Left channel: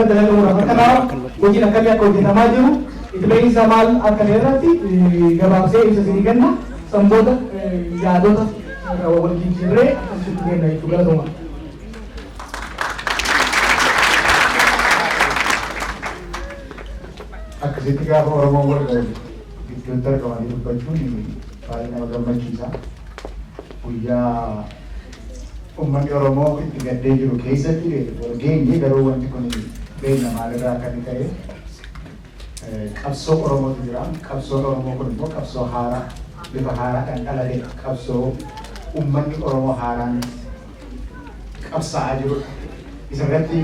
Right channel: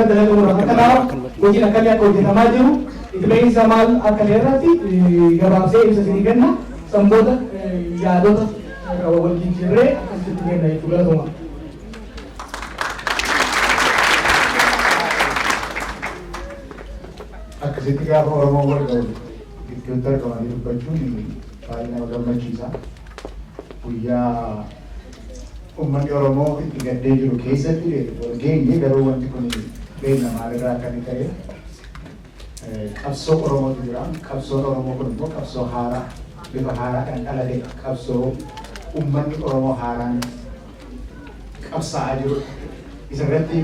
irra dalaga muraasa kanaaf hojiin akkamii akka hojjetamaa jiru itti ba'iinsa maal akka irratti gabaabsee ibsa isinii kenna sanboota yaadota wal jijjiirree akkasitti kenna jechuudha galatuma. Akkasitti gaafa Oromoo wal gidduutti argamanii dubbachuun baay'ee nama gammachiisa. Guyyaa uummanni Oromoo itti gaddee jiru keessatti wal geenye garuu wanti kun beekna maalirraa akka inni ta'e qabsoo Oromootu jira. Qabsoon Oromoo kun immoo qabsoo haaraa bifa haaraadhaan dhalate qabsoo uummanni Oromoo haaraan qabsaa'aa jirudha. Isarratti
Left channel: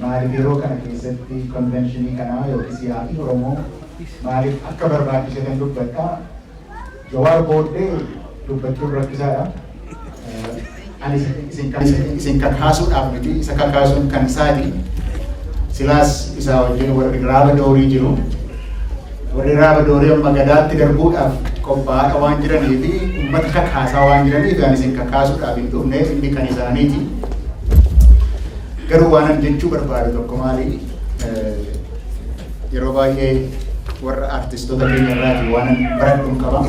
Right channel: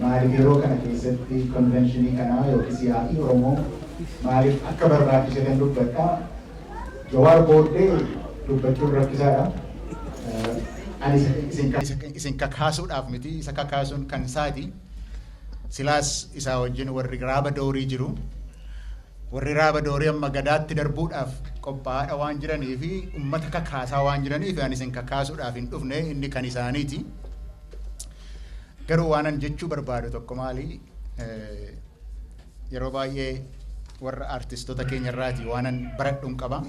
maaliif yeroo kana keessatti konvenshinii kanaa yookiis yaa'ii Oromoo maaliif akka barbaachisatan dubbadhaa. Jawaar booddee dubbachuun rakkisaadha. Ani isin kakaasuudhaaf miti isa kakaasuun kan isaati. Silaas isaa wajjin warri raaba doorii jiru. Warri raaba doorii amma gadaatti darbuudhaaf qophaa'aa waan jiranii fi uummata kakaasaa waan jiraniif ani isin kakaasuudhaaf hin dhufne inni kan isaaniiti. Garuu waan jechuu barbaadu tokko maali yeroo baay'ee warra artistoota keenya irraati waan baradhuun qaba.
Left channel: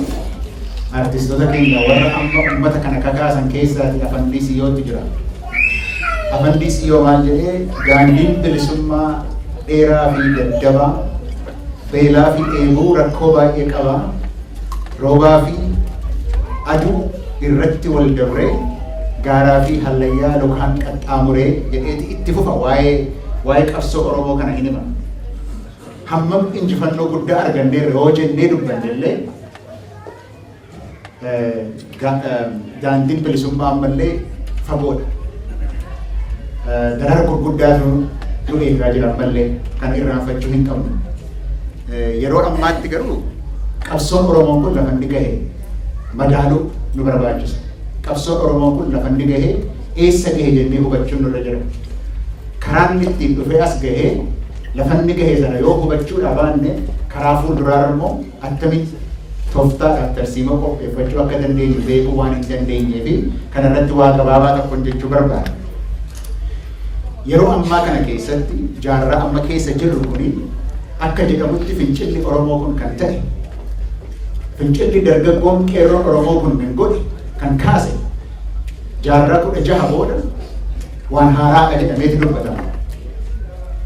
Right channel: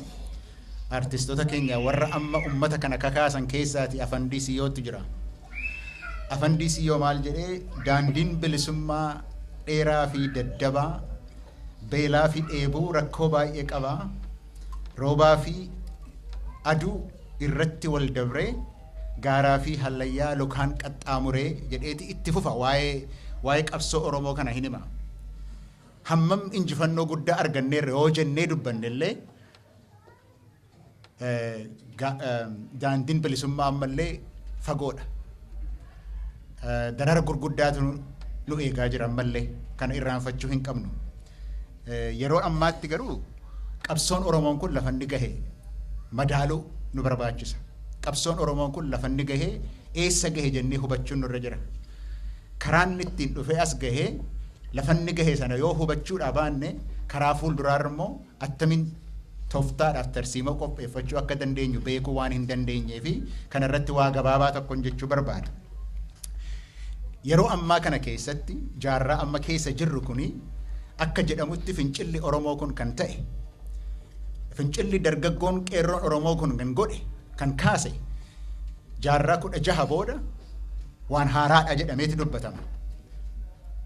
Artistoota keenya warra amma uummata kana kakaasan keessaati Afaan Disiyootu jira. Afaan Disiyoo maal jedhee daandiin bilisummaa dheeraa fi daddabaa beelaa fi dheebuu rakkoo baay'ee qaba. Roobaa fi aduu irratti wal dabree gaaraa fi hallayyaa lokaan qaxxaamuree jedheeti itti fufa waa'ee qabsoo Oromoo kana hin hima. Hammam injifannoo guddaa arganneerra yoo jennee dubbannellee daandiin bilisummaa ammallee fagoodha. Darara gurguddaatu nu eegaa jira ammallee kan irraanfachuu hin qabnu. Yeroo ammaatti garuu qabsoon Oromoon kun lafa inni gahe madaaluu nu barbaachisa. Qabsoon Oromoo kun lafa inni gahee eessa gahe jennee hubachuun nurra jira. Karaan ittiin dhufee as gahee lafa inni gahee sana yoo hubachuudha baanne karaa fuulduraa immoo attamitti tooftaadhaaf tarsiima qopheeffachuu akka dandeenyu beekuu waan hin dandeenyee fi kanarratti waa gabaabaa tokko jechuu barbaada. Yeroo ammaa kana keessatti jaarraa amma keessa jirru kuni akka jedhamutti fincilli Oromoo kun kan ta'e fincilli dargaggoon qeerroon Oromoo kun kan godhe kan kaase jaarraa 16 booda waan haaraadha jedhameeti dubbatama.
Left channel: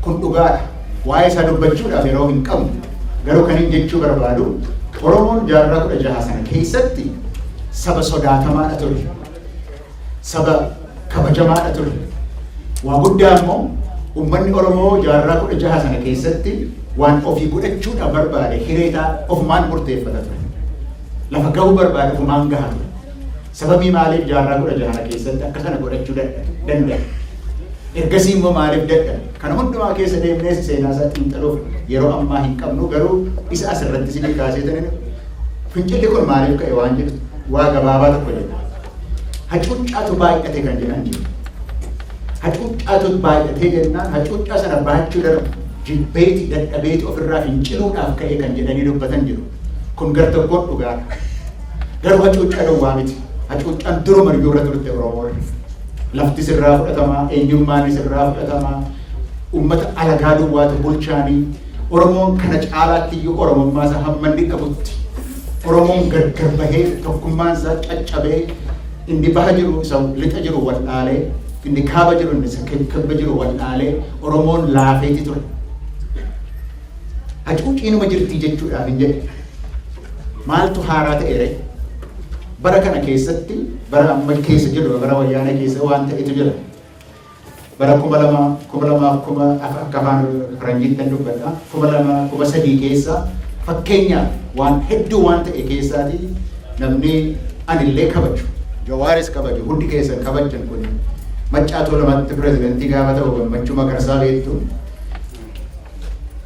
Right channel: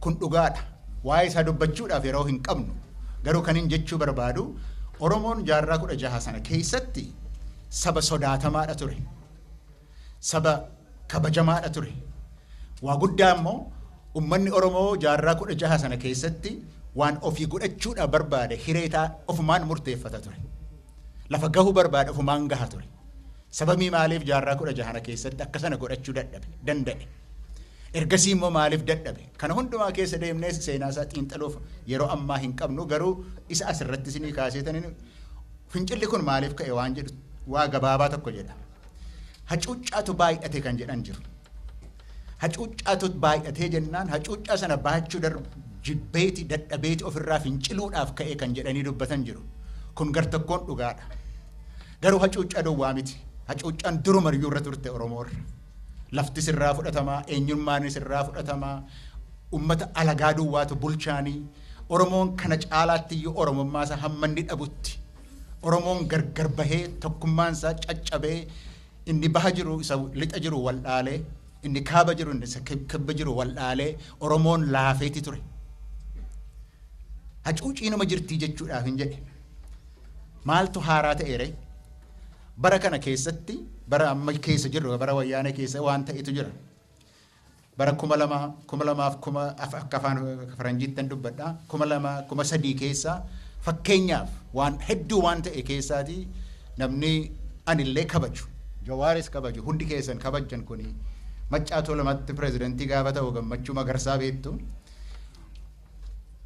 Kun dhugaadha. Waa'ee isaa dubbachuudhaaf yeroo hin qabnu garuu kan hin jechuu barbaadu Oromoon jaarraa 16 sana keessatti saba sodaatamaadha ture. Saba kabajamaadha ture. Waa guddaa immoo uummanni Oromoo jaarraa 16 sana keessatti waan ofii godhachuudhaaf barbaade hireetaa ofumaan murteeffata ture. Lafa gahuu barbaade ofumaan gahaa ture. Sababii maaliif jaarraa 16 keessatti akka sana godhachuu danda'e? Ergasii immoo maaliif dadhabe? Kana hundumaa keessa deemnee seenaa isaa xiinxaluuf yeroo ammaa hin qabnu garuu isa asirratti isin kaaseetanii fincilli kun maaliif ka'e waan jedhu waa gabaabaa tokko jedha. Hacuuccaatu baay'ate kan jedhan jiru. Hacuuccaatu baay'atee jennaan hacuuccaa sana baachuu jibbeeti dadhabeeti ofirraa finciluudhaaf ka'e kan jedhanii dubbatan jiru. Kun gartokkoon dhugaadha. Garuu hacuuccaa dhowwaa miti. Hacuuccaan duruma irra turte Oromoo. Lafti sirraa fudhatamaa, eenyummaan sirraa fudhatamaa, uummata alagaa duwwaatu bulchaanii, Oromoon kana caalaatti iyyuu Oromummaa isaa hamma inni dhabutti, Oromoon gargar bahee tokkummaan isaa caccabee inni baha jiru isa lixa jiru wal dhaalee, inni kaaba jiru inni isa kibba jiru wal dhaalee, Oromoon laafeeti ture. Hacuucciinuma jirtii jechuudhaaf hin jedhe. Maaltu haaraa ta'eere? Bara kana keessatti bara amma keessa jiru bara wayyaana keessa waan ta'etu jira. Bara 2000 akka afaan Faranjiitti dubbadha. 2003 keessa fakkeenyaaf waan hedduu waan ta'e keessaati namni anillee kabaju. Jawaaris kabaju hundi keessa kabajan kun Maccaatoo lamatti pirezidantii gaafa ta'u Gammachuu Magarsaa beektu.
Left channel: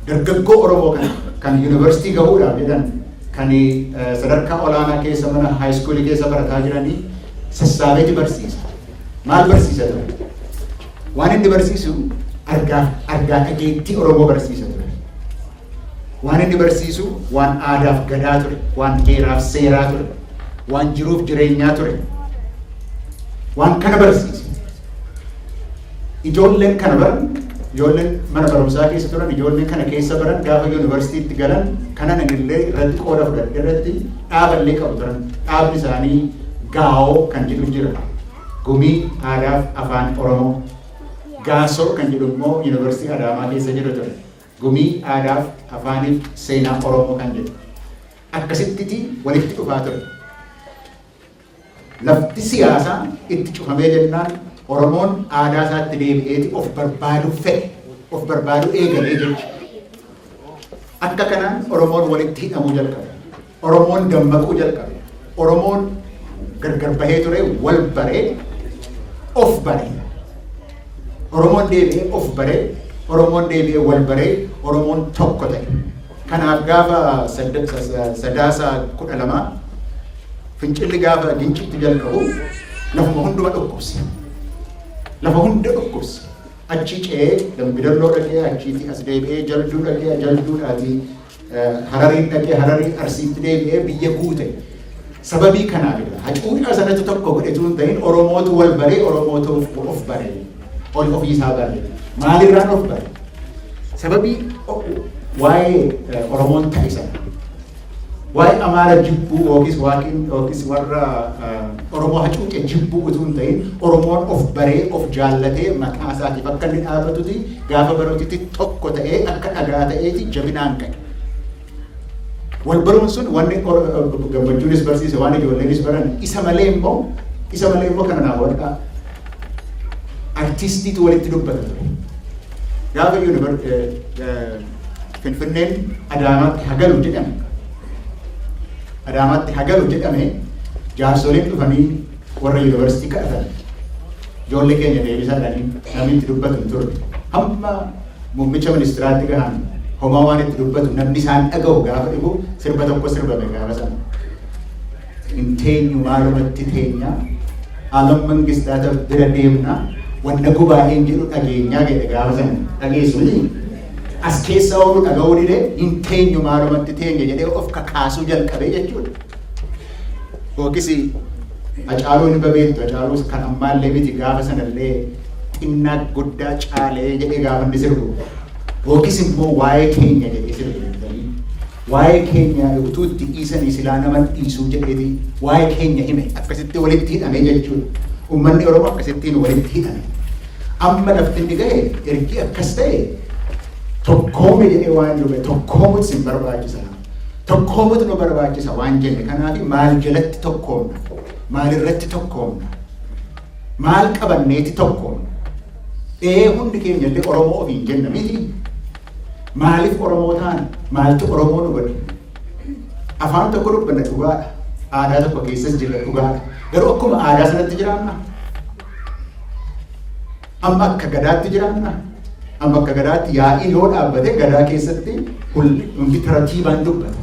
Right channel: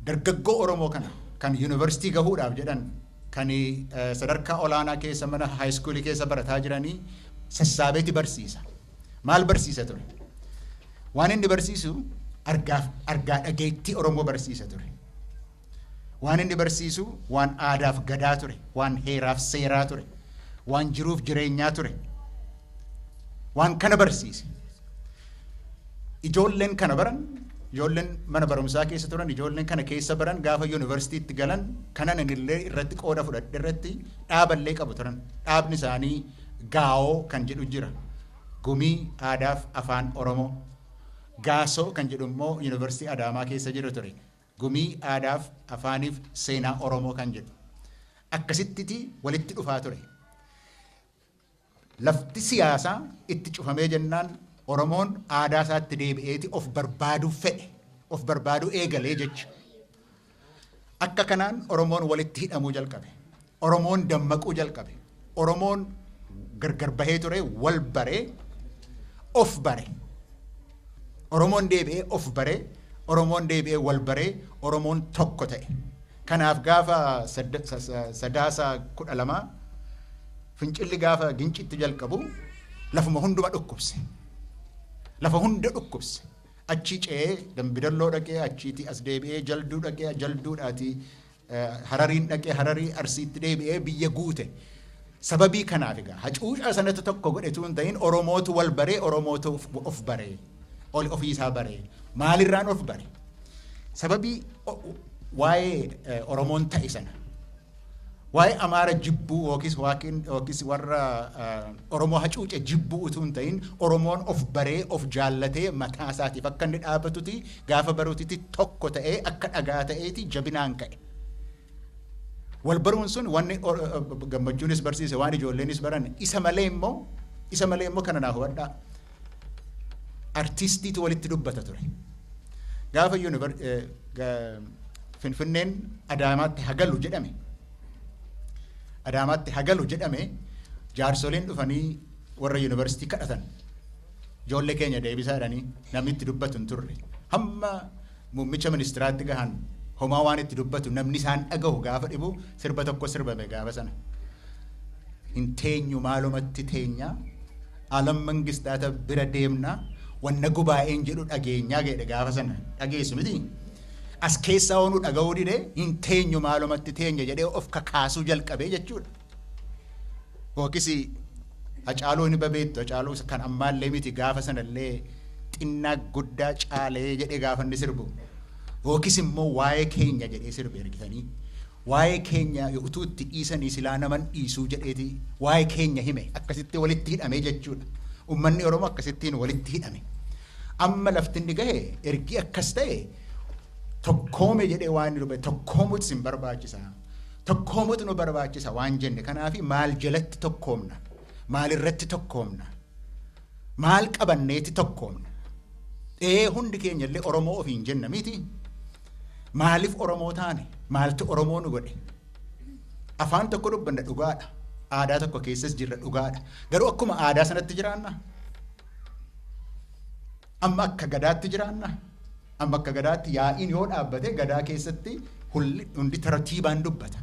Dargaggoo Oromoo kan yuunivarsiitii gahuudhaaf jedhan kan sadarkaa olaanaa keessa mana haayiskuulii keessa barataa jiranii sassaabeeti barsiisa. Maal barsiisa ture? Waan inni barsiisu argaa dhageettii Oromoo barsiisa ture. Waan inni barsiisu waan aadaaf gadaa ture, waan heeraaf seeraa ture, waan jiruuf jireenyaa ture. Waan kana barsiisa. Ijoolleen kana baran ijoolleen mana barumsaa keessa turan ijoolleen kana keessa baran gaafa yuunivarsiitiitti galan kanan illee irratti qooda fudhadhe irratti dhaaballee qabu turan. Dhaabni isaanii gaa'oo kan jedhu jira. Gumii Aadaaf Afaan Oromoo. Gaasoo kan jedhu immoo yuunivarsiitii Adaamaa keessa jiru ture. Gumii Aadaaf Afaaniif Seenaa Oromoo kan jedhu. Akkasitti walitti dhufaa ture. Lafti siyaasaa itti cufamee jennaan Oromoon aadaa isaatti deebi'eeti of barbaadu fedhe, of barbaadu eegalee jechuudha. Akka kanaan Oromoon walitti hidhamuu jalqabe. Oromoon dammaquu jalqabe. Oromoon gargar bahee ture wal baree of baree. Oromoon deebi'ee of baree, Oromoon deebi'ee wal baree, Oromoon tokko ta'e. Kanaaf gaafa sadaasa 12 fincilli gaafa dincitti jalqabu lafuma hunduma dhukkubse. Lafa hunda dhukkubse. Achi ce'ee Dambidalloo dhaqee achiitii as deebi'ee Jalduu dhaqee Jalduudhaatii Harariin dhaqee Hararii Arsiitti deebi'ee biyya guute. Sababii kanaafidha. Hacuudhaa sanatti tokko godhetu hin ta'in Oromootu wal baree Oromootu of baree. Ol ofiisaa baree. Maalirraan of baree? Sababii waa'ee Oromoon ta'e sana. Waa'ee Amaara jibbuu yookiis warra Oromoo hacuuce jibbuu utuu hin ta'in Oromoon of baree of jaallatee maqaa isaatiif akka inni dhaabatuti gaafa barootitti tokko ta'ee akka dhagaa ta'eeti jabinaan ka'e. Wal baruun sun wanni gammachuunis barsiise waan ijoolleenis baran isa malee immoo kana naa wadhaa artistiitu walitti dubbata ture. Gaafa Finfinneen Adaamaatti hagalu jedhame. Adaamaatti hagalu jedhame jaarsoliin dhufanii warra yuunivarsiitii kadhatan. Ijoollee keenya deebisaadhanii namni itti dubbatu hin turre. Hamma muummicha ministiraatti gahan homaa waan itti dubbatu namni isaan dhaga'u gaafa dhibu sirba tokko sirbame gaafa sana. Hin teenyu maalumatti teenya alam mangistaata bira deemna wanna gubaa'een jedhu dhageenyaa jedhe gaafa sana dhageessu miti. As keessa oolu dhaga'uu dide hin teenyu maalumatti teenya jedhee of kakaasuu jalqabee jechuudha. Yookiis Hacaaluu hin beektu Hacaaluu kan ammaallee miti gaafa sanallee xinnaa guddaa caalee jedhee gaafa inni sirbu. Yookiis immoo waa'ee keenya jedhee sirbu. Waa'ee keenya utuu itti dhiisanii silaa nama dhiisuu jedheeti waa'ee keenya hime akkasitti walitti hidhame jechuudha. Uummanni Oromoo akkasittiin walitti hidhame. Amma lafti inni ga'e ergi akkas ta'e tokkoome jedhee waan dhufe tokkoomutu sin barbaachisa. Tokkoomutu nu barbaachisa waan jenne kanaaf maal jalatti tokkoomna? Maal irratti tokkoomna? Maal qabanneeti tokkoomna? Hundi keenya illee Oromoo ofiin jenna miti. Maaliif Oromoo taana? Maaltu Oromoo nu godhe? Afaan tokko dubbanna dhugaadha. Aadaa tokko keessas jira dhugaadha. Garuu akkuma aadaa sanatti jiraanna. Amma akka gadaatti jiraanna. Amma akka gadaatti yaa'ii yoo dhaabbate gadaa keessatti hundi taratiibaan dubbata.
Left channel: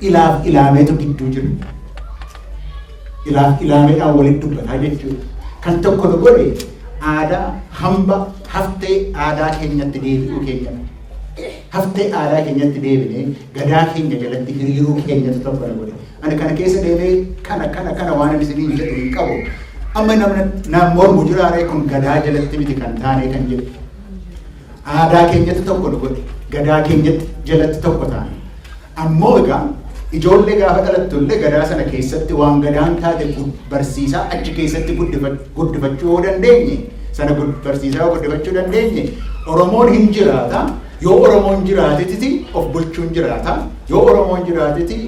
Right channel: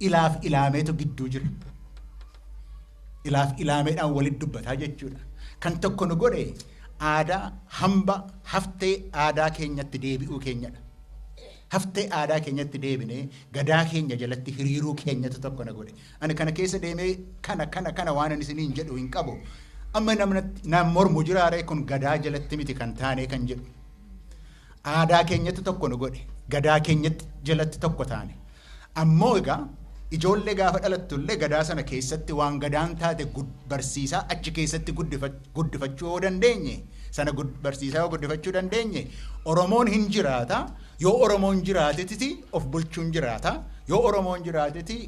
Ilaaf ilaameetu gidduu jiru. Ilaaf ilaameedhaan walitti dubbataa jechuudha. Kan tokko nu godhe aadaa hamba haftee aadaa keenyatti deebi'uu keenyadha. Haftee aadaa keenyatti deebinee gadaa keenya jalatti hiriiruu keenyatu tokko nu godhe. Ani kana keessa deemee kana waan inni isinii jedhu hin qabu. Amma namni mormu jiraaree kun gadaa jalatti miti kan taanee kan jedhu. Aadaa keenyatti tokko nu godhe. Gadaa keenyatti jalatti tokko taane. Ammoo egaa ijoollee gaafa dhalattullee gadaa sana keessatti waan gadaan taate barsiisaa achi keessatti guddifachuu yoo dandeenye sana barsiisaa guddifachuu dandeenye Oromoon hin jiraata. Yoo Oromoon jiraateti of bulchuun jiraata. Yoo Oromoon jiraateti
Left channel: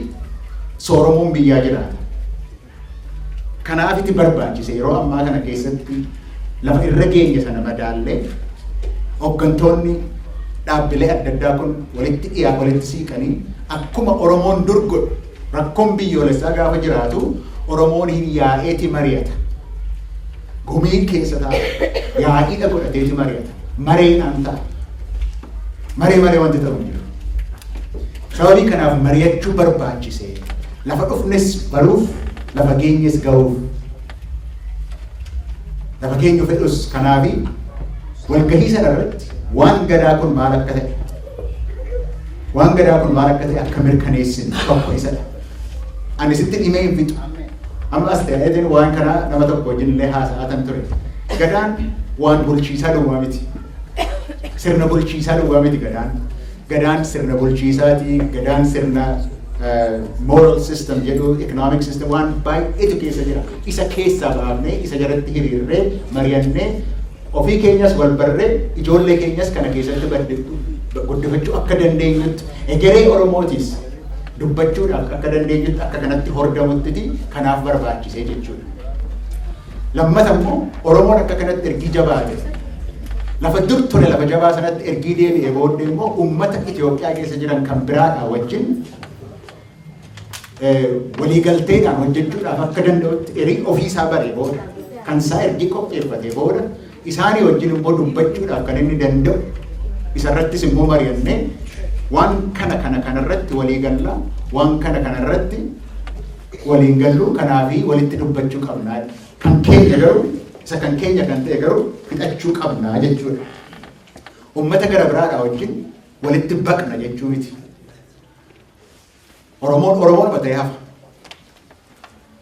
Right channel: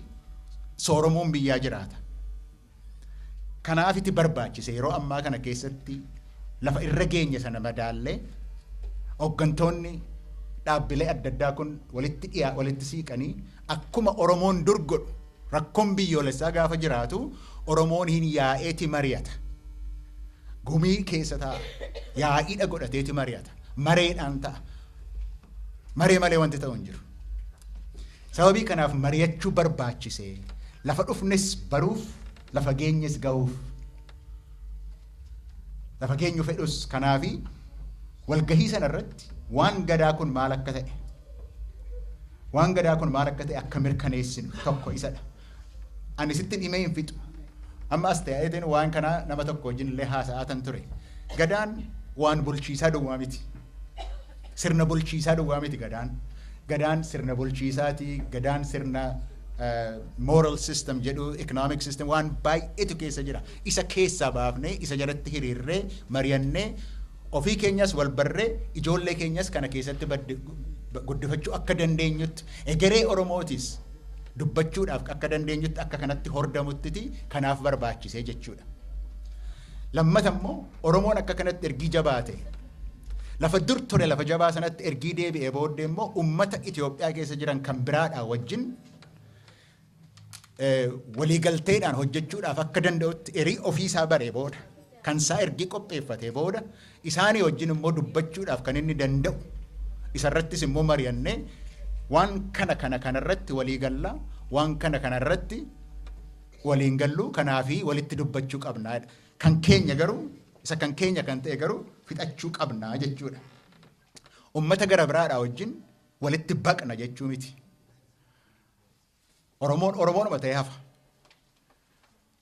sooromuun biyyaa jiraata. Kanaaf itti barbaachise yeroo ammaa kana keessatti lafa irra geenye sana madaallee hooggantoonni dhaabbilee adda addaa kun walitti siiqanii akkuma Oromoon dur godhu rakkoon biyyoolessaa gaafa jiraatu Oromoon hin yaa'eeti mari'ata. Gumii keessa ta'a. Yaa'iidha godhateeti mari'ata. Mareedhaan ta'a. Maree wanti ta'u jiru. Sababii kanaaf mari'achuu barbaachise. Lafa dhufnes baruuf, lafa geenyes ga'uuf. Lafa geenyu fedhus kanaafi walgahii sana irratti waan gadaa kun maal akka ta'e akka mirkaneessin tokko isadha. Ani sitti dhimee hin fixu. Amma as ta'ee waan kanaa nama tokko wajjin illee haasa'atan ture. Gadaan waan bulchiisaa duwwaa miti. sirna bulchiisaa duwwaa miti gadaan. Gadaan sirna bulchiisaati, gadaan sirna moral system jedhu, economic system waan baay'eetu keessa jira. Isa keessaa baafnee, isa jalatti hiriirree, mari'annee, ofii keenyas wal barree, ijoollee keenyas kana keessatti guddifachuu akka dandeenyutti, egeree Oromootis dubbachuudhaaf akka dandeenyutti akka kanatti hordamutti kanaaf barbaachisee jechuudha. Lammata immoo Oromoon akka kanatti ergii jabaate lafa dur ture lafa jabaa sanatti ergii deebi'ee booddee immoo uummata Itoophiyaa keessa jiran kan biraadhaa wajjin waliigalteedhaan hojjechuudhaaf akka danda'utti erii ofiisaa baree booda kan isaa ergii qopheeffatee booda isaanii wajjin immoo dubbachuudhaaf kan inni danda'u isarrattis immoo mari'annee waan kanarratti walii gallaa waan kanarratti waliin galluu kanaafi walitti dubbachuu qabnaa kan keenya garuu isa kan keenya kan ta'e garuu fixachuu qabnaa jechuudha. Uummata gara biraadhaa wajjin walitti baqna jechuu miti. Oromoon mata'ee hafa.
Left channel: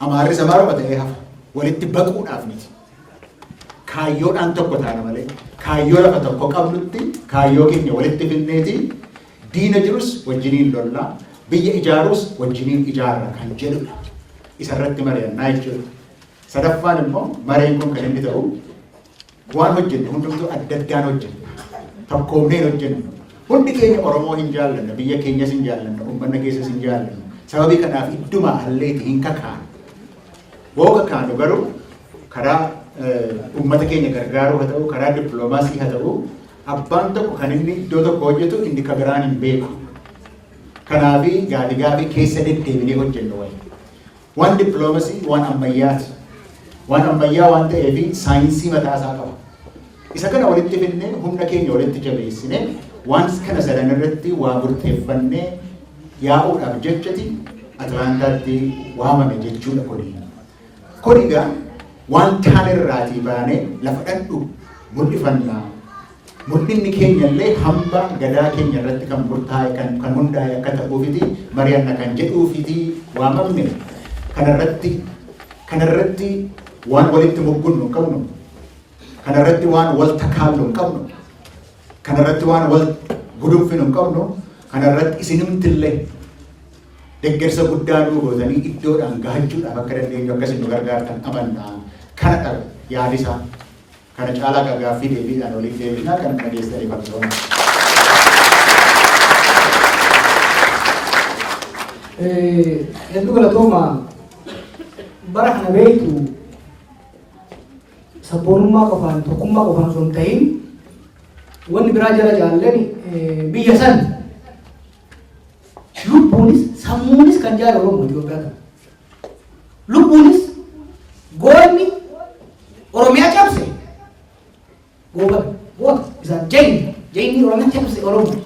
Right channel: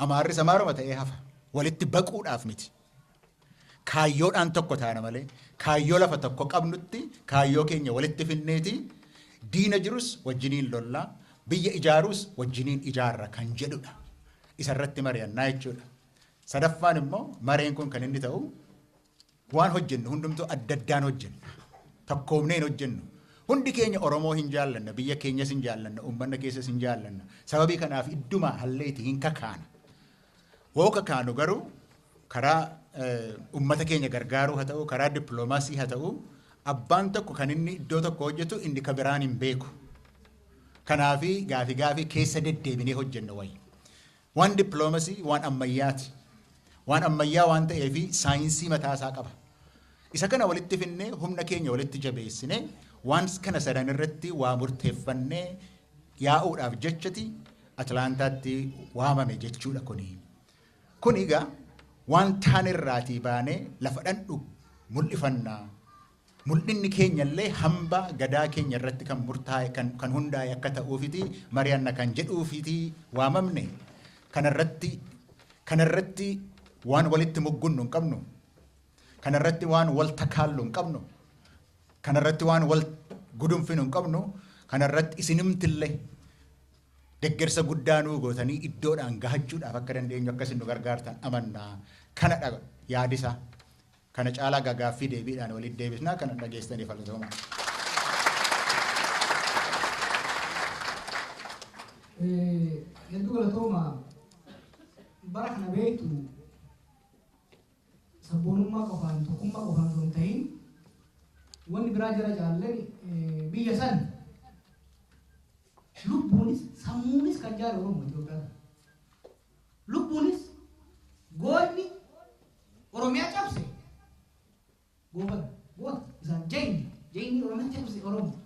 Amaarris Amaaroo mata'ee hafa. Walitti baquudhaaf miti. Kaayyoodhaan tokko taana malee kaayyoo lafa tokko qabnutti kaayyoo keenya walitti finneeti diina jirus wajjiniin lollaa biyya ijaarus wajjiniin ijaarra kan jedhudha. Isarratti mari'annaa jechuudha. Sadaffaan immoo mareen kun kan inni ta'u waan hojjennu hundumtuu adda addaan hojjennu. Tokkoomneen hojjennu. Hundi keenya Oromoo hin jaallanna, biyya keenyas hin jaallanna, uummanna keessas hin jaallanna. Sababii kanaaf idduma halleeti hin kakaanu. Woo kakaanu garuu karaa uummata keenya gargaaruu haa ta'u, karaa dippiloomaasii haa ta'u, abbaan tokko kan inni iddoo tokko hojjetu inni kan biraan hin beeku. Kanaafi gaafii keessa deddeebinee hojjennu wayii. Waan dippiloomaasii waan ammayyaati. Waan ammayyaa waan ta'eef saayinsii mataasaa qaba. Isa kana walitti finnee humna keenya walitti jabeessinee waan kana sadan irratti waa murteeffannee yaa'uudhaaf jechati Atlaantaatti waamame jechuudha kuni. Kunigaa waan kaan irraatii baanee lafa dhadhu mul'ifannaa. Mul'inni keenya illee hamba gadaa keenya irratti kan murtaa'e kan hundaa'e akka ta'uufiti mari'anna kan jedhuufiti waamamne kanarratti waan walitti muggunnu hin qabnu. Kanarratti waan wal takaallu hin qabnu. Kanarratti waan wal gudunfinu hin qabnu. Kanarratti isinimtillee deeggarsa guddaa nuu gootanii iddoodhaan gahachuudhaaf akka dandeenyu akkasiin nu gargaartan amannaa kana dhabe yaadisaa. Kana caalaa gaaffii deebiidhaan waliin deebinaa kan dhageessanii qabsoon. Hedduu galatooma bara kana beektu sabboonummaa qofaan tokkummaa qofaan osoo hin ta'in wanni biraa jala jaallan biyya san lubbuunis sammuunis kan jaala Oromoo Itoophiyaa kana. Lubbuunis goonni Oromiyaa cabse goota isaan jayni Oromiyaa cabse Oromoo.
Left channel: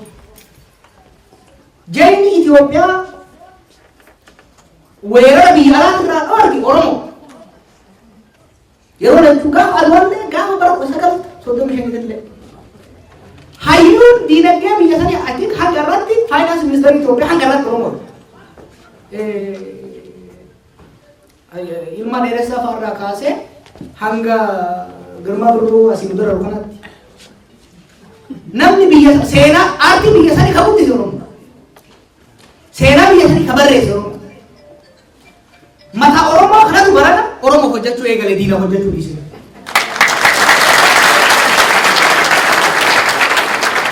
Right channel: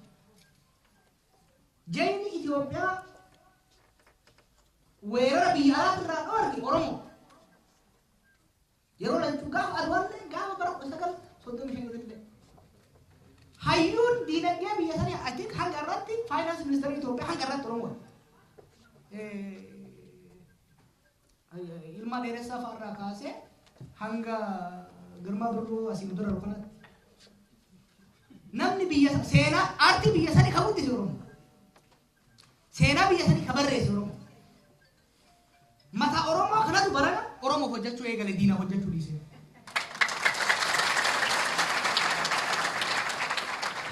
Jayni Itoophiyaa weerara biyya alaatti irraa dhoorge Oromoo. Yeroo lachuu gaafa alwallee gaafa bara 1935 hayyuun diinagdee biyya sanii achiin hanga irratti faayinaansi ministeerii Itoophiyaa hanga irratti Oromoo. Ilma dheeressaa fa'arraa kaasee hanga Girmaa Birruu asii dura kanatti namni biyya seenaa aartii biyya sanii kan guddise Oromoo. Seenaa biyya sanii kan barreesse Oromoo. Mata Oromoo kanatu barana Oromoo hojjechuu eegale diina hojjechuu dhiise.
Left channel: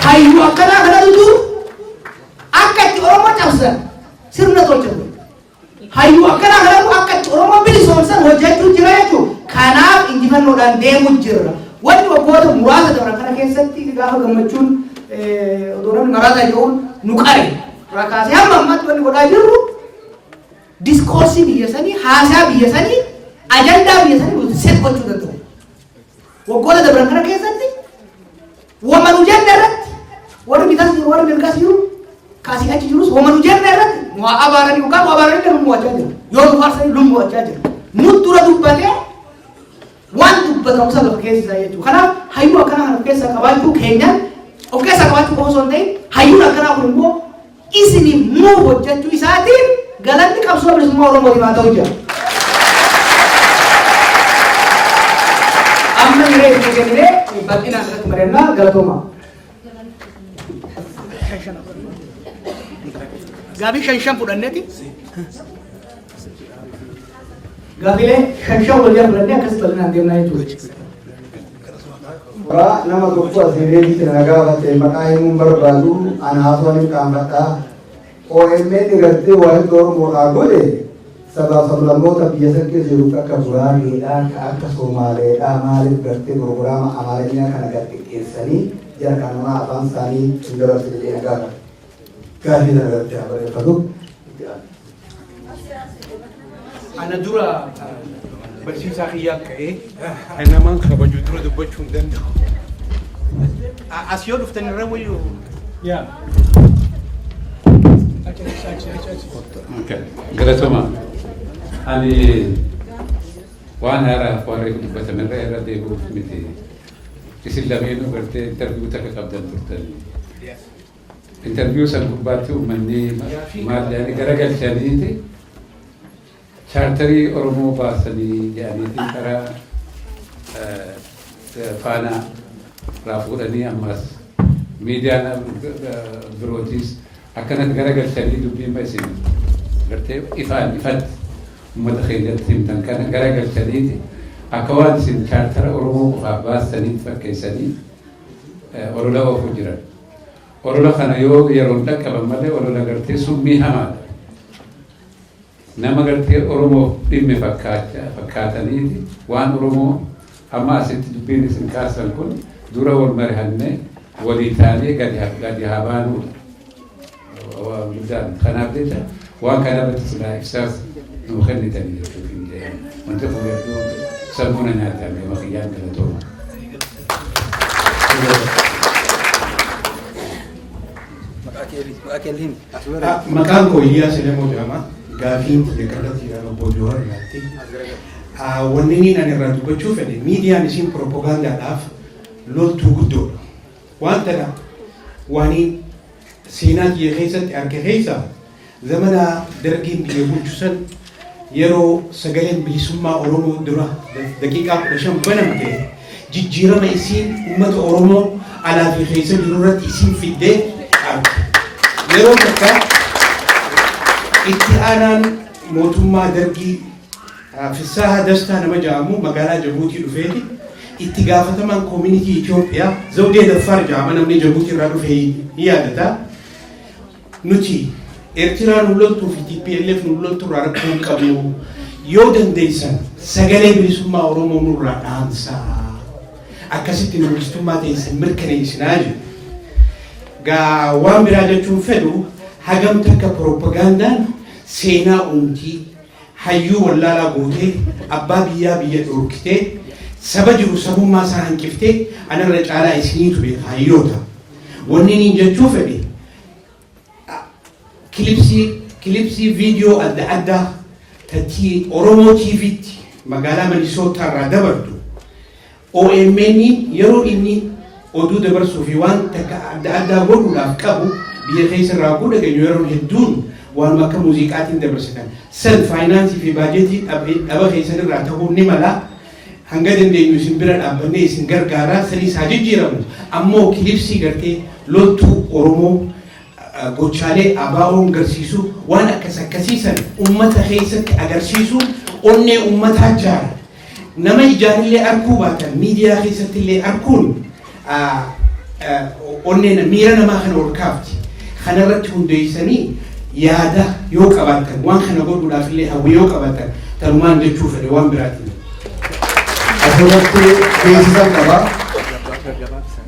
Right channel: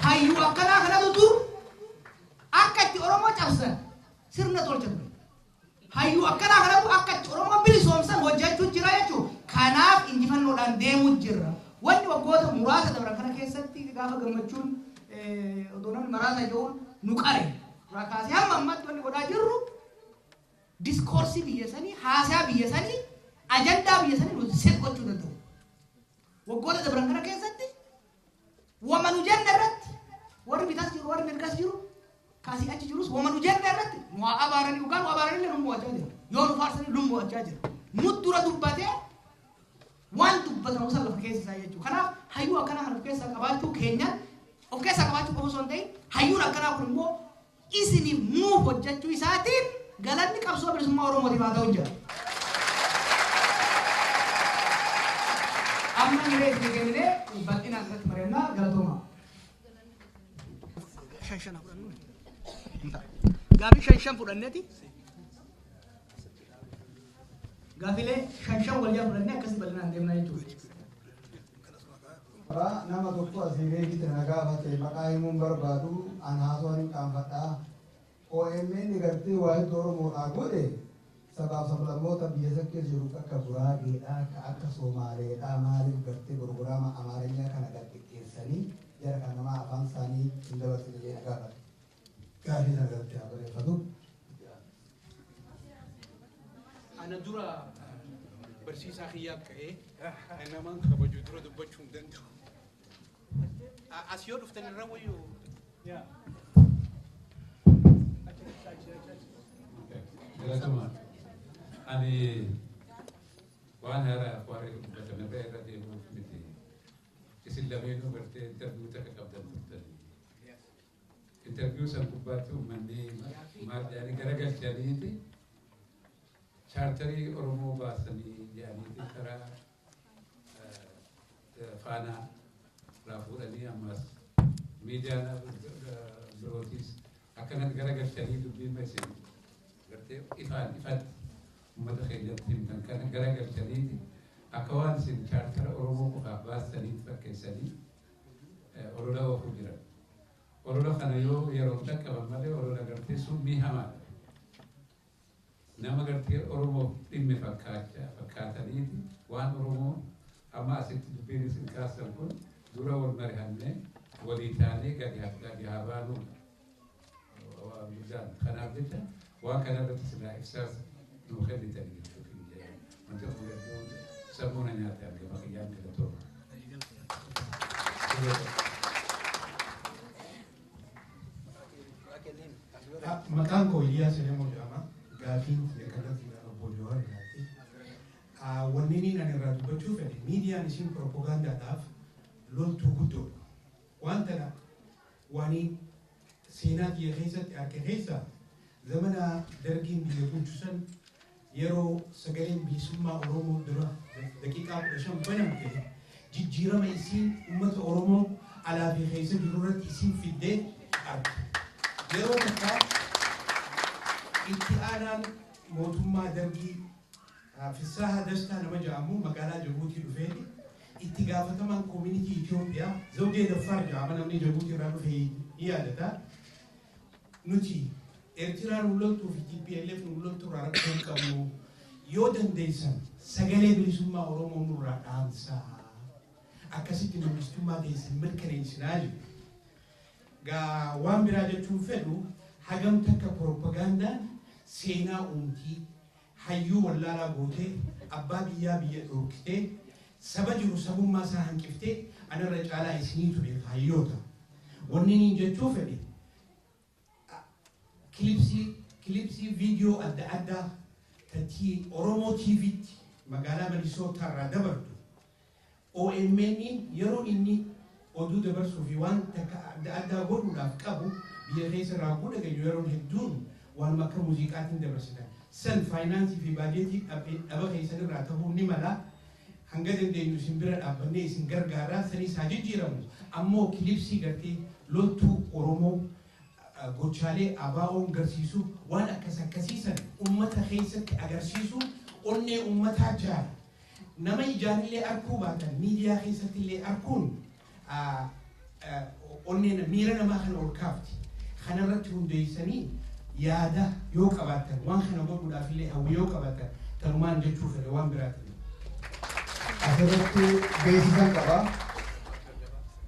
Hayyuu akkanaa kanatu jiru akka itti Oromoo cabsan sirna tolchatu. Hayyuu akkanaa kanatu akka itti Oromoo bilisoomsan hojjechuu jira jechuudha. Kanaaf injifannoodhaan deemu jirra. Wanti waggoota muraasa dabran kana keessatti gaafa gammachuun odoo namni maraataa jiruun nu qare. Rakaasee hamma ammaatti wanni godhaa jirru diskoorsii biyya sanii, haasaa biyya sanii, ajandaa biyya sanii set gochuu danda'u. Waggoota dabran kana keessatti wamanu jenne irratti warri bitas jiru warri mirgas jiru kaasii achi jirus wamanu jenne irratti waa abaaranii dhugaa waa abaaranii lummu wachaa jiru. Yoo nu faarsanii lummu wachaa jiru. Nu dura dubbatee waan dubbatamu sana lafa keessa isaa jechuudha. Kanaaf hayyuu akkanaa kana of keessaa qabaachuu keenyaan of keessaa qabaachuu osoo hin ta'in hayyuun akkanaa kun immoo isiniif muu hojjechuu isaatiin galanni qabsoo bilisummaa Oromootiin haa ta'u jira. Amma yeroo itti kennee bal'inaan irratti mari'annaa galatooma. Gaafii shan fudhanneeti. Gaafiilee shan waliin fudhannee akkasii bal'inaan deemnaa jechuudha. Nama tokko asirreetti nagaa baatee maqaa himuun barbaadu ana haasawaan hin qaanfadhaa. OMN gartee waa'ee Oromoodhaa godhe sabaa sablammoota biyya san keessa jiru akka Buraaneedhaa, akka Somaaleedhaa maaliif gartee pirogiraama Amaarinyaa kana gaggeessanii jara kanamaa afaan isaanii hin dabarsine jedhee nagaa qaba. Gaafii sana gartee barreeffatu. Ana dura barsiisaa kiyyaa ka'ee namaan kabaju dura dubbachuu hin danda'u. as yoo dhuftan irra wayyuu. Galatoma. Ani waan haaraa warreen dubbatan irra deebi'uuf miti. Isin lameenuu gartee interviiyuu takka qabdan turtan. Interviiyuu san gubbaatti uummanni maal jedhanii garagalchaniiti. Chaartarii Oromoo baasanii jedhaniiti karaa faana irraa fuudhanii ammas miidiyaan birootis akkanatti garagalchanii dubbiin isin gartee ifatti uummata keenyatti himtan kana garagalchaniiti akka waan isin chaartara Oromoo qofaaf baasaniif fakkeessanii olola oofuu jiran. Olola kana yoo yeroon dhaqqaban malee olola gartee summii hamaadha. Nama gartee Oromoo dhimme fakkaataniiti waan Oromoo amma asitti dubbiin isin kaasan kun dura wal mari'annee walii taanee gadi haa baanuudha. Kanaaf jecha waan kana irratti silaa ibsaas nuu kennitanii jechuudha. Wanti kun hedduu sammuu na nyaatame maqiyyaan galatooma. Maqaan koo Iyyaa Selemoo jedhama. Gaafiin xiyyeeffannoo jedhama boojoo irratti. Wanni inni irraa dubbachuu fedhe miidiyaan isin propagaandaadhaaf loltuu guddoodha. Wanta waanii seenaa biyya keessatti arge keessa zamana dargiin biyya bulchusan yeroo sagaleen bilisummaa Oromoo dura daqiiqaa 15 banama ta'e jijjiirama isiin uummata Oromoo alaa fi keessa jiru irratti isiin fiddee arge. Yeroo takka itti aanaan mootummaa dargii Fissaha Dastaa nama jedhamu magaalaa Jabuutii dhufeeti itti gaafatamaan koomunitii Itoophiyaa Zawdee Daffar jedhama namni Jabuutii irraa dhufe ni yaadata. Nuti Eertiraan nu loltuu fi TPLF nu loltuu irraa rakkoo hin qabnu yoo dandeessan sagalee bilisummaa Oromoo nurraa dhaamsaa akkasitti nu bilisummaa ta'e mirkaneessinaa jiru. Gaa waan biraa jechuun fedhu hagam takka propagandaan seenaa uumtii hayyuu wallaalaa gootee abbaa biyyaa biyya dhorkitee saba jiru sabummaa isaa hanqiftee anarra caalaa isiniitu beeka hayyoota. Wanni niin jechuu fedhe kilipsii viidiyoo adda addaa tatti Oromoo TV'tti magaalaa Minisootaa irraa dabartu OMN yeroo inni oduu dabarsuu fi waan takka adda addaa godhuudhaaf qabu biyya keessa irraa dhageenyu yeroo hedduun waan akka muuziqaatiin dabarsitan san faayinaansii fi baajetii dhaba keessan irraa ta'uu ni mala hanga dandeenyu isin bira dhaabbannee isin gargaaraa sanii isaa jijjiiramu ammoo kilipsii gartee loltuu Oromoo gochaalee ABO'n agarsiisu waan akkasiisan uummata keessatti agarsiisu onnee uummataa jaara nama ijaarillee arguu baatan miidiyaa keessatti illee arguun onnee miira namaa kana ol kaafti kanarratti hundeessanii yaada yoo qabaatan waan kana godhuudhaaf illee hawwii yoo qabaatan talumaan jechuu fedhe waan biraatiin. Asirratti beeksisan qaba.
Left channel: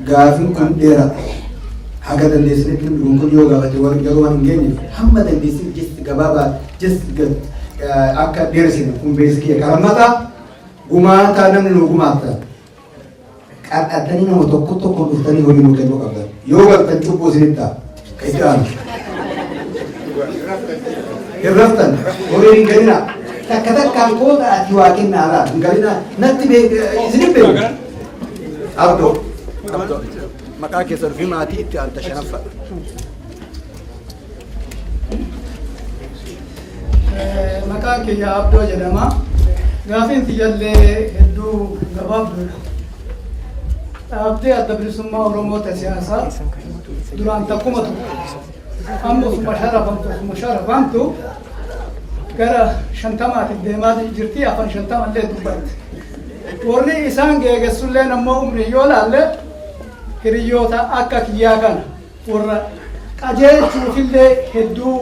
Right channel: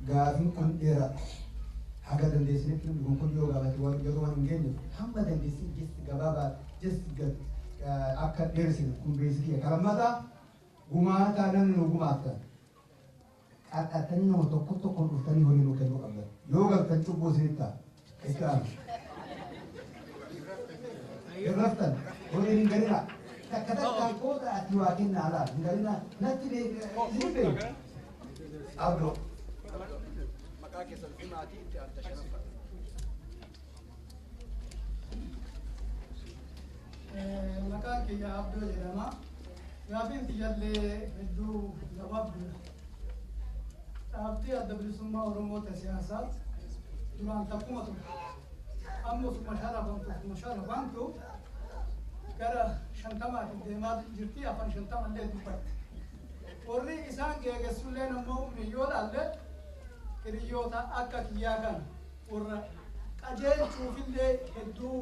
Gaafiin kun dheeraa. Haga dandeessanitti kun yoo gaafate warri garuu waan hin geenyeef hamma dandeessanitti jechi gabaabaa jechi akka dheeresine kun beeksisa karamata gumaata namni nu gumaata. Qaxxattanii nama tokko dhuftanii horii nu kennuu qabdan. Yoo galtan cubbuu isinitti ta'a. Itti aanu. Irraftan horii hin galina. Takka takkaan qooda ati waa kennaadha. Hin galina natti isinitti beeku. Abdoo. Maqaa keessan fi maatii itti aanta shanaffadha. Maqaan kiyya Abdoo jedhama. Gaafiin tiyyallee hedduu gabaabduudha. Dhaabdee adda bilisummaa Oromoota siyaasaa duraan takkumatu amma osuma sharafamtu gara shantamaatiif deemaa jirti afaan shantamallee dubbatti. Warri isaan geegessulleen ammoo umrii yoo laalle hiriyoota akka kiyyaa kana warra qajeelchuufillee hedduu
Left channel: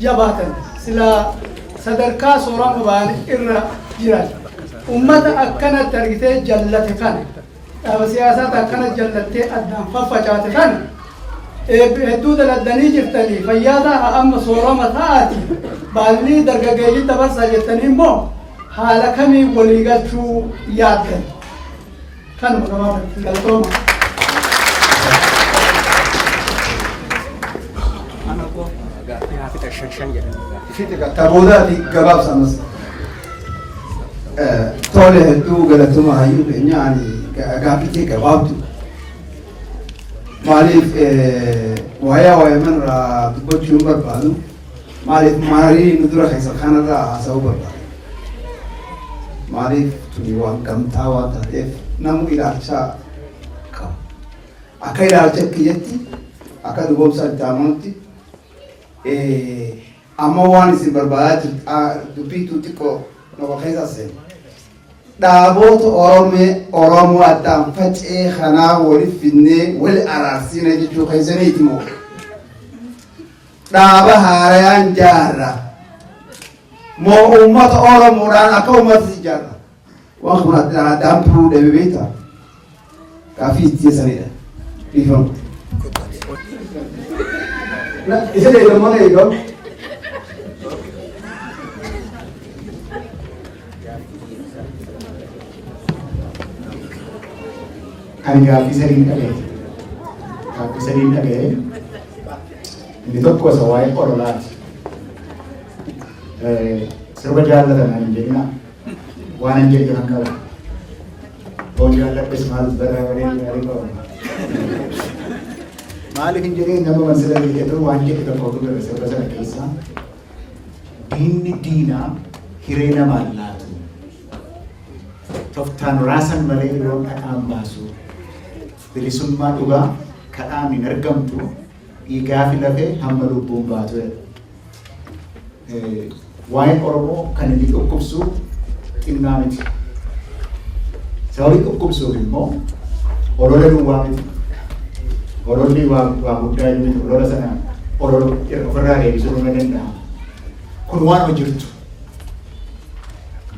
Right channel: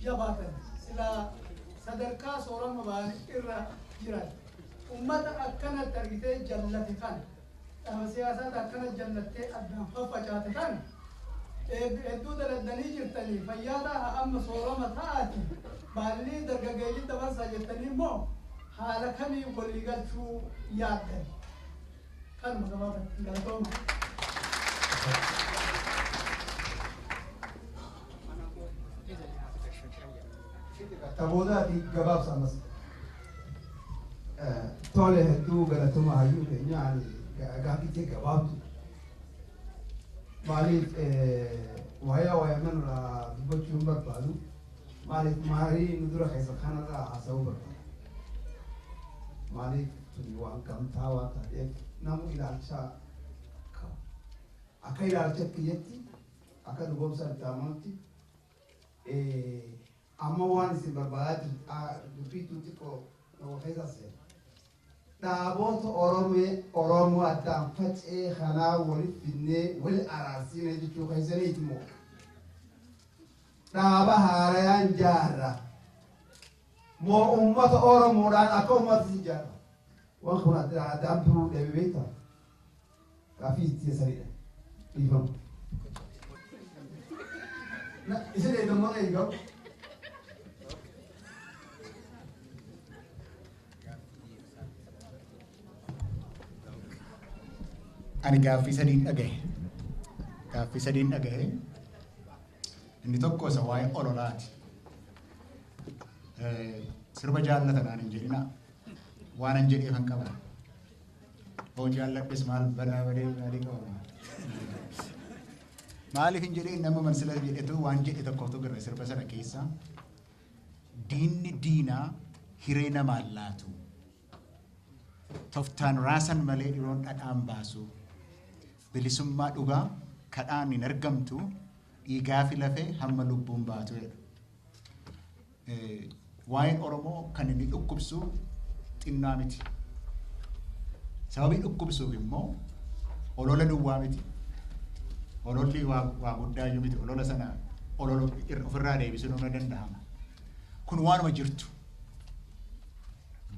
jabaatan sila sadarkaa soorama ba'an irra jiran ummata akkanatti argitee jallate kana dhaaba siyaasaata akkana jallattee addaan faffacaate kana hedduu daladdanii jirtanii fayyaata amma soorama ta'ati baalli dargaggeeyyii dabarsaa jettanii immoo haala kamii walii galchuu yaaddan kanuma namaa galtooma. Taboodhaati gabaabsamas tole hedduu galatuma hayyuu keenya ani gaaffii gabaabdu maaliif waa'ee manirraa dubbachuu barbaadu maaliif maarii nu dura keessa kanarraa haasa'uu barbaadu maaliif tuni waan gamtaa waan taateef namu ilaalcha qabu akka ilaalcha kiyyatti akka dhugoomsa itti amanutti amma waan isin barbaadaa jirta dubbiitu xiqqoo nama keessa seenu dhaaboota Oromoo addaan facee kanaa waliif finnee wal araarsiina jechuu keessaniiti moo dhaaba haarayaan jaarra moo uummata Oromoodhaan akka uummata si jaarra waan kun addaan turuu dhabe beektaa gaaffii itti jesanidha dhiifamu. Isa deegamaa eegamu. Ani gaaffii sadiin dhaga'e. Gaaffii sadiin dhaga'e. Inni tokko isa waa'ee orolaati. Sirba jaallatan ani jenna waan hin jedhu kan qaba. Boon jaalladhes maal barraa bareedu gaarii qaba. Maaliif hin jedhee nama mansila jedhu waan jedhu tokko gara sirba sana keessaa diinni diinaa hiree namaan laatu. Toftaan raasan malee yeroo dhaqaan baasu. Bilisummaa dhugaa kadhaan hin argamtu dhiigaa fi lafee hamma lubbuun baatu. Waa'een Oromoo kan inni dhukkubsu xinnaa miti. Sababii dhukkubsuuf immoo olola duwwaa miti. Ololli waa guddaa inni olola sana olola ofirraa deebisuu ni danda'ama. Kun waan hojirtu.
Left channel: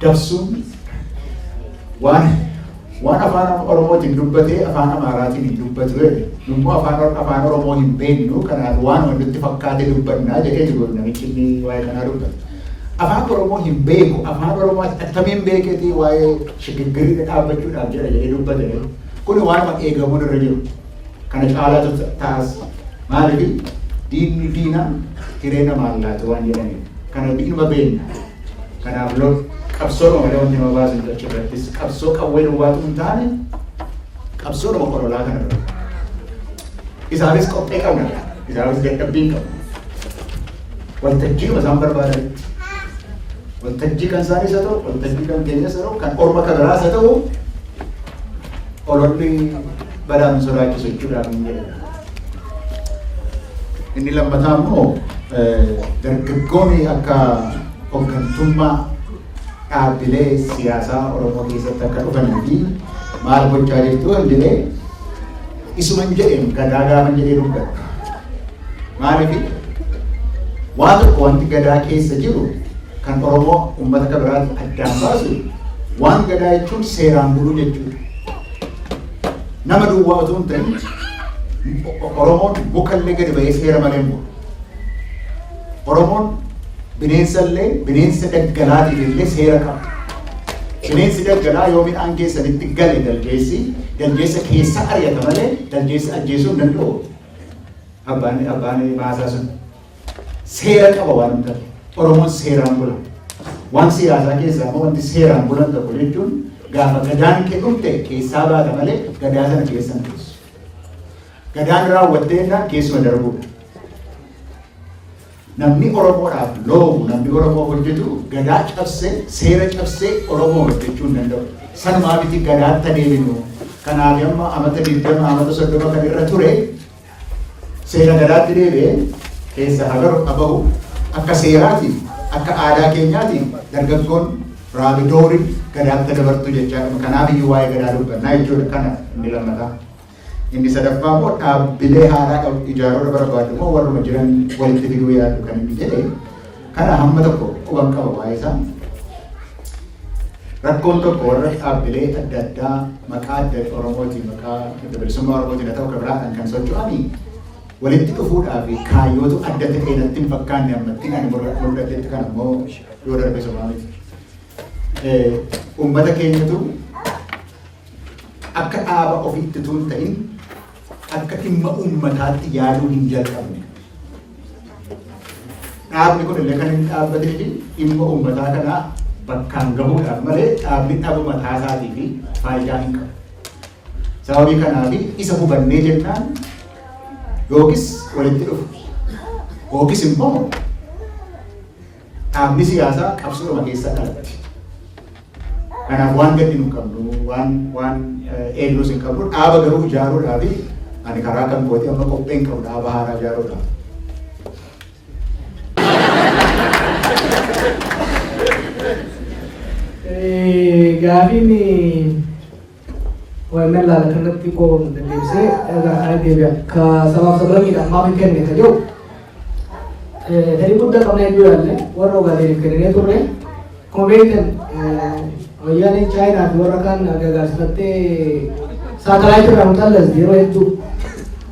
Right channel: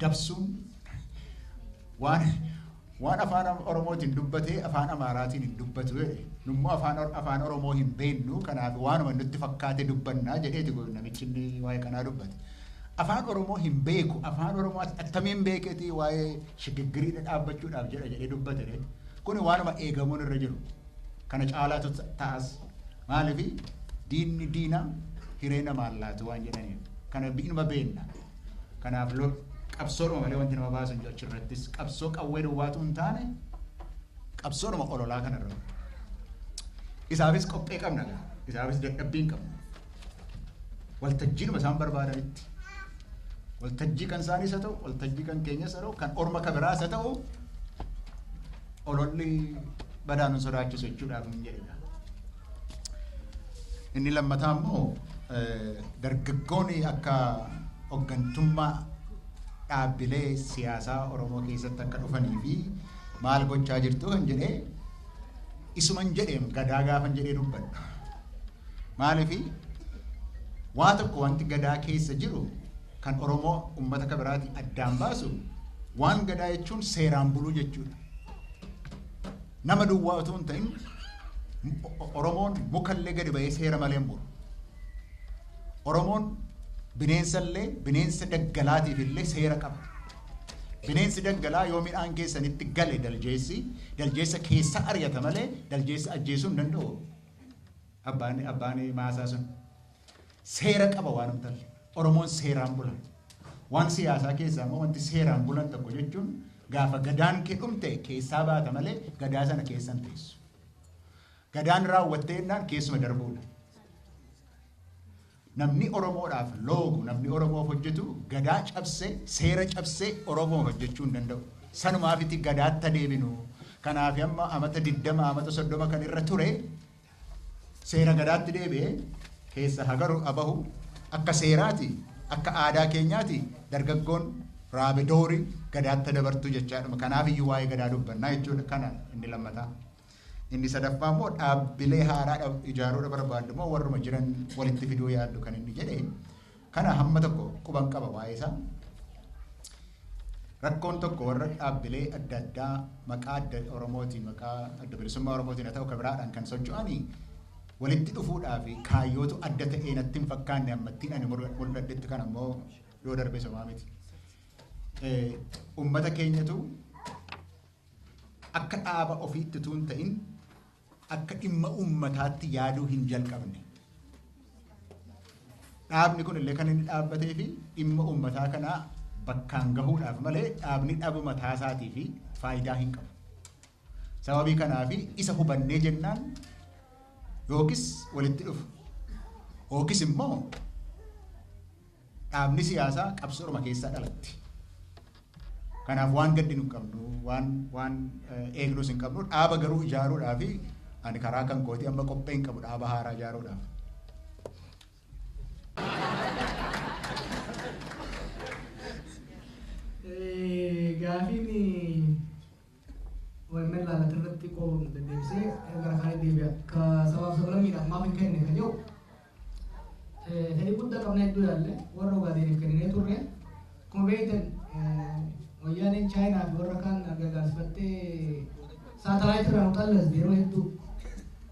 Dabsuun waan afaan Oromootiin dubbatee afaan Amaaraatiin hin dubbatu. Nummuu afaan Oromoo hin beeknu kanaaf waan wanti fakkaatee dubbannaa jedhee jiru namichi inni waa'ee kanaa dubbatu. Afaan Oromoo hin beeku afaan Oromoo attamiin beeketii waa'ee shigiggirii dhaabbachuudhaaf jedha jedhee dubbate. Kun waan eegamuun irra jiru. Kana caalaatu taas maaliif diinni diinaa hiree namaan laatu waan jedhaniif. Kana bi'uma beekna. Kanaaf qabsoo malee wanti nama baasu jecha irrattis qabsoo qawwee duwwaatu hin taane qabsoo nama qorolaa kana irra. Isaanis qophee qabna. Isaanis dadhabbii qabu. Waltajjii isaan barbaadan. Waltajjii kan isaanis haa ta'u, waltajjii kan keenyas haa ta'u, kan orma kan biraas haa ta'u, ololli badaan sodaachisu jechuudhaan hin jedhu. Inni lammataa immoo dargaggoonni akka hooggantummaa dhaabbilee siyaasaa Oromoo keessatti akka dhufanii fi maal gochaa jirtu kan jedhee isuma hin jedheen gadaa gaafa jedhee dubbata. Maaliif waa tokko wanti gadaa keessa jiru kan Oromoo uummata kan biraatti addaan baasu waan gadaa jechuun seeraan buluu jechuudha. Nama duwwaa otoo hin ta'in Oromoon mukallee gadi ba'ee seera malee hin bulu. Oromoon bineensallee bineensa daggalaatiif illee seera qaba. Bineensi daggalaa yoo midhaan keessanitti gale daljeessa keessa ari'ata malee daljeessa ajjeesuu hin danda'u. Abbaan maasaa sun seera qaba waan ta'eef Oromoon seeraan bula. Waan siyaasaa keessaa immoo wanti seeraan bulan tokko jechuun gaafa gadaan kee dhumte keessaa baata malee gadaa sana keessan keessu. Gadaan raawwatteennaan keessuma darbuudha. Namni Oromoodhaaf loobu, namni Oromoo hojjetu gadaa cabsee, seera cabsee Oromoo hojjechuu hin danda'u. Sanumaa miti gadaatti adeeminu. Kanaaf amma amata 20 amata 30 kan irra ture seera gadaatti deebi'ee keessa habahu akka seeraatiin akka aadaa keenyaatiin dargaggoon raabidoori gadaatti dabartu jechaadha. Kanaaf iyyuu waa'ee gadaa dubbannaa jechuudha. Kana inni lammataa. Inni sadaffaa immoo dhaabbilee haaraa ijaaruu barbaadu immoo warruma jiran walitti fiduu yaadu kan inni jedhe kana hamma tokko quban qaba waa'ee isaa. Rakkoon tokko warra dhaabbilee adda addaa maqaa adda Oromootiin maqaa bilisummaa Oromootiin haa ta'u kan biraa kan socho'anii walitti dhufuudhaa fi kaayyootu adda ta'ee natti hin fakkaanne ammatti ani mul'atetti kan ammoo yoo darbe sobaa miti. Uummata keenyatu akka dhaaba ofiitti tun ta'in akka dhimma uummataatti yaaduu hin jalqabne. Dhaabni kun illee kan inni dhaabbatee fi dhimma uummataa kanaa bakkaan gahuudhaaf malee dhaabni dhaaba mataa isaatii fi faayidaa hin qabu. Sababii kanaaf isa hubannee jennaan yookiis walitti dhufu yookiis immoo dhaabni siyaasaa qabsoodhuma keessa dhalatti. Kanaaf waan gadi nu qabnu waan eegluus hin qabnu dhaaba garuu ijaaruudhaa fi ani karaa kan kooti amma qopheen qabu dhaaba haaraa ijaaruudhaaf. Gaafiin waa'ee laala kanatti qoon deebisee kana deebi'a. Ka sabaaf sablabiidhaan maaf hin kenne ka jiru fedhii guddaa qabnee iyyuu yaalle warra ogaadeen kennee turre komeetan wayyaaneen chaayinaa fi warra kaan gargaarsifattee saatalaayitii irraa mutallas yeroo hedduu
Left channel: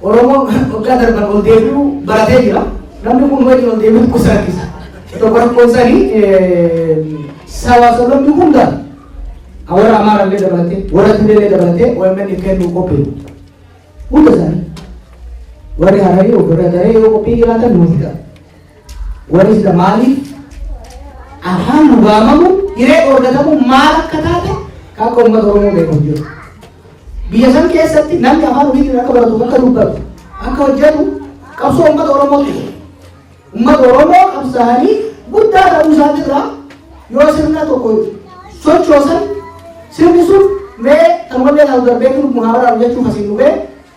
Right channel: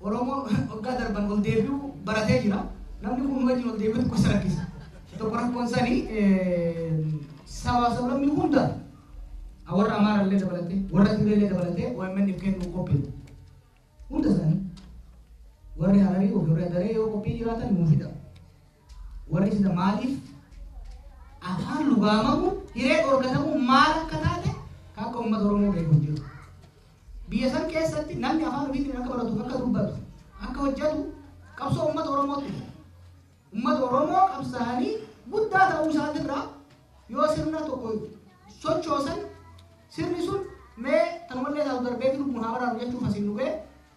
Oromoo waggaa darban ol deebi'uu baratee jira. Namni kun wajjin ol deebi'uu kusaakisa. Tokko rakkoon sanii sabaaf sablamni hundaan awara amara le dabalate warra tillee dabalate OMN kennu qophii hunda isaanii warri hararii ofirra daree yoo qophii jiraatan nuufita warri sida maaliif afaan dhugaamamu hiree orgatamu maal akka taate akka uummata Oromoo beeku jiru. Biyya san keessatti namni afaan ofiitiin akka baratu akka dubbatu akka hojjetu qabsoo uummata Oromooti. Uummata Oromoo qabsaanii guddaa ta'uu isaanii irraa yoo sirna tokko sochoosan sirni sun mee kan wallee ta'u darbee jiru muhaabaraa hojjechuuf asiin dhufee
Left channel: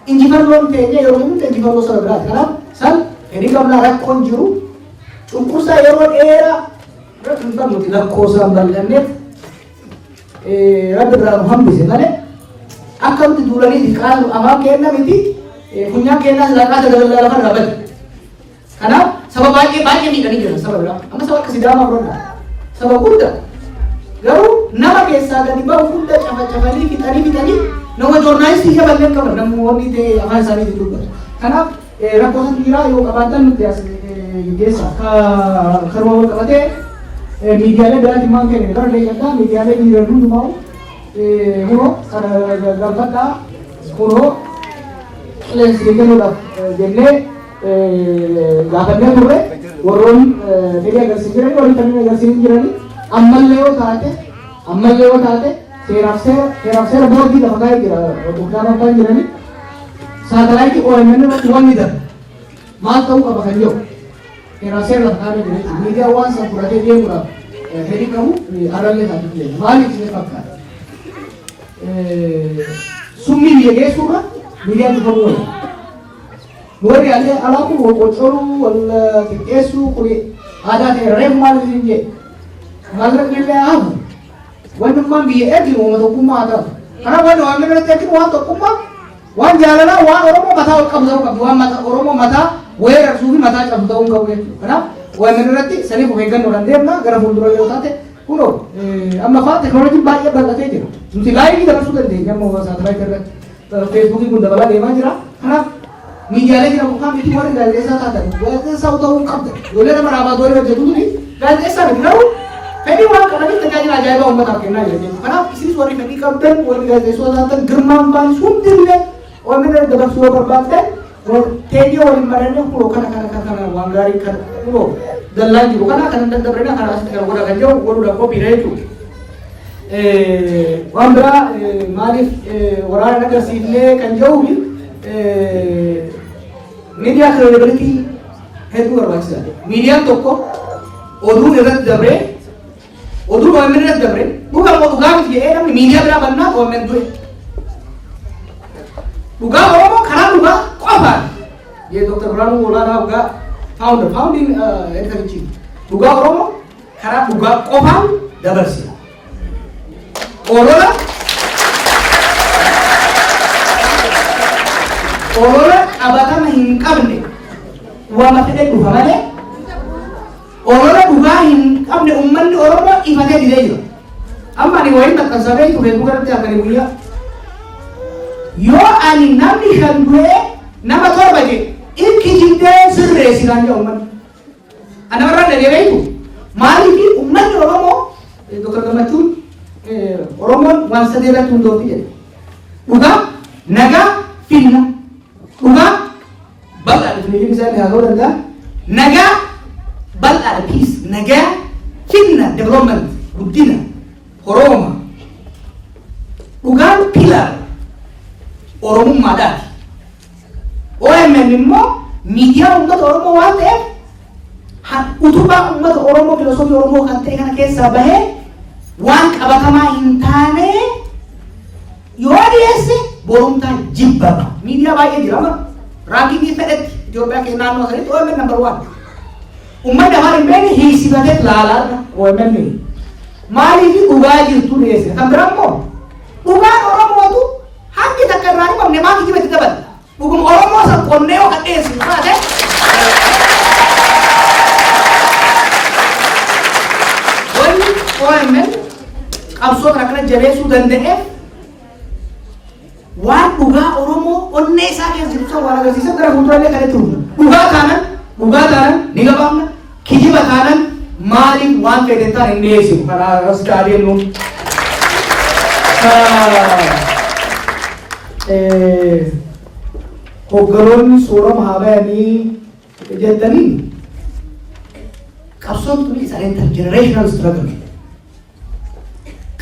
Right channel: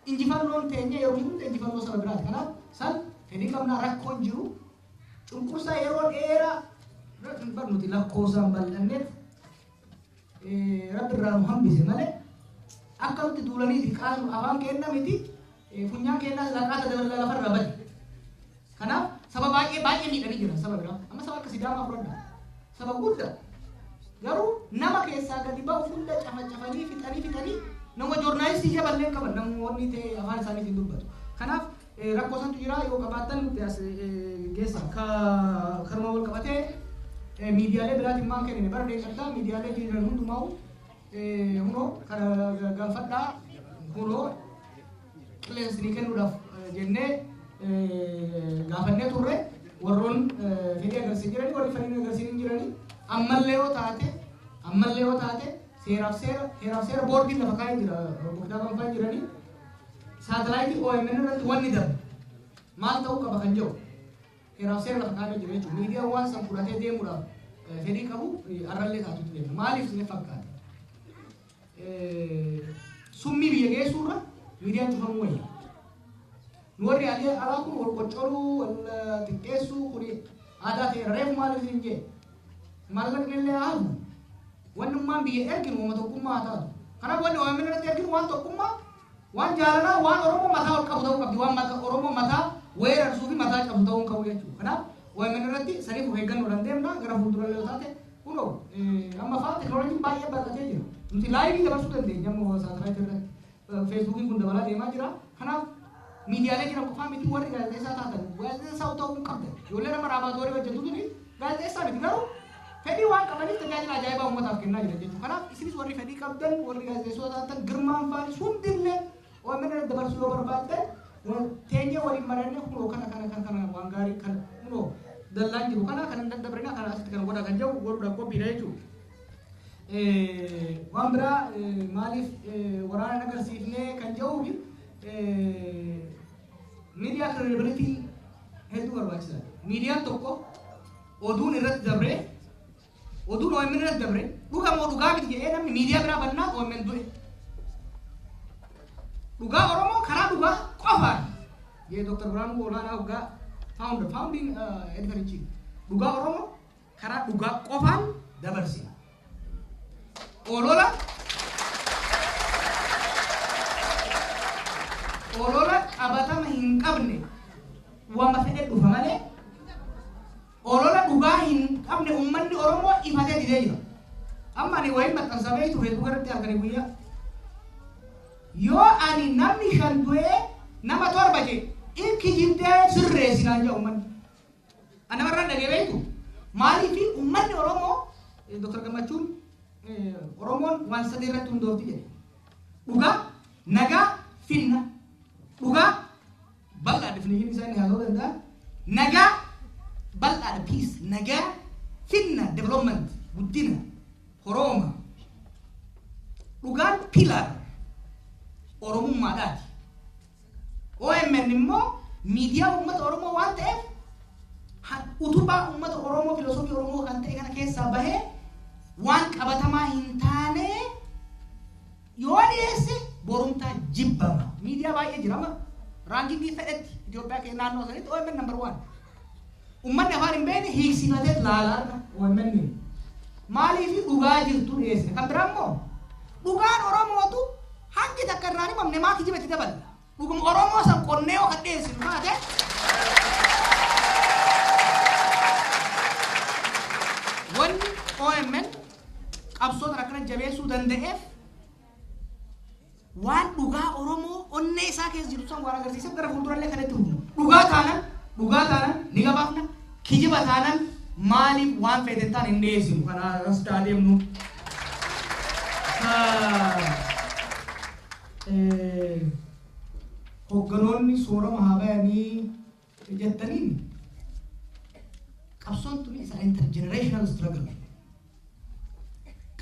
injifannoon keenya yeroo hundi injifannoo saba biraati. Kanaaf san fedhii qabnaa rakkoon jiru cunqursaa yeroo dheeraa kan nuti lakkoofsaan bal'anneef rabbi biraa nu hambise malee akka nuti duulanii qaanu afaan kenna miti funyaan kennaa silaqaata dabalaa lafa irraa bade. Kanaaf saba baay'ee miidhanii jira saba biraa amma saba akka Sidaamaa fudhadha saba guddaa garuu nama keessaa gadi bahu hunda cafacafanii fixanii nama joornaalistii ija balleen qaban namoonni ta'e afaan isaaniitiin dubbatu. Kanaaf rakkoon dhiiraa yoo qabaatan nuti as geessa karuma wal qabatee miidiyaalee biraatti maal kenne gara leeyyataa miidiyaalee dhiiran hundumaa hunoo kana galfadhaa hunoo qilleensi kennuudhaaf jennee gaafannee turre warroon fedhii agarsiisan jiranii warri kanneen agarsiisan jiranii ammallee yoo taate seeraaf seera boordii lafa kaa'ee jira doktaara abbaan jiranii saatalaayitii OMN irratti wanni darbe maal ta'uu qaba kan jedhu seeraaf seera lafa kaa'ee jira. Miidiyaa waan san fudhatee deemuudhaaf fedhii qabu arallee taatu jira. Maaliif isin fakkaata? Summii biyya geessuurra miidiyaan dhufamuu wayya. Warri alaa kun wal qocoruu wal xiqqeessuu kun aadaa ta'e reefu maal isin jedhe mallaqni illee hafu wannummaan biyya erginu uuma tokkummaa haa ta'u. Kanaaf wanni waan birratti erginu waan tokkummaa waan jaalalaa waan Oromoo mataa ol qabu ta'uu qabdu waan Oromoo mataa weerarsuu fi mataa cabsu ta'uu hin qabu jechuudha. Kanaaf waan birratti saniif of eeggannoodhaan deemna gara fuuldura yoo taate kunoo amma fa'aa teekinooloojiin baay'ee bal'atee jira. Nuti laayivii dabarsuu dandeenya ammoo saatalaayitii irratti feesbuukii kun dabalaa deemaa jira. Kanaaf miidiyaalee jira mukaan miti warri gaazexeessaa taatan gaazexeessaa ta'uu hin qabda. Ijoollee nama raabaa doonii hojjetu tuni gaazexeessaa miti garuu fedhii waan qabaniif tajaajila ajaa'ibaa uummataaf kennaa jira jechuudha. Kanaaf isinis warri fedhii qabdan warri gaazexeessota taatan girmaan baanis hundillee OMN dabarsuu yoo barbaaddan teeyyoo waliin marannee kunoo kana waan gaarii kana kunoo dallaan jiru kana kan daddabrina kana asitti kan godha kan jedhu godhuudhaaf qophiidha jechuudha. Waan biraa maaliif waraana agarsiifnee kan jedhu miidiyaa kireedibilitii hedduu barbaachisaadha. Miidiyaan tokko oduun irratti dabree oduun OMN irratti dabree dhugaa miti jedhee namni miidiyaa biraa bannaa OMN du'e. Dhugaa Oromoo karaa dhugaa qofaan ये Dr. Birhaanuu Olaanaa dhugaa founding editor-in-chief dhugaa Oromoo karaa dhugaa qofaan dabarsina. Olola qabatama hin qabne wama fedhe dhufa malee olola dhugaa hin qabne uummanni Oromoo ifatee didee jira. Amma ani wayii maxxansamee ture dubarratti akkanii guyyaa yoo ani namni shan du'ee nama torba jedhe ilki jiddee sirreessi kan jedhu uummanni. Ana warra dhageebeetu maaliif uummanni Oromoo Dr. Gammachuun Oromoon waan sadii irratti hundoofti jedhe. Dhugaa, nagaa, finna. Dhugaa bal'aadha finniin isaanii haa ta'uu danda'a. Nagaa bal'aadha peace. Nagaa finna development guddina Oromoo. Dhugaan pilar Oromummaadhaati. OMN immoo miidiyaa uummata Oromoo waan ta'eef utubaa uummata Oromoo filosoofii Oromoo kan ta'e kana keessaa bahee waan qabatamaa hin taane yoo dhiyeesse borumtaan jibbama. Miidiyaa baay'ee jira rankingii fedhetti Itoophiyaa keessa naannoo sanitti OMN number 1. Uummanni afaan hin beekne hiisifatee laalaadha OMN. Maaliif dhugaa jirtu dhiyeesse? Kan biraa immoo dhugaan Oromootu hangi takka irraa dhibamne maa kijibatti dabala. Dhuguma Oromoo san qonnee yoo kan dhiyeessu taate wanni OMN qabsoo kana kana jabeessuu danda'eef waan dhugaa Oromoo onnee isaa keessa jiru san waan agarsiisan gara fuuldurallee kan itti dhufu. Dhugaa taanan ni gabaafna. Kijiba taanan maaliif waan fedhe ta'an hin dhiyeessinu. Kana as adeemnu. Hogganoonni soorama haa bayanii jettanii qabsoon tuni is an intergenerational struggle.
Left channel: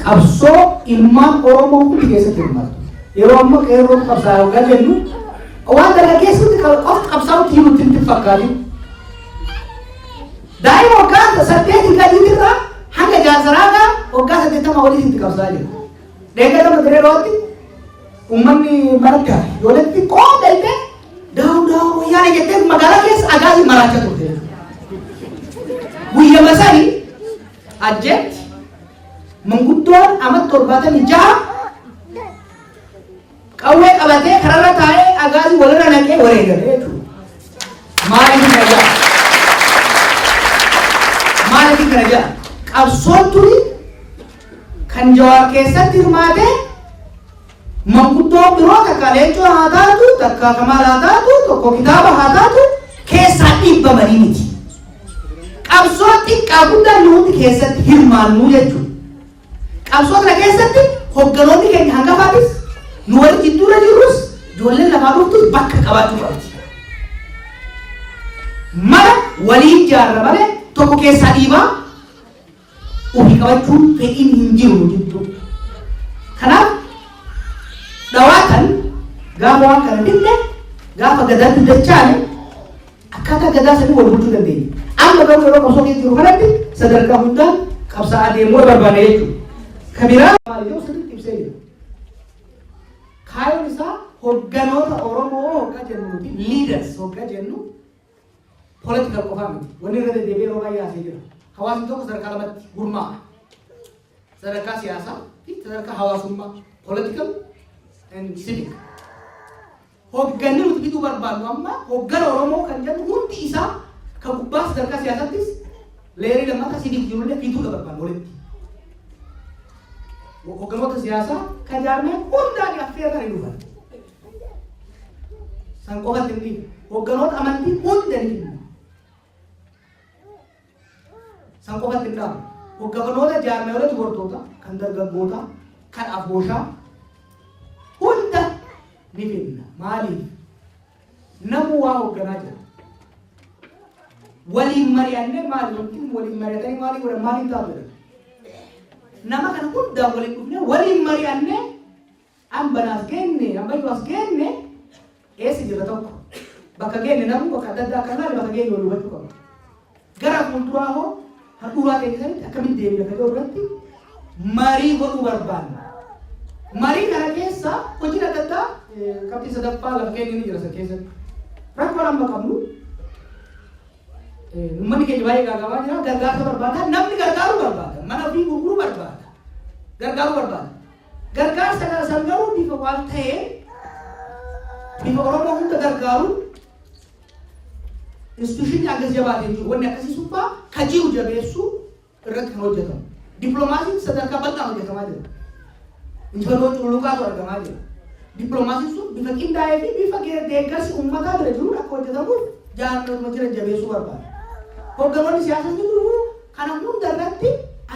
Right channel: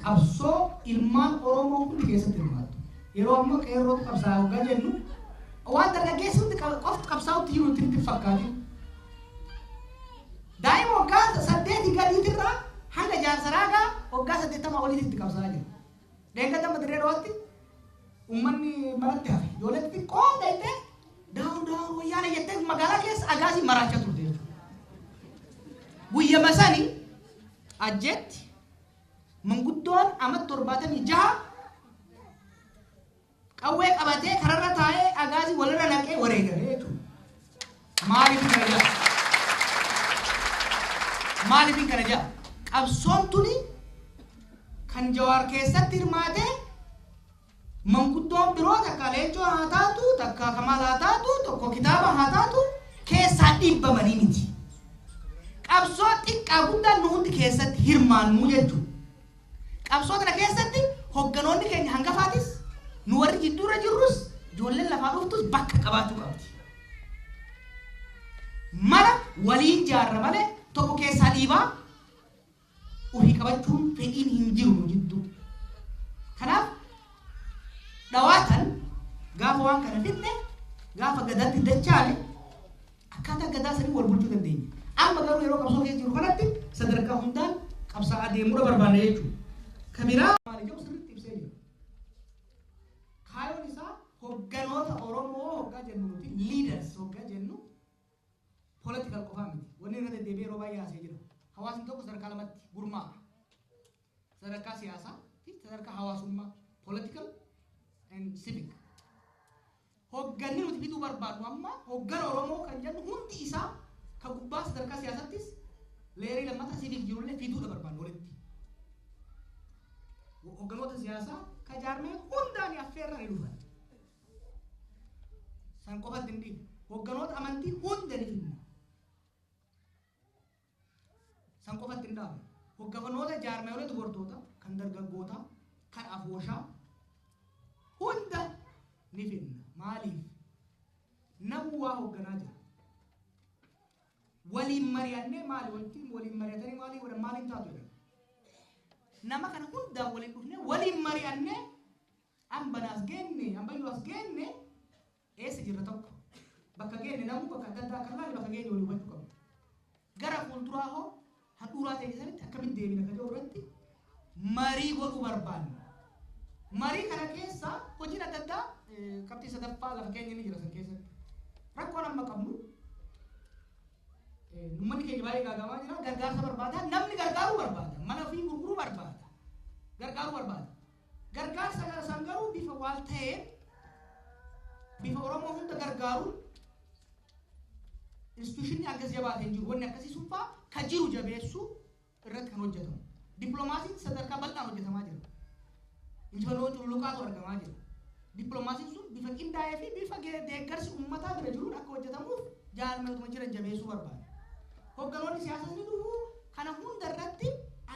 Qabsoo ilmaan Oromoo hundi keessatti hirmaatu. Yeroo amma qeerroo qabsaa yookaan jennu waan dargaggeessutti qofa qabsaa'utti himutti hin fakkaatu. Daa'ima waggaa 8 gadiitirraa hanga jaarsaraa waggaa 80 walitti qabsaa jira. Deeggarama direerooti uummanni marga yooletti qoodayte daa'u wayyaana jettee magaalaa keessa agaasii maraachaa turte. Guyyaa masanii ajjeetti manguddoon amma 76 qawwee qabatee kararra taa'ee agaasii walirra naqee wareegale jechuudha. Maaliif kana jaa? Qabsoon turi kan Jawaar keessatti hirmaate manguddoo biroo takka Leencoo haa taatu, takka Kamaal haa taatu, tokko kitaaba haa taatu keessaa dhiibbamanii miti. Qabsoo xiqqaa guddaa nuti keessatti hirmaannu jechuudha. Qabsoo kana keessatti hogganoonni keenya hangafaatis nu wal jidduura jirrus ijoolleen lafaa dhuftus bakka qabaachuu qabdi. Mana waliin jaarra malee tokko keessaa dhiibaa ofii qabachuun fedhiin hin jiru jechuudha. Kanaaf dhawaatan gaafa waan kana dinne gaafa gadaan duddachaane akkaataa gadaa sanii wal bulchuu dandeenya. Amma garuu yeroo qabsoo keessa jiru kanatti sadarkaa guddaan qabsaa'aa deemuu barbaada jechuudha. Kabiraa maal jedhu sirriitti ibsee jira. Kaayoon isaa hogganoota Oromoo hoggaa jennuuti leaders hoggaa jennu political qofaa miti. Wanni irra deddeebi'ee yeroo baay'ee haasee jira. Hawaasni tokko sadarkaa lamatti gurmaa'a. Sadarkaa siyaasaa fi sadarkaa hawaasummaa political and civic. Hogganni nuti bituu barbaadnu amma hoggana Oromoo kan jedhu hundi isaa kan gubbaa sadarkaa siyaasaattis leerii lammataa civic jirullee bituudha barbaadnu walitti. Hogganoota siyaasaa kan jaarmee hundaan affeeranii dhufan. San qofatti hin hogganoota amantii hundanii san qofatti hin dhaabu. Hogganoota jaarmeelee dubartoota kan dargaggoota kan abbooshaa hunda ni finna. Maaliif? Namu waa hogganaa jira. Waliin mari'annee maali waliin mari'atanii maali godhan maaliin taatu? Nama kana hundaan waliin dhufnee waliin mari'annee ambanaas geenne ambayyuu as geenne eessa jirra tokko bakka geenne namu bakka adda addaa kan laale bakka geenne walii hubachuu qaba. Gara fuulduraa hoo handhuuraa keessatti akkamitti deemee akka irratti marii godhuu barbaanna. Marii kana keessa hojii adda addaa qabxii sadaffaa lafa keenya ni jira san keessatti. rakkoo lama qabnu uummanni keenya baay'ee gaaga'amaa jira gargaarsa barbaada namni gargaaruu barbaada mana ofii gurguruu barbaada gargaaruu barbaada gargaarsa kana san garuu bifa waan ta'een bifa Oromoo hunda gargaaru instituushinii akkas jabaatee jiru wanni akkasii subbaa kaji'u jabeessuu irratti kan hojjetamu dippiloomaasiin sadarkaa bal'aan hojjetamaa jira injifannoo cululuqaatu argamaa jira dippiloomaasiin sun bifa qindaa'ee fi bifa deeggarsi uummataa bira jiru akka hojjetamuuf jaalatuma jira jabeessuu barbaada hogganoonni siyaasaa jiru kana hunda irratti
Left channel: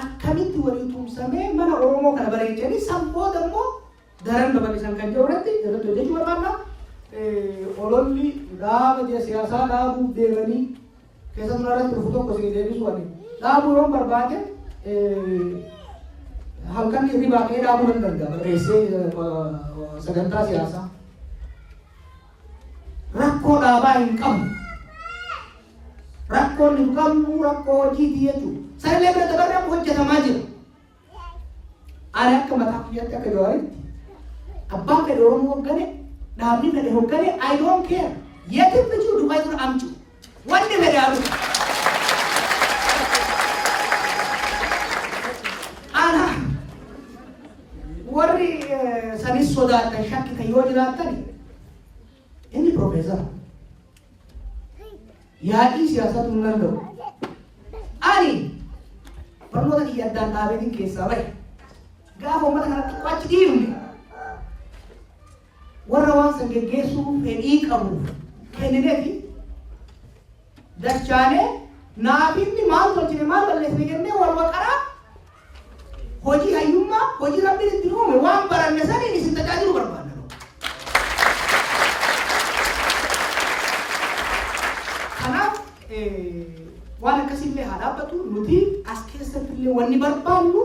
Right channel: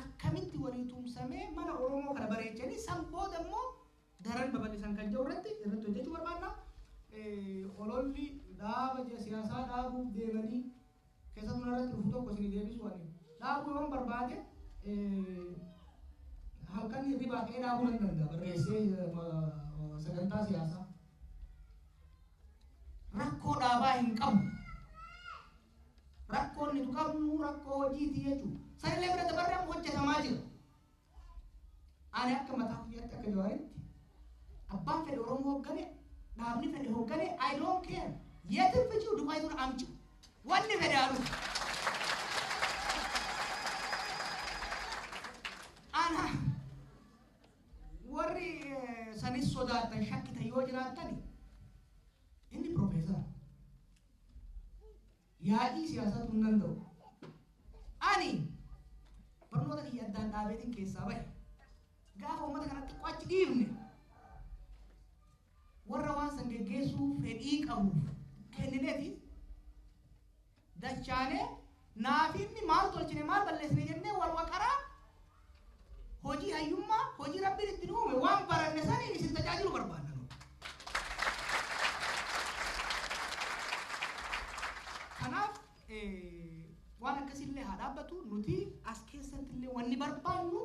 akkamitti walii tumsamee mana Oromoo kana bareechanii san booda immoo daran dabalisan kan jiru irratti hojjechuu barbaadna ololli dhaaba siyaasaa dhaabuuf deemanii keessattuu irratti dhufu tokko isin deebisu waliin dhaabuu yoo barbaade halkan hirribaa ka'ee dhaabuu hin danda'a barreessee sagantaa siyaasaa rakkoo dhaabaa hin qabnu rakkoon hin qabnu rakkoo hojiiti jechuudha sanillee bira dabarraa hojjetamaa jira ani akka mataa kiyyaatti akka jawaaritti abbaan fedhe Oromoo hoggane dhaabni fedhe hoggane I don't care yeetiin fichuu Dubaay tura amchu wanni fedhe halu ana warri sanis sodaatan shakkita yoo jiraatani inni profeesara yaadii siyaasatu hin danda'u ani barnoota kiyya addaan dhaabeetiin keessaa bahe gaafa uummata kanatti qo'achi dhiirne warra waan san geggeessuu fedhii qabu kennineefi dachaanee naafinni maal tolchine maal balleessine jennee wal waqaraa hojii hayyummaa hojii rabbiin itti uume waan baranne saniin isin tajaajilu barbaanna kanaaf waan akkasillee haa dhaabbatu nuti as keessattillee wanni barbaannu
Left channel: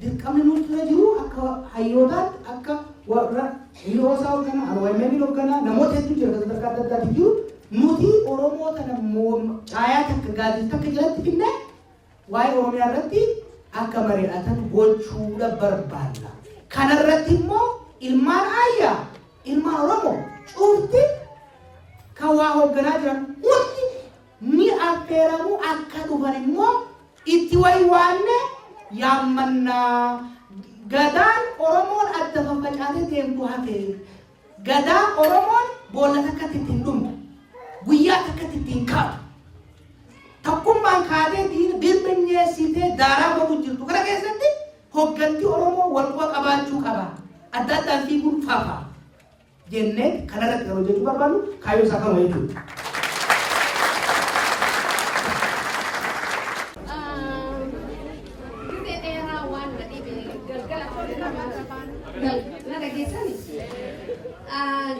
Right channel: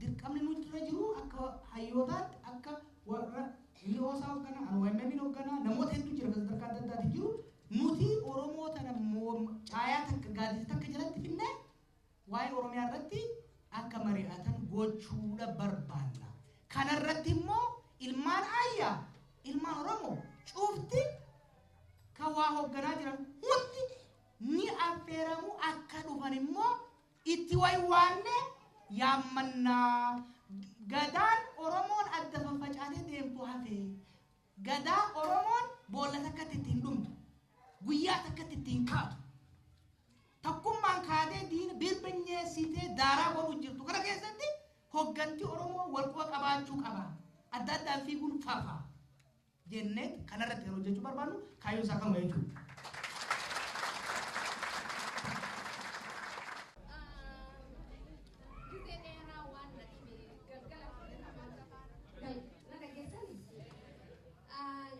dirqamni nuti jiru akka hayyootaatti akka warra hiyoosaa hoogganaa alwaayimanii hoogganaa namoota hedduu jira sadarkaa adda addaatti jiru nuti Oromoo kana caayaa takka gaazii takka jalatti finne waa'ee Oromiyaa irratti akka mari'atan gochuudha barbaanna. Kana irratti immoo ilmaan ayyaa ilmaan Oromoo cufti kan waa hoogganaa jiran hundi ni affeeramu akka dhufan immoo itti waywaanne yaammannaa gadaan Oromoon adda faffacaatee deemtu hafe gadaa Oromoon boolla takkatti ittiin dhumtu guyyaa takkatti ittiin kaatu takkummaan kaatee birbinyessitee daaraa godhu jirtu kana keessatti hoggantii Oromoo walquba qabaachuu qaba adda addaan fiiguun faafaa jennee kanarratti kan hojjechuu barbaadu kaayyoo isaa kana jechuudha.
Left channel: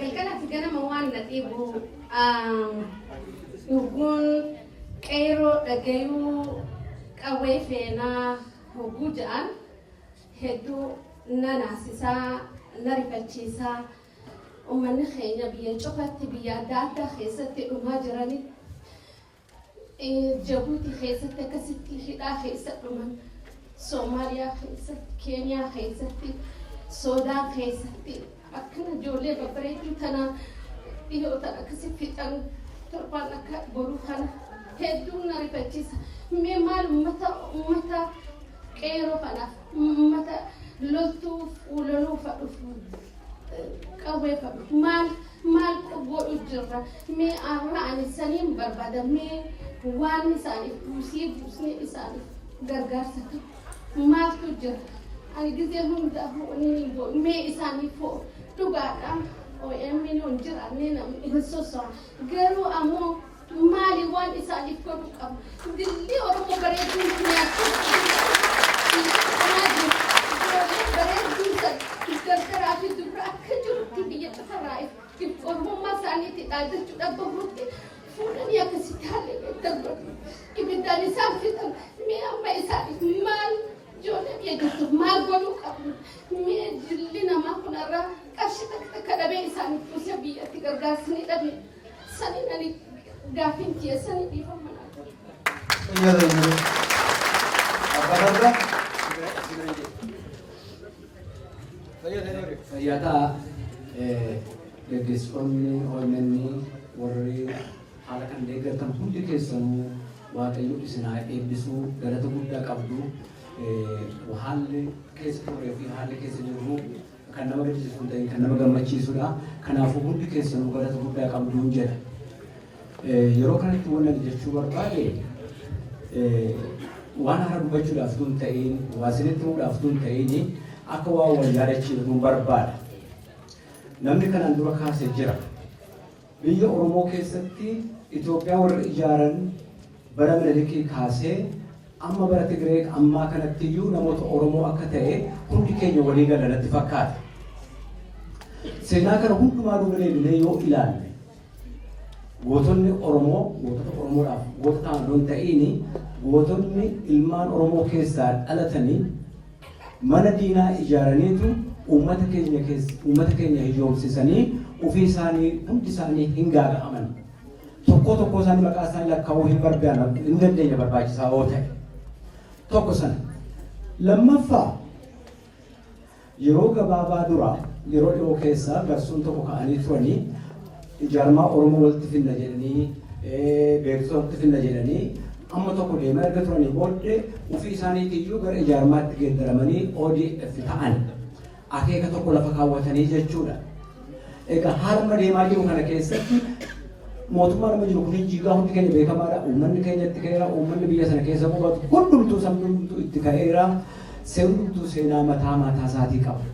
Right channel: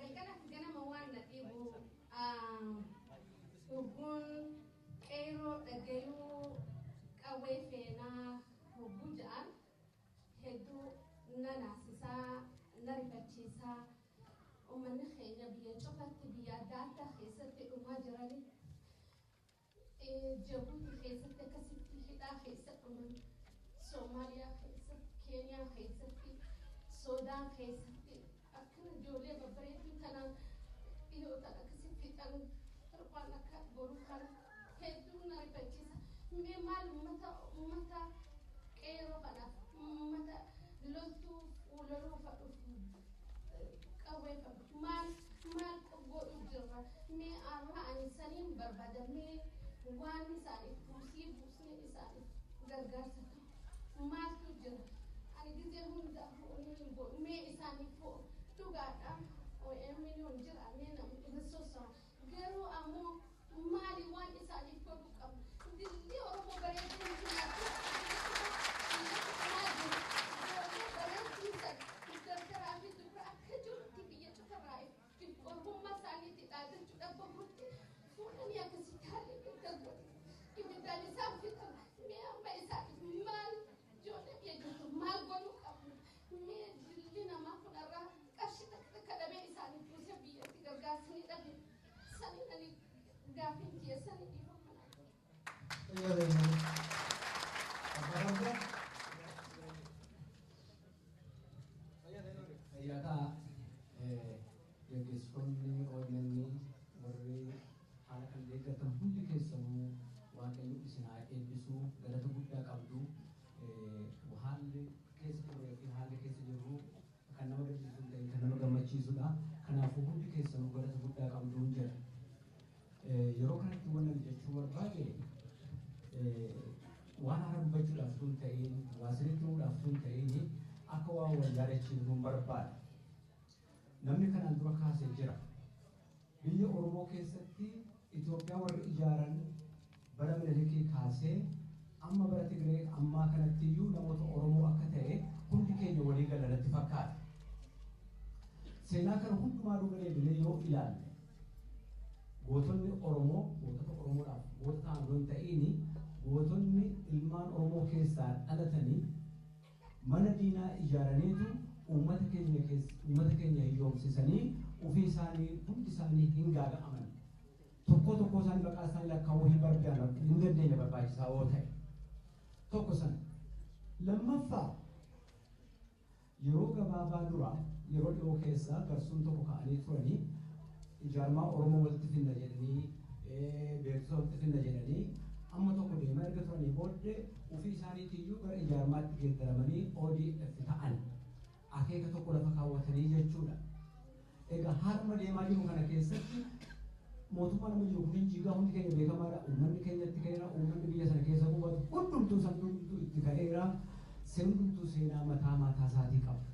galgalaaf ganama waan nadhiibu dhuguun qeeroo dhagayuu qawwee feenaa hogguu ja'an hedduu na naasisaa na rifachiisaa uummanni keenya biyya cufatti biyya adda addaa keessatti dhumaa jirani Jabuuti keessatti akkasitti hidhaa keessa dhuman Soomaaliyaa keessatti Keeniyaa keessatti Soodaan keessatti akkana ijoollee babbareedduu tana dhiyootan akkasi fixan torbaan akka boruu kana hedduu na rifachiisa. Mee maal uummata qeeroo kanaaf uummata loltuu fuulanuu fadhuuf qawwee fadhuuf maal godhu jirra. Mee arraa ani saniin barbaada mee waan isaaniif buusnee isaaniif gargaarsa ta'u maaltu jira. Ani gizee hundaa mee isaaniif dhugaadhaan OMN on jiraannee namni hin soso'an garuu ammoo maali waan isaaniif godhu qabu. Dilli Oromoo bareeduun bareeduun gargaraa fi dubra akka jirutti biyya cufarraa'eef Oromummaa isaaniitti dhaajachuudhaaf bahuutti fuudhanii akkasitti haallee darbatanii ibiddaan isaan fixan mee amma isaaniif maal ijoollee biyya jirtuuf maal godhuu qabu. Mee jilli namaa kunarraa qarshii takka dhabee isaaniif kuusa biyyatti gargaarsanii dhabe saniin ani gaafiin keessanii dhiifamanaa fayyataa gaggeessitoonni OMN warri kan deeggartan hundi keessanuu waaqayyo isin haa eebbisu galata guddaa qabdu. Haalli keessa turee fi haalli keessa jiru kan nama gaddisiisu hin ta'in kan nama gammachiisudha. Kanaafuu hundi keessanuu galata guddaa qabdu jedha. Yeroo kanatti waan jechuu barbaade waan haaraa dubbachuudhaaf tun ta'in waa isinitti himuudhaaf tun ta'in akka waa wal yaadachiifnu barbaada. Namni kanaan dura kaasee jira. Biyya Oromoo keessatti Itoophiyaa warra ijaaran bara Minilikii kaasee amma bara Tigree ammaa kanatti iyyuu namoota Oromoo akka ta'e hundi keenya walii gala natti fakkaata. Seenaa kana hundumaa duubalee yoo ilaalle gootonni Oromoo gootota Oromoodhaaf gootota ta'an ta'ini gootonni ilmaan Oromoo keessaa dhalatanii mana diinaa ijaaraniitu uummata keenya hijoomsisanii ofii isaanii hundi isaanii hin gaaga'aman. Tokko isaanii maqaa isaanii lakkaa'uu hin barbaadan hin dandeenya barbaachisaa yoo ta'e. Tokko sana. Lammaffaa yeroo gabaabaa dura yeroo dhiyoo keessaa garsuun tokko ka'anii turanii ijaarmaa Oromoo walitti finna jedhanii beeksisa walitti finna jedhanii amma tokko deemaa erga turanii booddee ofii isaaniitiyyuu gara ijaarmaatti geeddaramanii ODF ta'an akeeka tokko lafa kaawwatanii jechuudha. Egaa haaluma deemaa jiru kana keessatti mootummaa nama jiru kun jigaa hundi keenya beekamaadha. Uummanni keenyatti ka'eera, uummanni biyya sana keessa qubatu hundumtuu sabni itti ka'eera. Hundumtuu seenaa mataa isaatii qaba.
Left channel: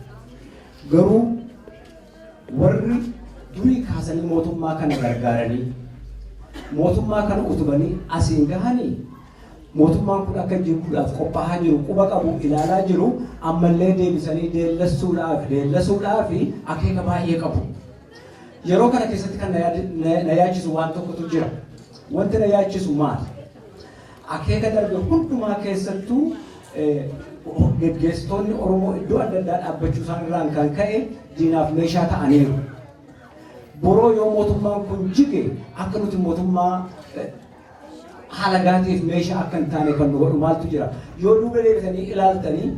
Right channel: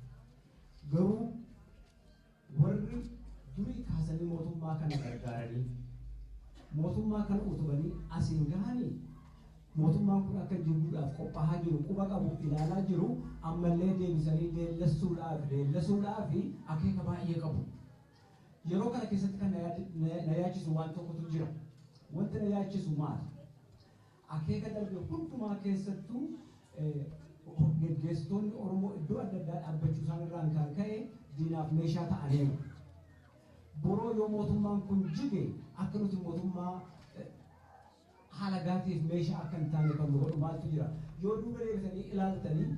Garuu warri durii kaasanii mootummaa kana gargaaranii mootummaa kana utubanii asiin gahanii mootummaan kun akka jirudhaaf qophaa'aa jiru quba qabu ilaalaa jiru ammallee deebisanii deellisuudhaaf akeeka baay'ee qabu. Yeroo kana keessatti kan na yaachisu waan tokkotu jira. Wanti na yaachisu maali? Akeeka darbe hundumaa keessattuu geggeessitoonni Oromoo iddoo adda addaa dhaabbachuu isaan irraan kan ka'e diinaaf meeshaa ta'aniiru. Boroo yoo mootummaan kun jige akka nuti mootummaa halagaatiif meeshaa akka hin taane kan nu godhu maaltu jira? Yoo duuba deebitanii ilaaltanii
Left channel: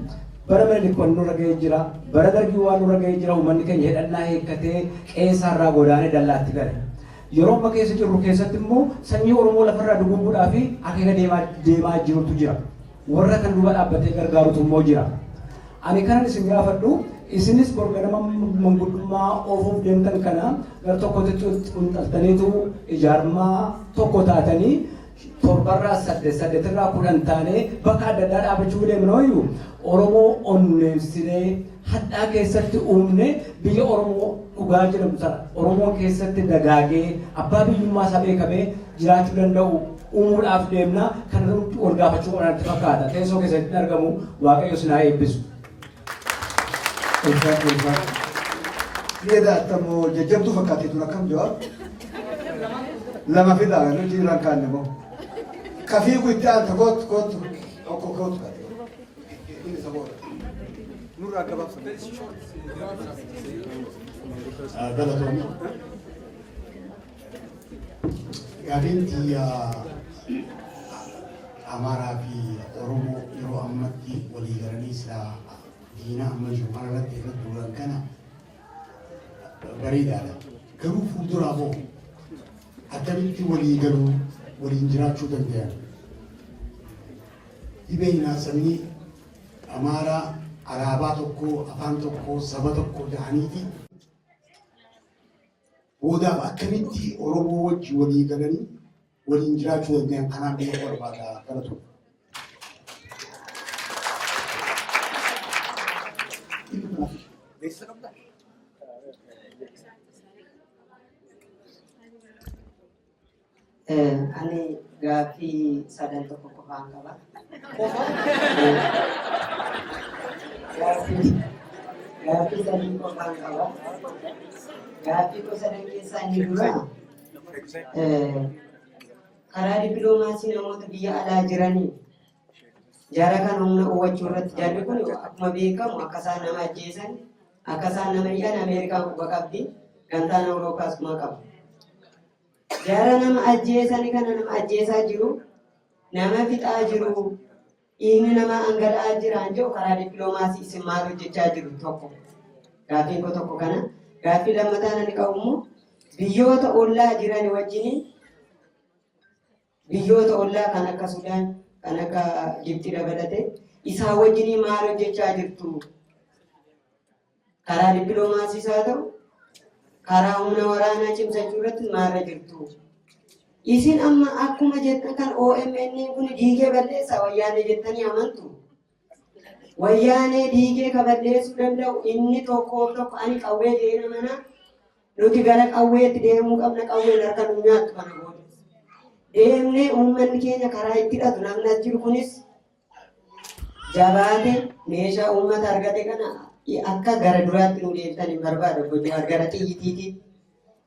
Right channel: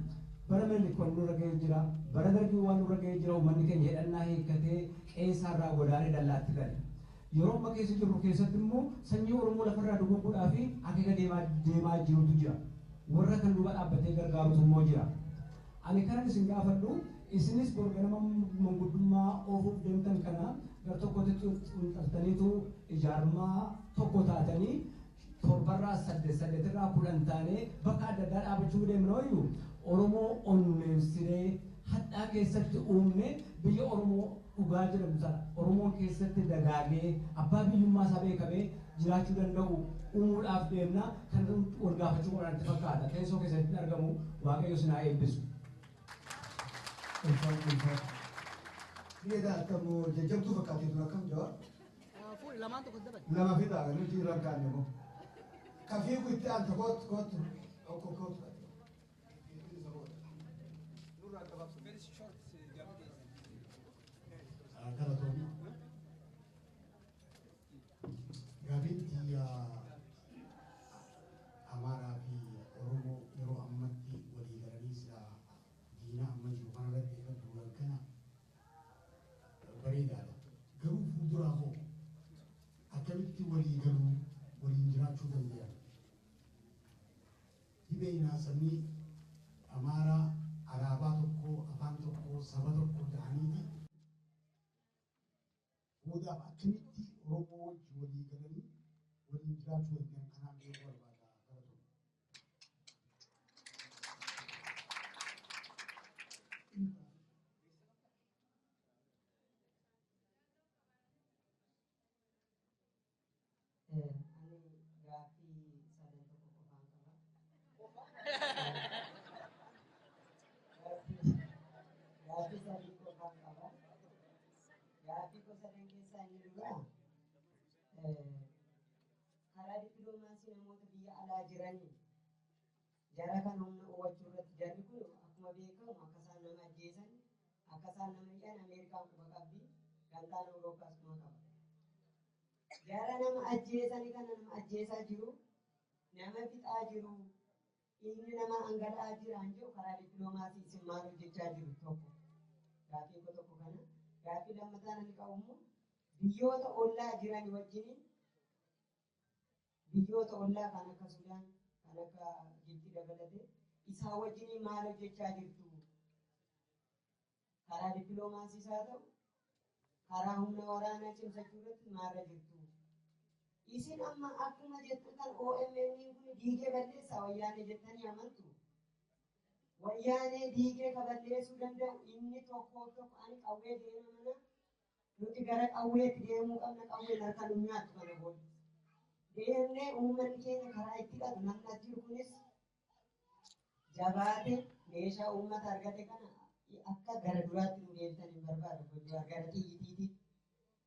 bara Minilik waan nurra ga'ee jira, bara Dargii waan nurra ga'ee jira, uummanni keenya hidhannaa hiikkatee qe'eerraa godaanee dallaatti gale. Yeroo amma keessa jirru keessatti immoo sanyii Oromoo lafarraa dugubuudhaa fi akeeka deemaa jirutu jira. Warra kan duuba dhaabbatee gargaarutu immoo jira. Ani kanan isin gaafadhu isinis borganama manguddummaa oofuuf deemtan kana gara tokkotti xunxaltaniitu ijaarmaa tokko taatanii torbarraa saddeetirraa 10 taanee bakka adda addaa dhaabachuu deemnooyyuu Oromoo onneessinee hadhaa keessatti uumne biyya Oromoo dhugaa jedhamu sana Oromoon keessatti dagaagee abbaa biyyummaa isaa beekamee jiraachuu danda'u uumuudhaaf deemna kan nuti wal gaafachuu waan itti fakkaata. Teessoo keessatti argamu Waaqayyo sinaa eebbisu. Lihat temu jajam tu fakati tu rakam jawab. Lama fida kan tu rangkan demo. Kafi ku itan takut kot kot. Ini sabor. Nur agak Galatoon gaafiin xiyya Amaaraa fi Oromoo yeroo ammatti walii galanii silaa diina amma jiru kana irratti irratti duran kana bareedaadha. Garuu fuulduraaf hoo akkamitti walii galuu waliin jiraachuu danda'an? Dhibeen sabni Amaaraa alaabaa tokko afaan tokko saba tokko ta'aniiti boodaaf akkamitti Oromoo wajji walii galanii waliin jiraachuu danda'an kanaan biyya barbaada galatu. Ani gaaffii sadan tokko qofaan qaba. Gaaffii sadii qofaan qaba. Gaaffii sadan keessaa inni dura karaa dippiloomaasii namoota biyya alaa jiranii jara kan humna uwwachuu irratti jarri kun akkuma beekamu akka isaan nama ajjeesan akka isaan nama dhiyan Ameerikaan quba qabdi gantaan Awuroopaas kuma qabu. Jara nama ajjeesanii kana nama ajjeesaa jiru nama fixaa jiru dhiigni nama angala'aa jiraan jiru karaa dippiloomaasii isin maal hojjechaa jiru tokko. Gaaffiin koo tokko kana. Gaaffii lammataan ani qabu immoo biyyoota ollaa jiran wajjin biyyoota ollaa kan akka Sudaan, kan akka Gibxi dabalate isaa wajjin maal hojjechaa jirtu? Karaa dippiloomaasiis haa ta'u, karaa humna waraanaa cimsachuu irratti maalirra jirtu? Isin amma akkuma jettan kan OMN kun diigee balleessa wayyaanee jettanii amantu? Wayyaanee diigee ka balleessuu danda'u inni tokkoof tokko ani qawwee deena mana nuti gara qawweetti deemuu qabna, qawween harka nu nyaattu kana booda. Deemnee uummanni keenya karaa itti hidhatu namni as jiru kunis jabaate meeshaa uummata argate kana akka gara duraatti nu deebitan hin barbaada gochuudhaan gara xiyyitiiti.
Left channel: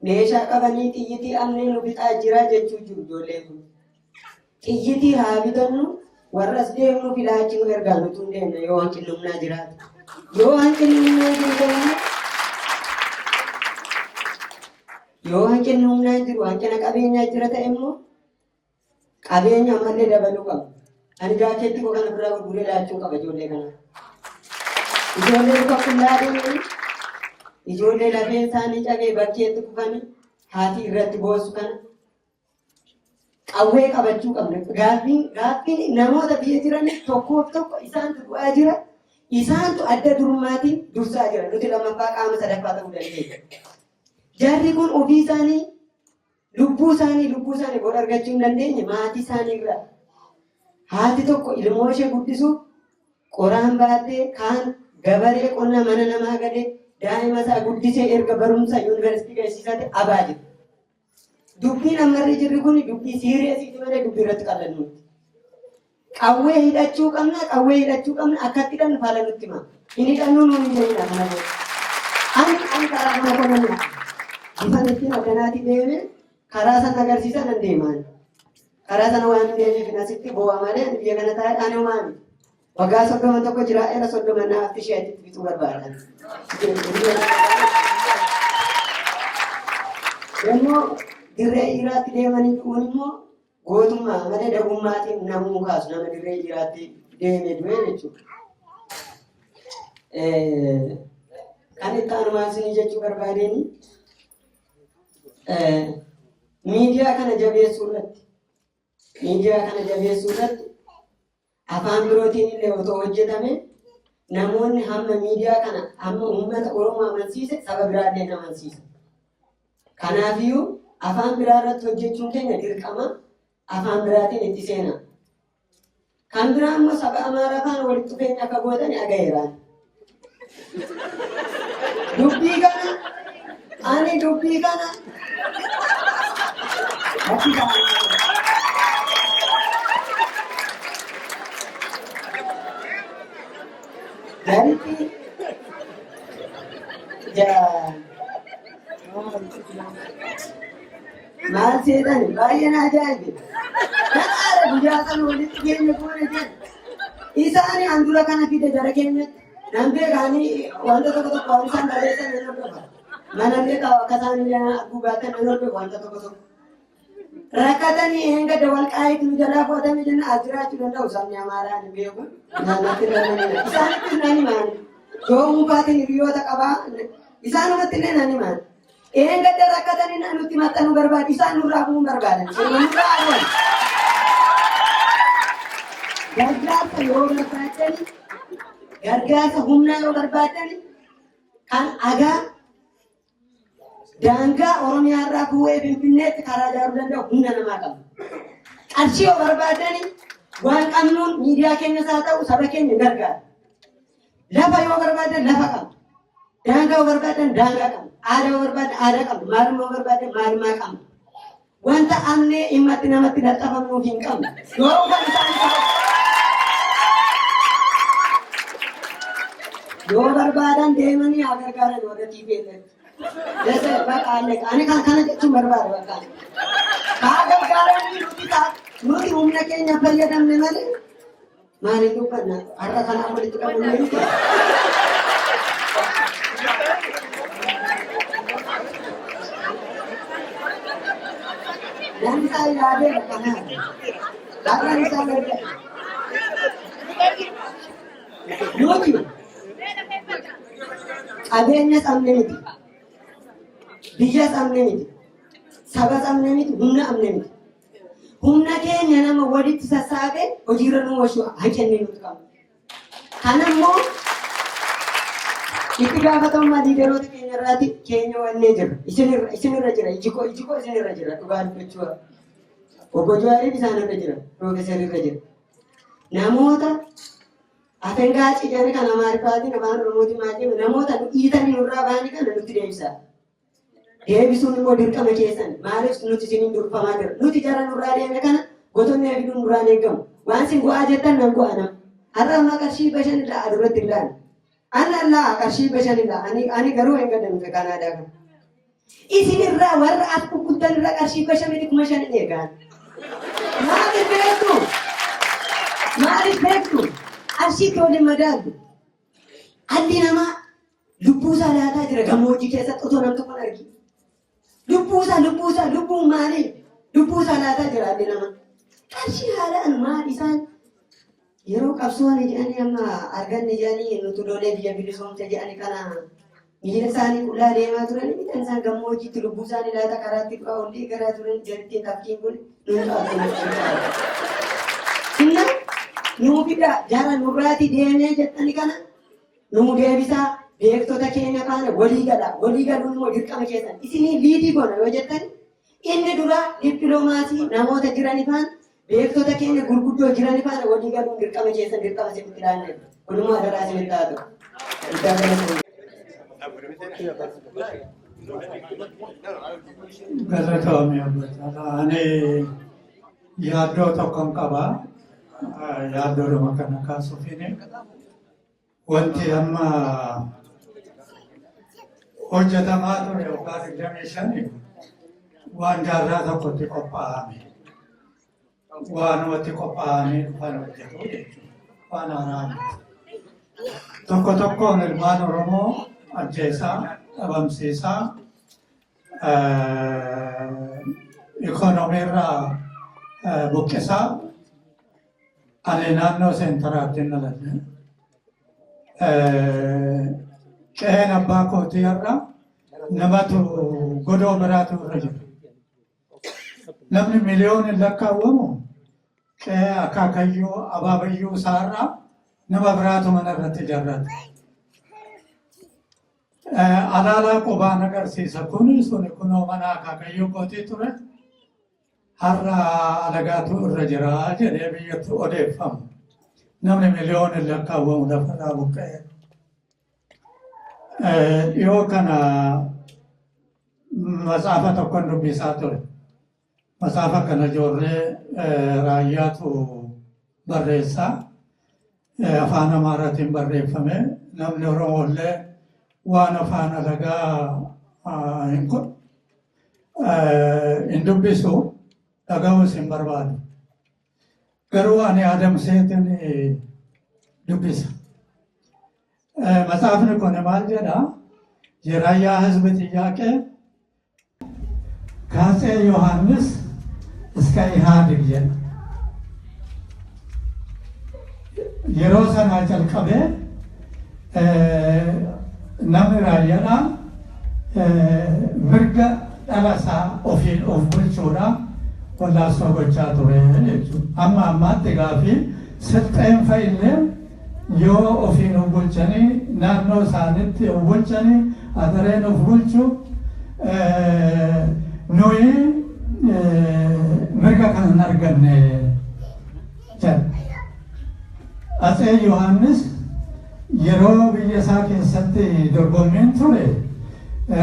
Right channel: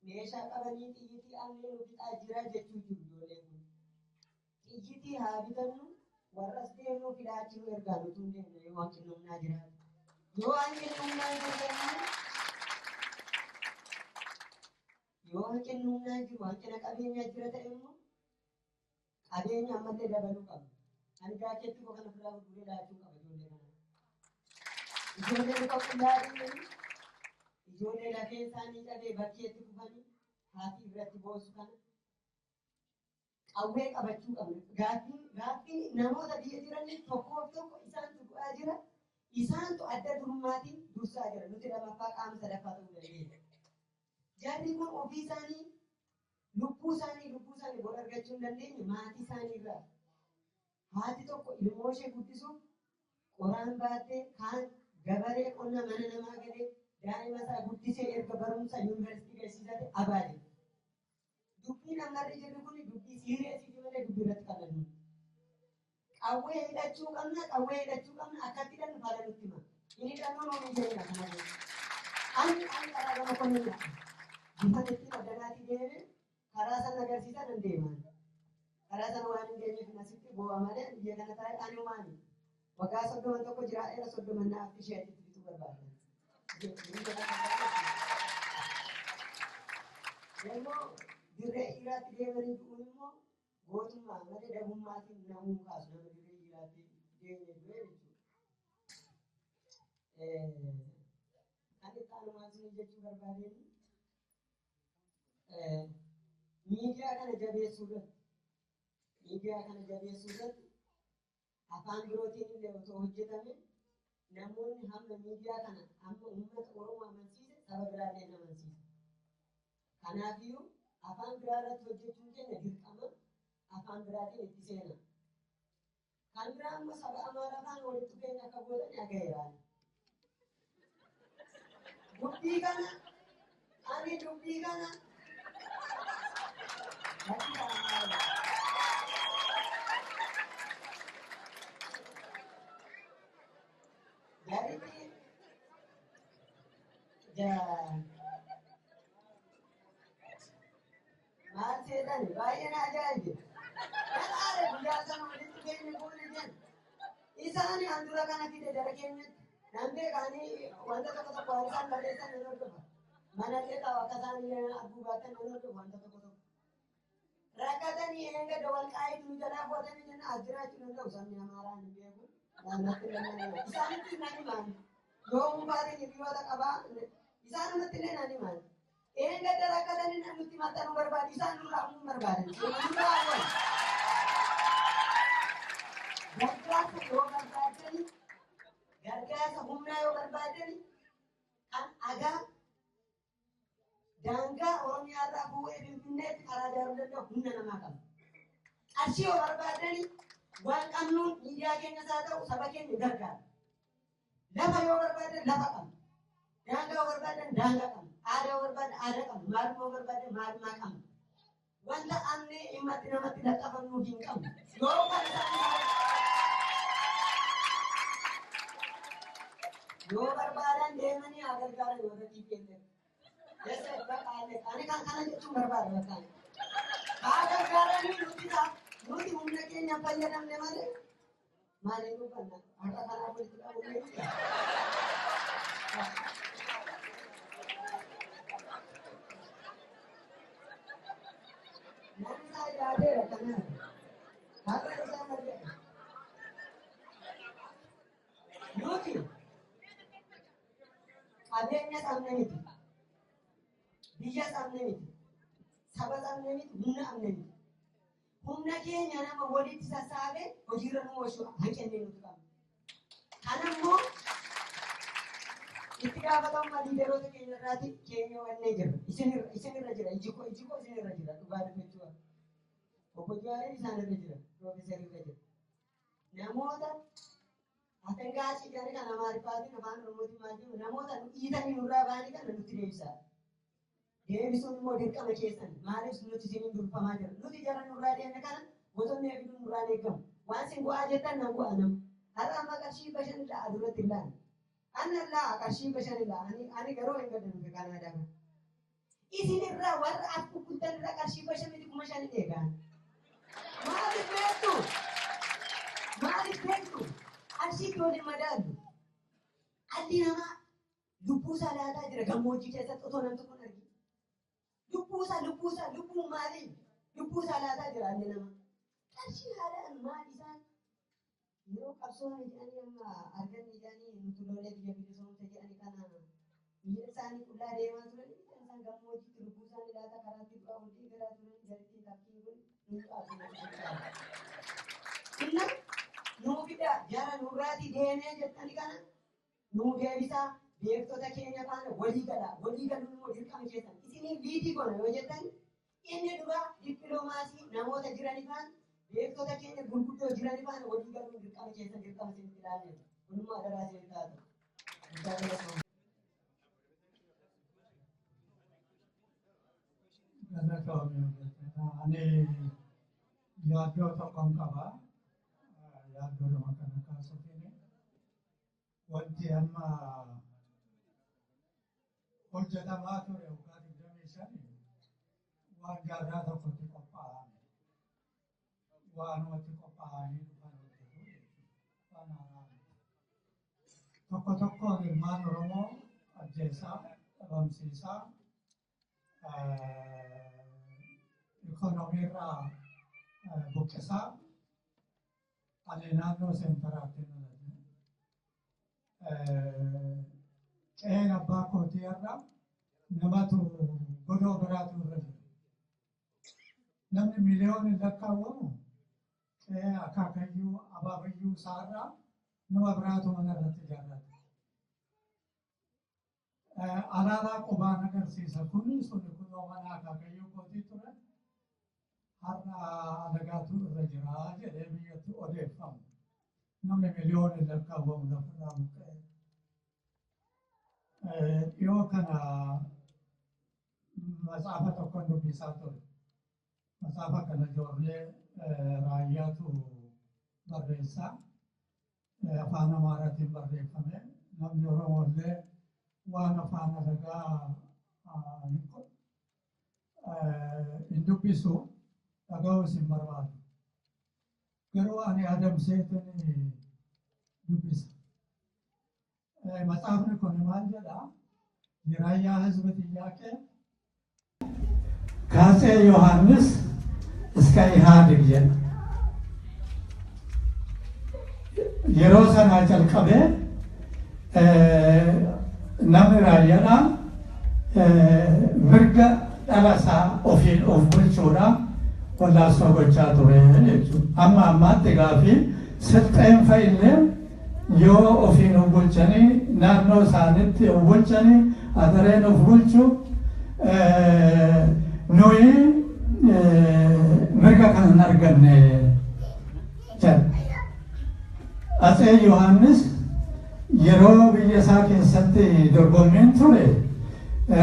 Meeshaa qabanii xiyyitii amnee nu bixaa jira jechuu jiru ijoolleen kun. Xiyyitii haa bitannu warras deemnu filaachi nu ergaa nutu hin deemne yoo hanqinni humnaa jiraate. Yoo hanqinni humnaa jiru yoo hanqinni humnaa jiru hanqina qabeenyaa jira ta'e immoo qabeenya ammallee dabaluu qaba. Ani jaakeetti koo kana biraa gurguree laachuu qaba ijoollee kana. Ijoollee luka qullaa deemanii ijoollee lafeen isaanii cabee bakkeetti kufanii haati irratti boosu kana qawwee qabachuu qabna. Gaaffiin namoota biyya jiran tokkoof tokko isaantu du'aa jira. Isaantu adda durummaatiin dursaa jira. Nuti lammaffaa qaama sadaffaa ta'uu dandeenya. Jarri kun ofii isaanii lubbuu isaanii bor argachuu hin dandeenye maatii isaanii irraa. Haati tokko ilmoo ishee guddisuuf qoraan baattee kaan gabaree qonna mana namaa galee daa'ima isaa guddisee erga barumsa yuunivarsiitii geessisate abaa jiru. Dubbiin ammarri jirri kun dubbii siiriyeesiiti malee dubbii irratti qallannu. Qawwee hidhachuu qabna akkatti hidhannu faala nutti hima. Hin hidhannuu nuun hin jedhina kana booda. Ani karaa kana qonnamudha. Ifan ittiin addanaati deeme karaa sana agarsiisan nan deemaan. Karaa sana waan hin deemeef asitti boo'a malee biyya kana taa'ee ani homaami. Waggaa 31 jiraa'eera 30 naafti isheetti bituu barbaadan. Yommuu dirree dhiiraatti deemanii dhuun immoo gootummaa malee dagummaatiin namuu kaasu nama dirree dhiiraatti deemee du'e jechuudha. Kan itti aanumaan isinii jechuu barbaadeen miidiyaa kana jabeessuu irratti afaan birootiin illee otoo hojjetame namoonni hamma miidiyaa kana hamma uummata Oromoo amansiise saba biraallee nama amansiisa. Kanaafiyyuu afaan biraa irratti hojjechuun keenya dirqama afaan biraatiin itti seena. Kan biraa immoo saba Amaaraa faana walitti dhufeenya akka gootan agayeeraan. Dubbii kana Garitti maal seetan baay'ee na ajaa'ibe. Kanaara guyyaa sana walitti keenya goone jedhe. Isaan handura kana fide jara keenyatti. Nan beekaanii wanta tokko waan isaan barreessan nan hordofa. Manallee akka isaan arguu baatan nan hordofa wanta tokko. Rakkatanii hanga dawal qaayitti nu jalaa fudhatame jenna as jiraachuu danda'u sabni Amaaraa hin beeku. Naannatti illee isaanitti nani maali? Yoo muukaatiin hiriyoota qabaa isaanumatti illee nani maali? Hanga rakkatanii nutti maxxanuu barbaadu isaan nurraa bu'uu barbaadan. Nurraa aduun. Gargaarsa yoo barbaadani gargaarsa humnaa yoo barbaadani kan agaa daangaa Oromiyaa irraa bu'ee Finfinneetti karaa ijaaruu danda'u humna namaa qabu. Qarshii yoo barbaadani waan qabnuun miidiyaa keenyas haa ta'u saba keenya gargaara. Lafa yoo barbaadan lafa qabu. Daangaa yoo barbaadan daangaa qabu. Aadaa yoo barbaadan aadaa qabu. Maalummaa yoo barbaadan maalummaa qabu. Wanta amnee himmatti namatti dadhabamnuuf hin qabnu. Yoo kan isaan yoo barbaadan deemanii haa gargaaran warra TPLF. Dasa bakka ani kan kana jechuun barbaada bakka. Haa gargaaranii nuti humna keenya fayyadamne malee maaliif dubbanna har'a kanaan walitti qabu ni miti. Namni isaa yaadee kanaa laafaan isaa gargaara. Nuti qabeenya qabne miti. Biyya qabne miti. Saba qabne miti. Humna qabne miti. humna keenya nama walitti sassaabee hojiirra nu oolchuu hanqinni nuti qabna. Kanammoo itti gaafatamummaa liideroota keenya irraati keenya wannee jira. Isinirra jira. Ijikoo isinirra jira. Dhugaa dubbachuu obbo Jawaariif isaanirra jira. Piroofeesarirra jira. Namoota afengaaci jedhanii kan Amaariffaatiin afaan Oromootiin maal jedhamu namoota dhiitanii nurraa bahanii kana nutti deebisaa. Deebisuun immoo dirqama keessan maaliif nuti isiniin durfamaa jira. Nuti jara nurraa deemne kana gootonni eebiduun nurraan eegamu. Waan isin go'aa jettan nan go'a nama. Har'a ammaa qarshii 5 adurratti hin laanne. Anallaa qarshii 5 ani garuu hin gadamte Kanaadaa kana. Isinirraa warra as gurguddanirra qarshii 5,500 eegaan. Maaliif beektu? Arshiitti waliin madaalu. Alli namaa lubbuusaa laataa jira gammoojjii keessatti otoo nam tokko hin argin. Lubbuun maali? Lubbuusaa laataa jira alli namaa. Qarshii haalaan maal isaan yeroo qabsoon jedhanii amma arganne jedhanii nuti lolee biyya bilisoomte jedhanii kana miila isaanii qullaa deemaa turan midhaan isaan gammoojjiitti lubbuu isaanii laata karaatti dhufaa olii garaa turan jalatti tafkiin kun nuti Inna nuu fida jara nurraati deemee jettanii kana nuu deebisaa beektota keenya kana walii galuun immoo dirqama keessan isinii liidii goona yoo jettani inni dura dippiloomaasii namoota jiranii faana beektota keenya gurguddoo jiranii faana walii galuun dirqama keessan dirqama isinitti ilaanne walumaa adaraa isinitti haa ta'u. Galatoomii abboota ani yaaddoo tokkon qabaa. Yaaddoodhuma kana kaasuufini wanti amma hojjetamaa ture yookaan 25 waan jaarraa tokkotti qophaa'ame waanumatti qophaa'amee dhufan hojjetu jechuudha. Waan haaraa tokkoon ilmaan Oromoo ajjeesaa dhabamsiisaa ikoonomiirraa buqqisaa ani naannoo seentaraatti hin dhaladhe. Qe'een abbaa kootii irra namatu godoo biraatu irra jira. Namni miliyooniin lakkaawwamu qe'ee akaakayyuu abaabayyuu isaarraa nama biraatu mana irratti ijaarrata. Alaalaa qubaan agarsiisa suni kunoo mana akaakayyuu kootii ture. Har'a alagaatu irra jira jedhee biyyatti odeeffamu. Namni miliyooniin lakkaawwamu lafarraa buqqa'e. Dhiyoo kana matsaafa tokkon dubbisaa ture. Matsaafa kana ijoollee raayyaatu barreessaa. Afaan Amaaraatiin barreeffame. Namni Oromoollee waan afaan alagaa hin dubbisu. Dhaga'uus hin barbaadu. Garuu ani adamseetiin dubbisa. Matsaafni kun maal jedha? የራያ ህዝብ ጥያቄ ከአፄ ዮሐንስ እስከ ኢህአዴግ yeroo sanaa jalqabee namni raayyaadhaan mirga dhalasaa ofiin of bulchuudhaan wallaansoo gochaa ture jechuudha. Amma ammaatti gaafii sirxeen fa'illee yoo ofiin of bulchanii naannoo isaaniitti of bulchanii adareen of bulchu nuyi mirga kan hin arganne jedha. Atsee Yohaannis yeroo biyya isaa keessatti dorgommiin ture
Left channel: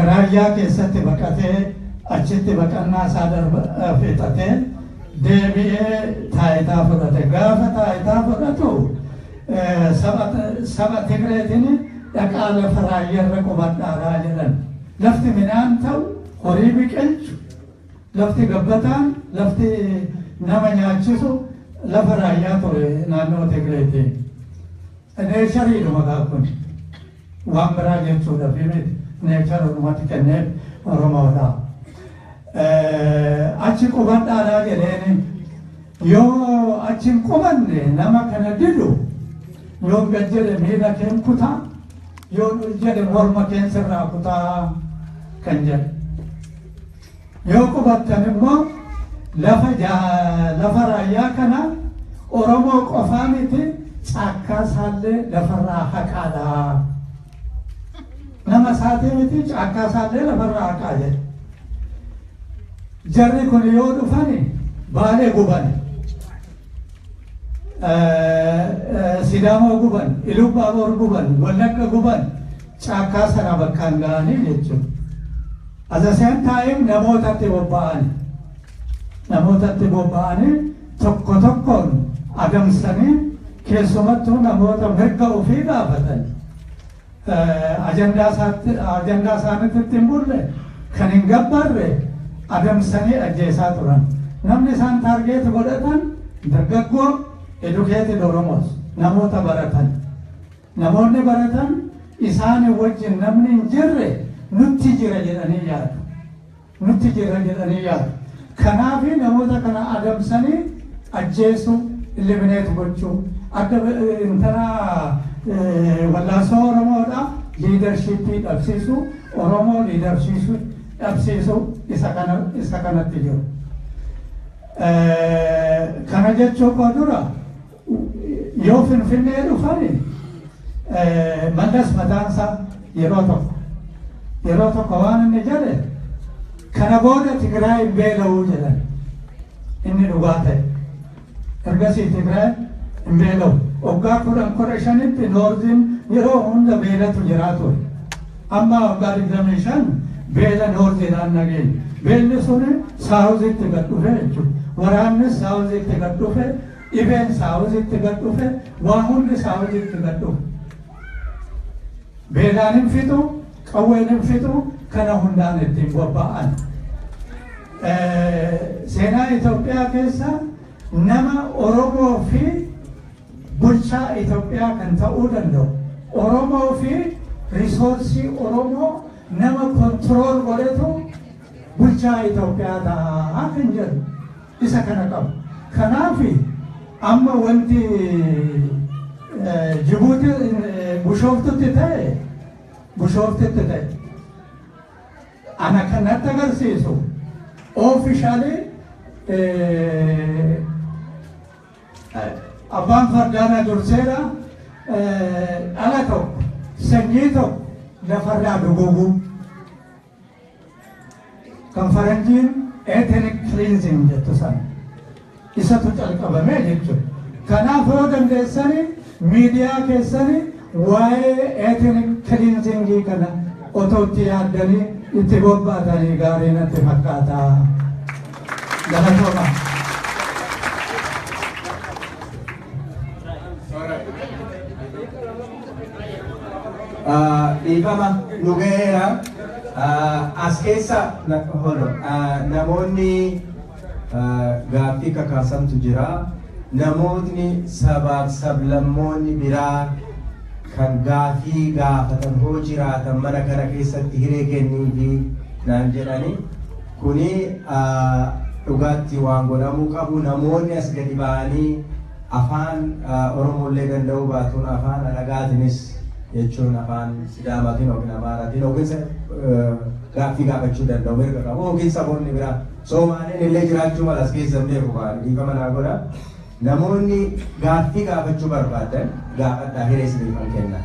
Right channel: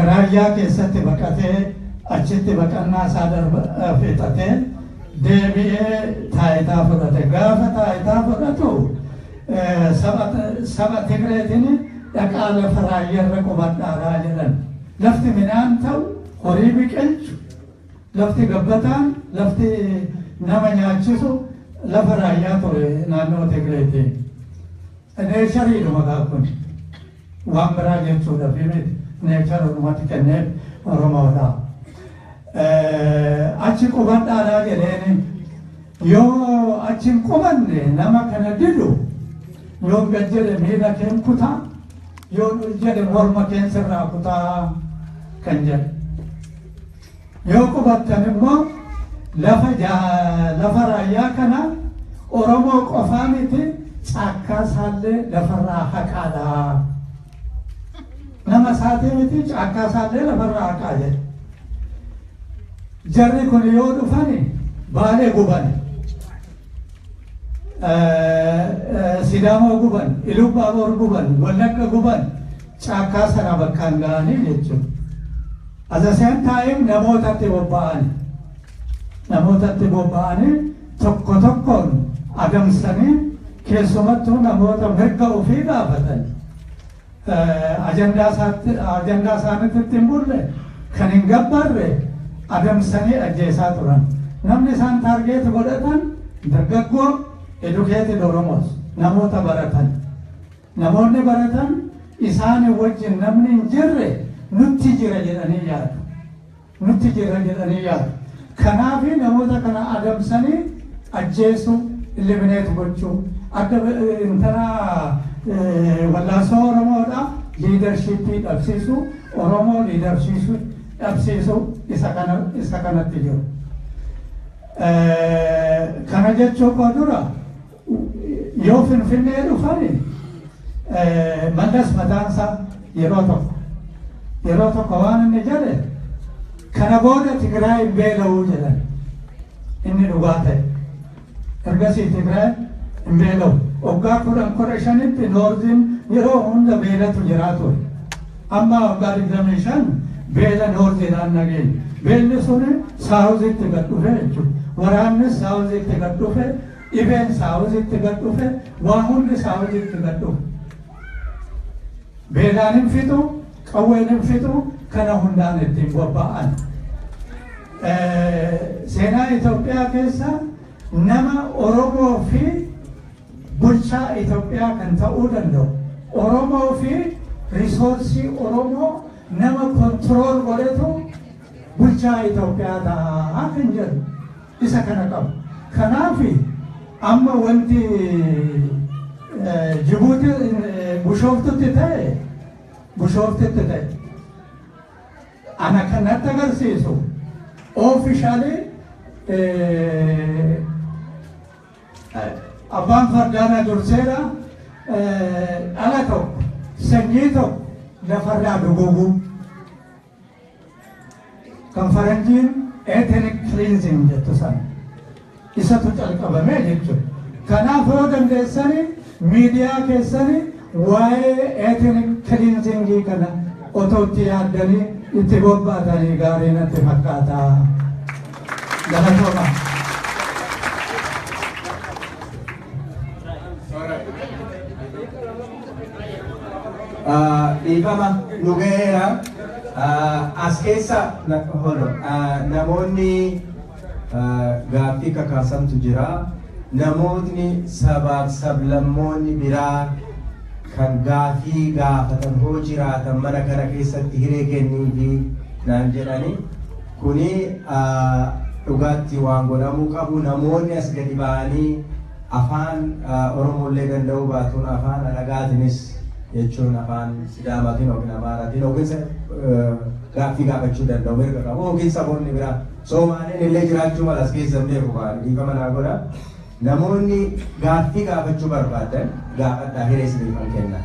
raayyaa keessatti baqatee achitti baqannaa isaa fixatee deebi'ee taayitaa fudhate. Gaafa taayitaa fudhatu saba Tigreetiin dhaqaa lafa raayyaarra qubadhaadhaa jedhan. Lafti midhaan ta'u horii biqilchu lafti gabbataan lafti nama nyaachisu lafa raayyaa ture naannoo Tigreetiin. Neechariidhuma kun waan biraa jechuudha fi miti neecharumatti kennee Oromoodha. Achi qubadhaadhaa jedheeni yoo achi hin qubanne nama kana didu yoo gad jedhe miila keen kutaa yoo jedhe morma keen sirraa kutaa kan jedhe. Yoo qubattan immoo lafa raayyaa kana Oromoo qofaa miti caakkaa isaallee lafarraa haqaadha. Nama isaatii miti caakkaa isaallee lafarraa haqaa jedhe. Jarri kun yoo dhufani Baalee guban, Sidaamoo guban, Ilubaaboor guban, Wallagga guban, caakkaa sana bakkaan ga'anii jechuudha. At the same time namootatti bobba'anii tokko tokkoon adamsanii keessumattuu namoota mirga ofii gaafatan ajandaa isaaniitti hin bulle kan hin gabbarre adamsanii ajjeesaa turan. Namni isaan taargeeti godhatan dargaggoo educated Oromoos namoota baratan. Namoonni baratan isaanii wajjin namni hin jirre nutti jira jedhanii yaadu. Kanaafi namoota kana adamsanii ajjeesuu, eliminate gochuu, akka intana wallaansoo Oromoodha leadershipii dhabsiisuu, Oromoo dhabsiisuu isa kanatti jiru. Kana jechuu koo dura yoo Finfinnee dhufani Mallas mataansaa yeroo tokko waan inni jedhe kana booda Tigraay hin beela'uu jedhan. Inni dhugaa ta'e. Ergasii Tigraay hin beela'u. Waggaa 15 Noorziin yeroo hunda beelatu jiraatu. Amma waggaa 25 beela Noorziidhaan nageenya. Beelli suni Saawuzitti gad dhufe jechuudha. Waraannis Saawuzitti gad dhufe, dhibeen Saawuzitti gad dhufe, waa hundi Saawuzitti gad dhufe. Beelaan hin fixu, qawween hin fixu, kana hundaan ittiin bobba'an. Seenaa Itoophiyaa keessa nama Oromoo fi bulchaa Itoophiyaa kan ta'uu danda'u. Oromoo fi risoorsii Oromoo nama kontirool godhatu bulchaa Itoophiyaa ta'a kan jedhu isa kana qabu. Kanaafi amma wanti Jibuuti Bushooftutti ta'e ana kanatti agarsiisu officially abbaan fardaana durseera dhala tokko sanyii tokko lafarraa duguguu kan faranjiin ethnic cleansing jettu sana isatu calqabame jechuudha. Kanaaf yoo dandeessani miidiyaa keessani waa'ee ethnic cleansingii kana otoo itti yaaddanii itti bobbaatanii gaarii natti fakkaata. Galatooma. Dhiifama nu ga'eera. As keessa namoonni gaaffii kakaasantu jira. Namootni sabaaf sablammoonni biraa kan gaaffii gaafatan hoo jiraatan mana kana keessatti hiree kennii fi naan jedhani kuni dhugaatti waan godhamuu qabu. Namoonni as gadi ba'anii afaan Oromollee danda'uu baatuun afaan alagaatiinis jechuun afaan Sidaamaatiin yookiin Amaaraatiin yookiin gaaffii gaafachuu danda'u mirga qabu yookiin saboonni biraa Somaaliin illee jiraachuu mala as keessa beeku waan dhiifama naa godha. Namoonni gaaffii gaafachuu barbaadan gaafadhaa hiree isiniifan kenna.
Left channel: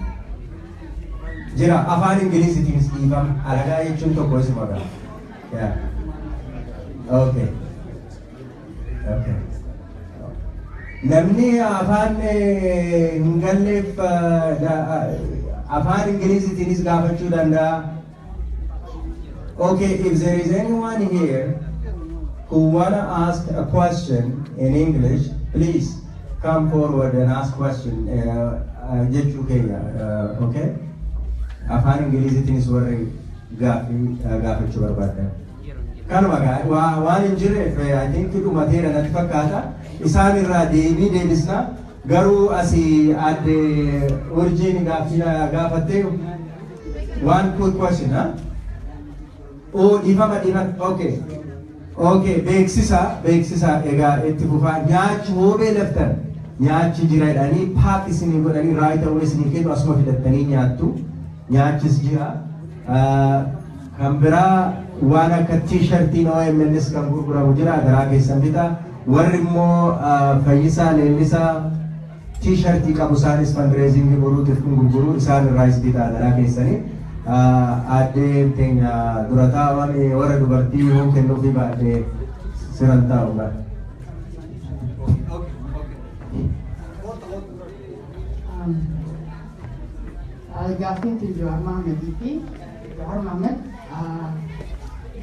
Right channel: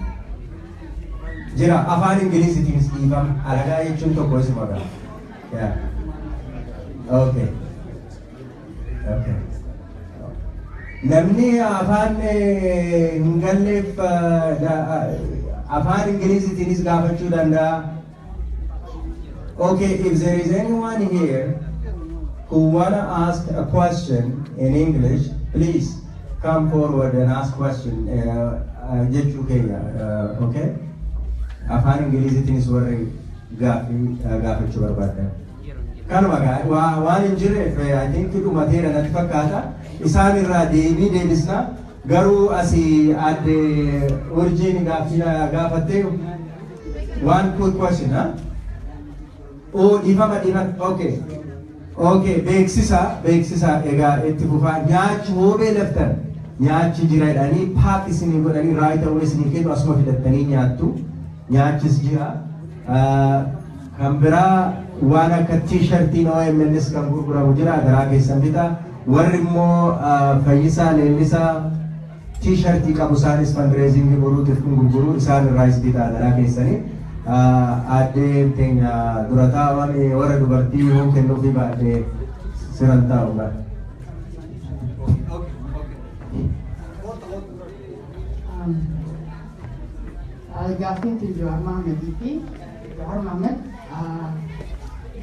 Jira afaan Ingiliziitiinis dhiifama alagaa jechuun tokko isuma ga'a. Okay. Namni afaan hin galleef afaan Ingiliziitiinis gaafachuu danda'a. Okay, if there is anyone here who wanna ask a question in English, please come forward and ask question. Jechuu keenya, okay? Afaan Ingiliziitiinis warri gaafachuu barbaadan. Kanuma waan hin jirreef I think dhumateera natti fakkaata. Isaan irraa deebii deebisna. Garuu asii adde Urjiin gaafattee one quick question, huh? Oh, dhiifama. Okay, beeksisa egaa itti fufaa nyaachi hoobee laftan nyaachi jira jedhanii paak isinii godhanii raayita wal isinii kennu asuma fidattanii nyaattu. Nyaachis jira. Kan biraa waan akka t-shirtiin OMNs kan gurguramu jira garaa keessan bitaa warri immoo Fayyisaa Leellisaa t-shirtii qabu isaanis fundraising godhuutiif kun gurguru isaan irraas bitaa garaa keessanii addee teenya dura taa'an warra dubartii yoo kennuufi baadhee siran taa'udha. Gaafiin Johaar Mahammadii fi Johaar Mahammad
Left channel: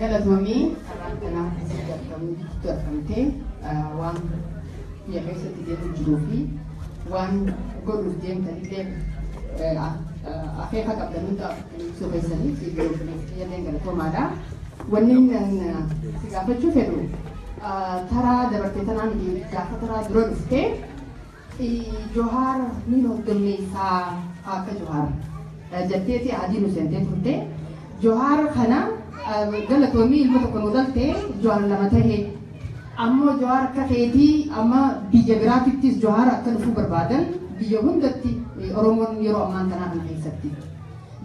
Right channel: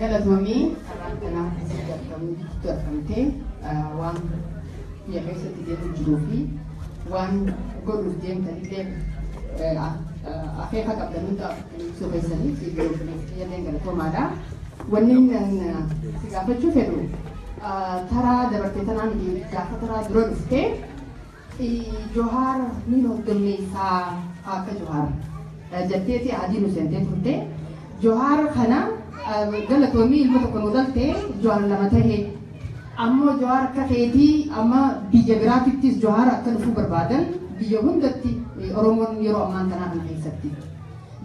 galatoomii karaan kanaa keessatti argamtee waan biyya keessatti deemu jiruu fi waan godhuuf deemtanillee akeeka qabdanudha ibsuu keessaniif illee galatoomaadha. Wanni si gaafachuu fedhu taraa dabartee tanaan gaafa taraa dura dhuftee Johaar ni hogganmeessaa akka Johaar jetteeti adii nu seentee turte. Johaar kana galatoomii ilma tokko nu galtee Johaar lama tahee ammoo Johaar akka keetii amma biyya biraatittis Johaar akka dhufuu barbaadan biyya hundatti Oromoon yeroo ammaan tanaa kana keessatti.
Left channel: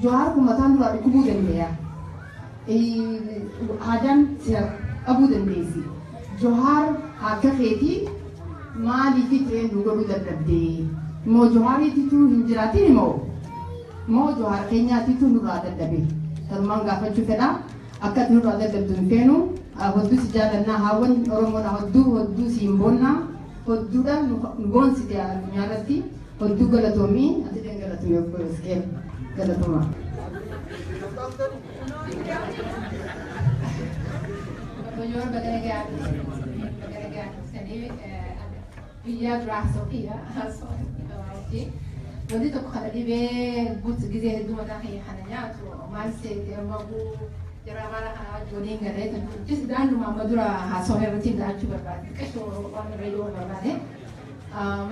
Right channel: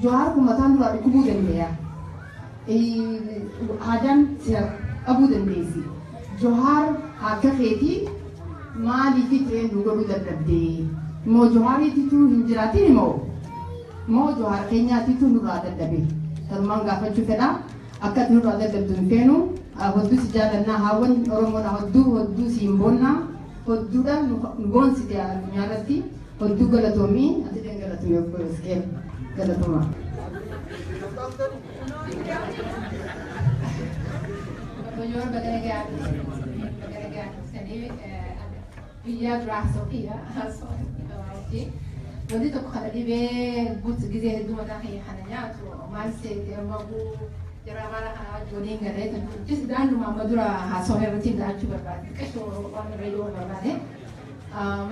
Johaar kun mataan duraa dhukkubuu dandeenya. Haadaan dhabuu dandeessi. Johaar akka keetii maaliif ta'ee nu godhuu dadhabdee? Moo Johaariititu hin jiraatin moo Johaar keenyaatitu nurraa dadhabe? Tanumaan gaafachuu fedha. Akka nurraa dadhabdu hin feenu. Hodduu si jaallannaa haawwan Oromoodha hodduu si hin boonnaa. Hodduudhaan nu boonsite addunyaa irratti. Hodduu galatoomii ati galatoomii of godheskee galatoomaa. Buongiorno, Bagaragaan. Biyya duraa Sofiya. Wanti tokko kana dhibee guutuu gisee hedduu mataa keenya kana nyaatu maal seete amma jara mala kana wajjin garee kan jis daanduma amma dura haasawaa irratti daachuu barbaade qashoo waan reediyoo barbaade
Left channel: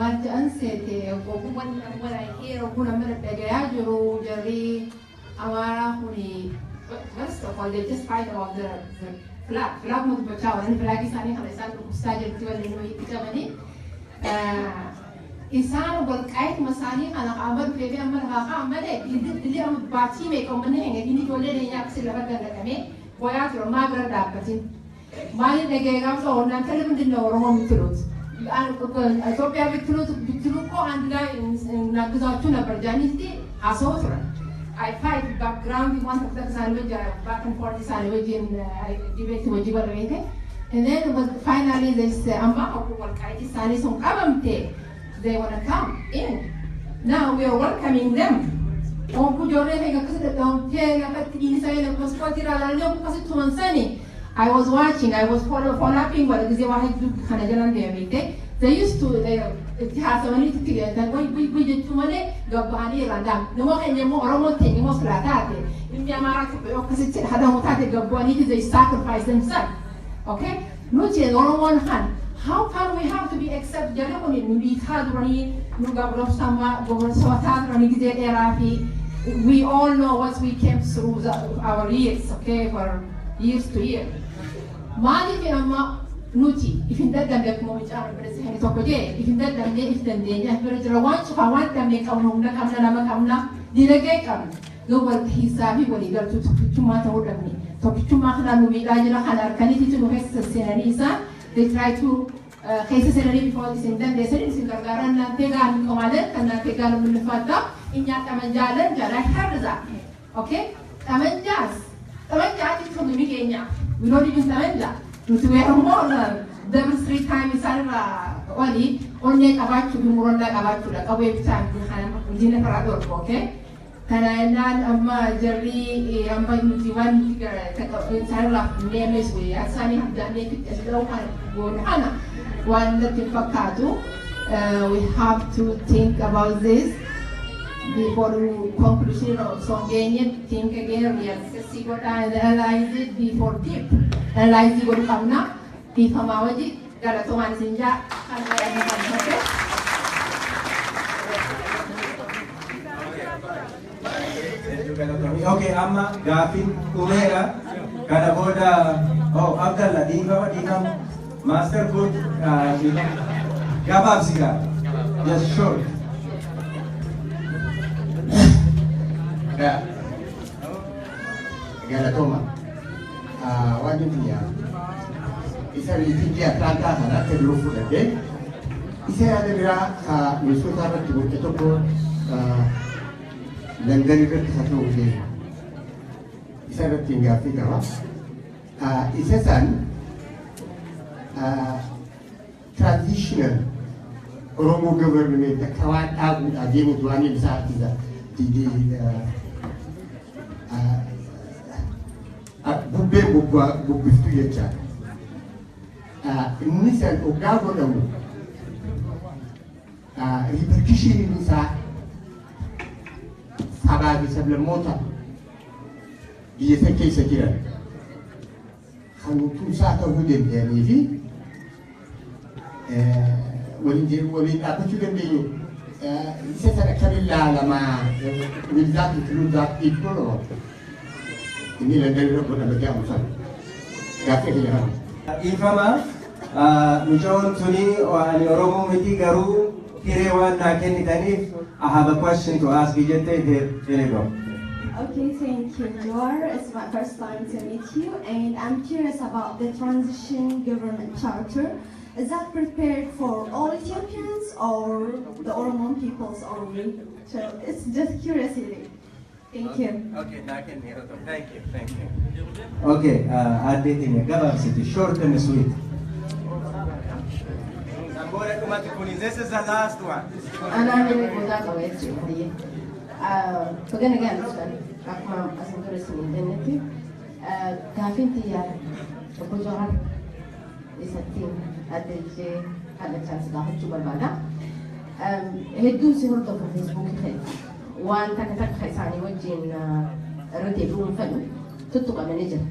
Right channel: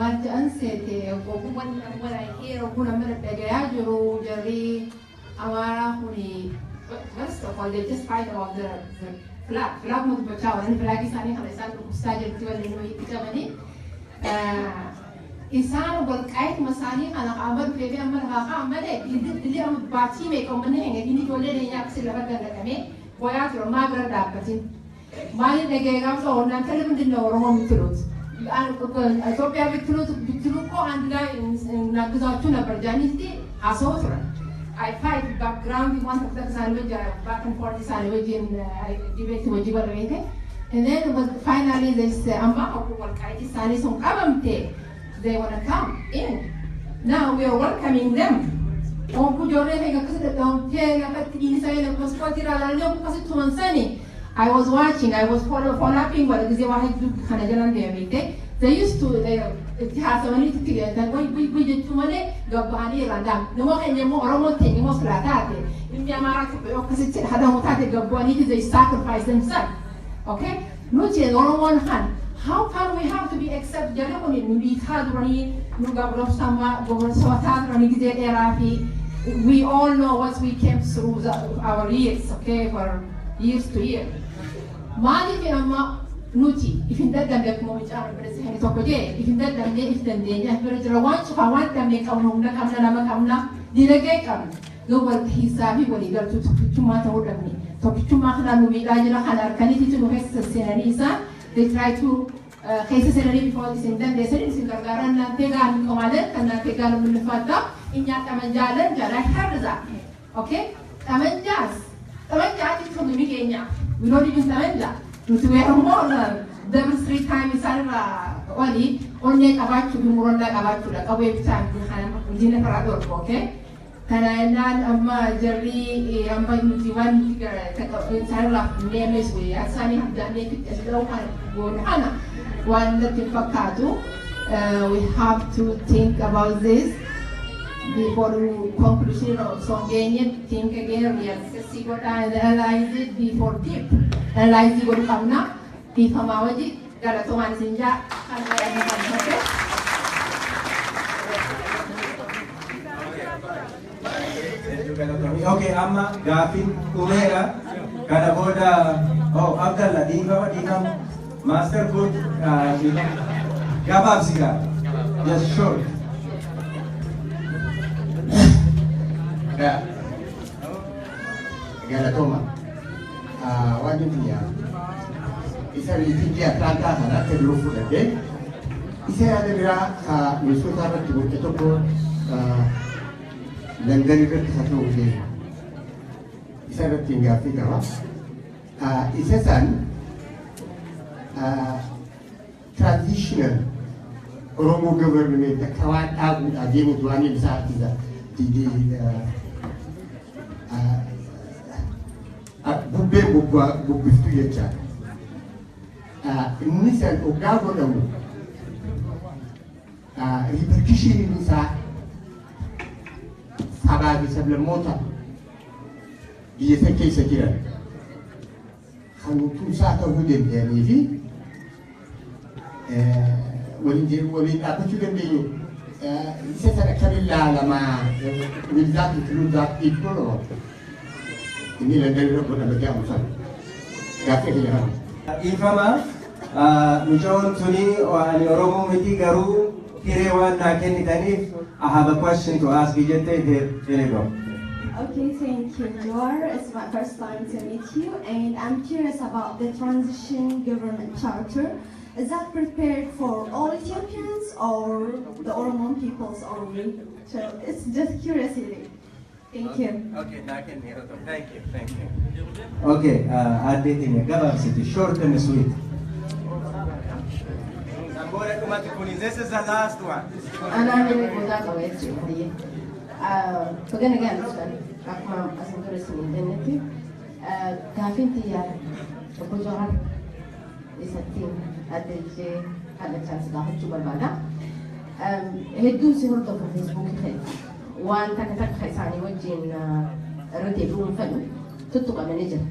maal jedhan seete ogummaan wala heera ogummaa nama dhagayaa jiru jarri amaaraa kuni first of all they just fight about the flag mutu bachaa waan flag isaanii kana isaan dhukkubsaa jirti waliin nuyi itti qabanii isaan walqaayit masaanii kana qaama dhufee fi amma lafaa qaammalee dilii amma baatii meeqa uummanni hin eegin ijoollee leenyaa akkasii lafa gallaqamee boyaa ture maa bira dhaabbatin maaliin dhagee gaafsa oolnaan tala ምንድን ነው ኦሮሞ የምትሉት ኢትዮጵያ ብትሉ እኮ አንድ ላይ እናግዛችሁ ነበር ጃኒቲ አሰው ture I fight background one of the sandwich back and forth sandwich in debate wajib barbeete and then finally this amma walqaayit isaanii sun qabamte they want to come in. Now we are welcoming them. I was watching, I was following what they used to, they have so many together that we did too many, Gabani Randam. The more and more Roman thing, most latate. In the America, opposite Hadamotate Gabani, they sacrifice themselves. Okay? Not yet on one hand. How come we have to be accept Jeremony Nubitadroni, Nugabro Sama, Goversotadrani Erafi? We all know what we came through our years, okay, for years to year. Mali Fiamma Nuti, if in that them let Movich are president Tokoje, if in that them if then they have to watch for one time make a home, Kamna, Dilagakam, no what he said he will either to matter with me. Tokitumakana Nubila Hanar, Kaniti to Hessa Senarisa. They try to cases and before this in them. They said it's in the Garana Tegan Commander and Tegan Munifata in Yatamanjala, Jara Harza. Okay? Tamanjas. Tamanjas is from the Migania. We don't even Tamanja. To wear more than 3 times only about to be more like about to like away time to dinner parador. Okay? Kanayanan amma jarri amba nutiwan sarla nemes we asani hadane kitlaw gonana one that fakatu we have to think about this before conclusion of Songenian think again we have to see what I analyze it before deep analyze what kamna di famawaji galatoman sinja Okay, amma gafin kumera kada boda oh Abdallah dinam master good gabab siga just short galatoma waan nuti isa liitii Atlaantaa kana kan fudhate isa yaada biraa misoota irratti gocha tokko London irratti haa ta'u isa irratti hin gaaffii qaba. Isa san traditional Oromo government akka waan dhaabuudhaaf deemutu waan ibsaa bubbee bubbiftuu jechaadha. Inni san hoggaa godhamu repercussion isaa sabaa fi sablammoota biyya san keessa jiran kan tumsaa ta'uu danda'anii fi waliin dhaabbachuu dandeenyu isa sana kan ilaalamaa wildaat ikluudhaaf dhiibboo inni London irra godhamee amsan gaaffii keenya ifama mucaa'oon tuni ani Oromoo miti garuu hiree waan naa kennitaniif I have a question to ask you. Here you go. Okay, thank you, Jor. It's my first time to meet you, and I'm curious about the transition government charter. Is that prepared for all Ethiopians or the Oromo peoples only? So it's just curiosity. Thank you. Okay, thank you. Okay, short and sweet. This is the last one. And I'm going to go that way. We're going to get this one. As I'm going to say, indemnity. Gafinti ya Okojohar is a team at the had a chance to have to Barbada. He do see her of Facebook. One Takatak Haisani watching Rete Room Fellow, Tutuka manager.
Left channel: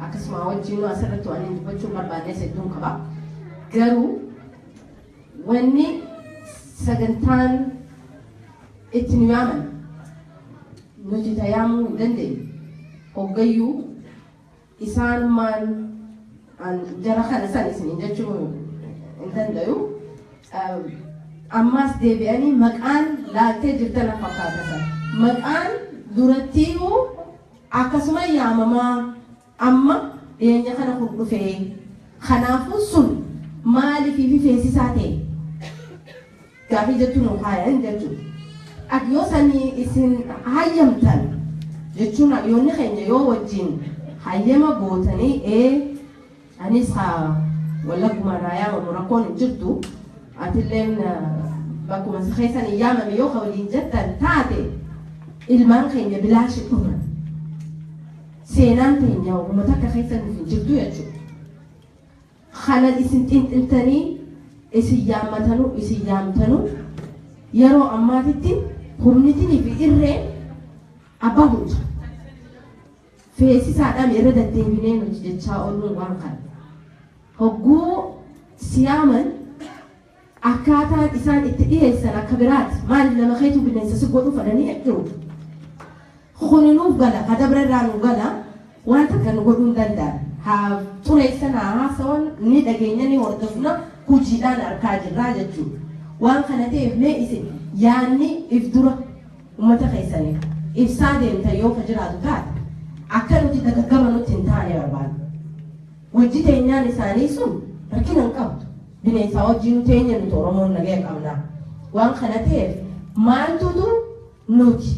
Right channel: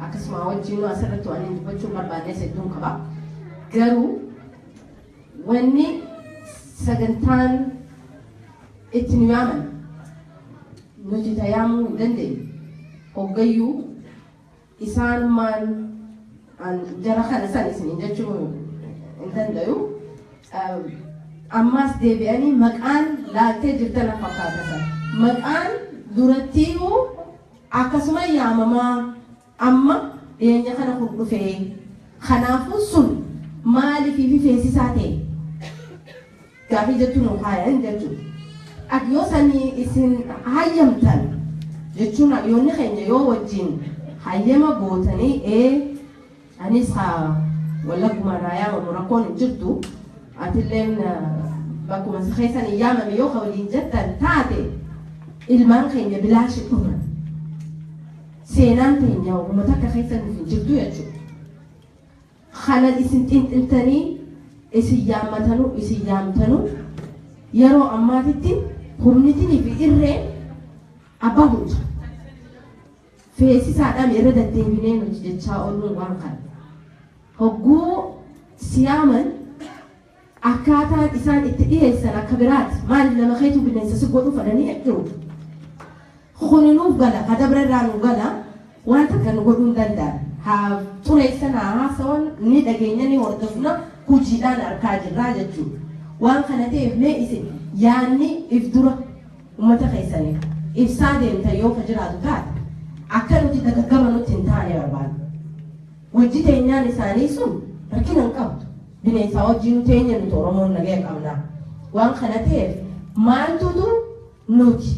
Akasma watching a set to an individual Barbada said Dunkaba. Garu. Wanni sagantaan itti nu yaaman nuti tayaamuu hin dandeenye hoggayyuu isaanumaan jara kana san isiniin jechuu hin dandayu ammaas deebi'anii maqaan laaltee jirtan fakkaatan maqaan durattiinuu akkasuma yaamamaa amma dhiyeenya kana kun dhufee kanaafuu sun maaliif feesisaa ta'e gaaffii jettuun haayan jechuudha. Yoo sanii isin hayyamtan jechuun yoonni keenya yoo wajjin hayyama gootanii anis wallagguma naa yaamamu rakkoon hin jirtu atilleen bakkuma keessan yaamame yoo ka waliin jettan taate ilmaan keenya bilaashi dhuman seenaan keenya uummata akka keessan hin jirtu jechuudha. Kana isin xinxiltanii isin yaamtanu yeroo ammaatitti humnitinii fi irreen abbaa hunda feesisaadhaan irra deddeebinee nuti jechaa ooluu waan kana hogguu siyaaman akkaataan isaan itti dhiyeessan akka biraati maali nama keetu bineensa si godhu fadhanii jiru kuninuuf gala kadabra irraa nu gala waan takka nu godhuu hin danda'an haa xureessanaa haasawan ni dhageenya ni hordofna hojiidhaan arkaa jirraa jechuudha. Waan kana ta'eef mee isin yaanni if dura uummata keessanii ibsaa deemta yoo ka jiraatu taate akka nuti dagaggama nutti hin taane barbaadu. Wajji teenyaan isaanii sun rakkina hin qabdu. Bineensaa wajjin teenya nuti Oromoon nagaya qabna. Waan kana ta'eef maaltutu nuti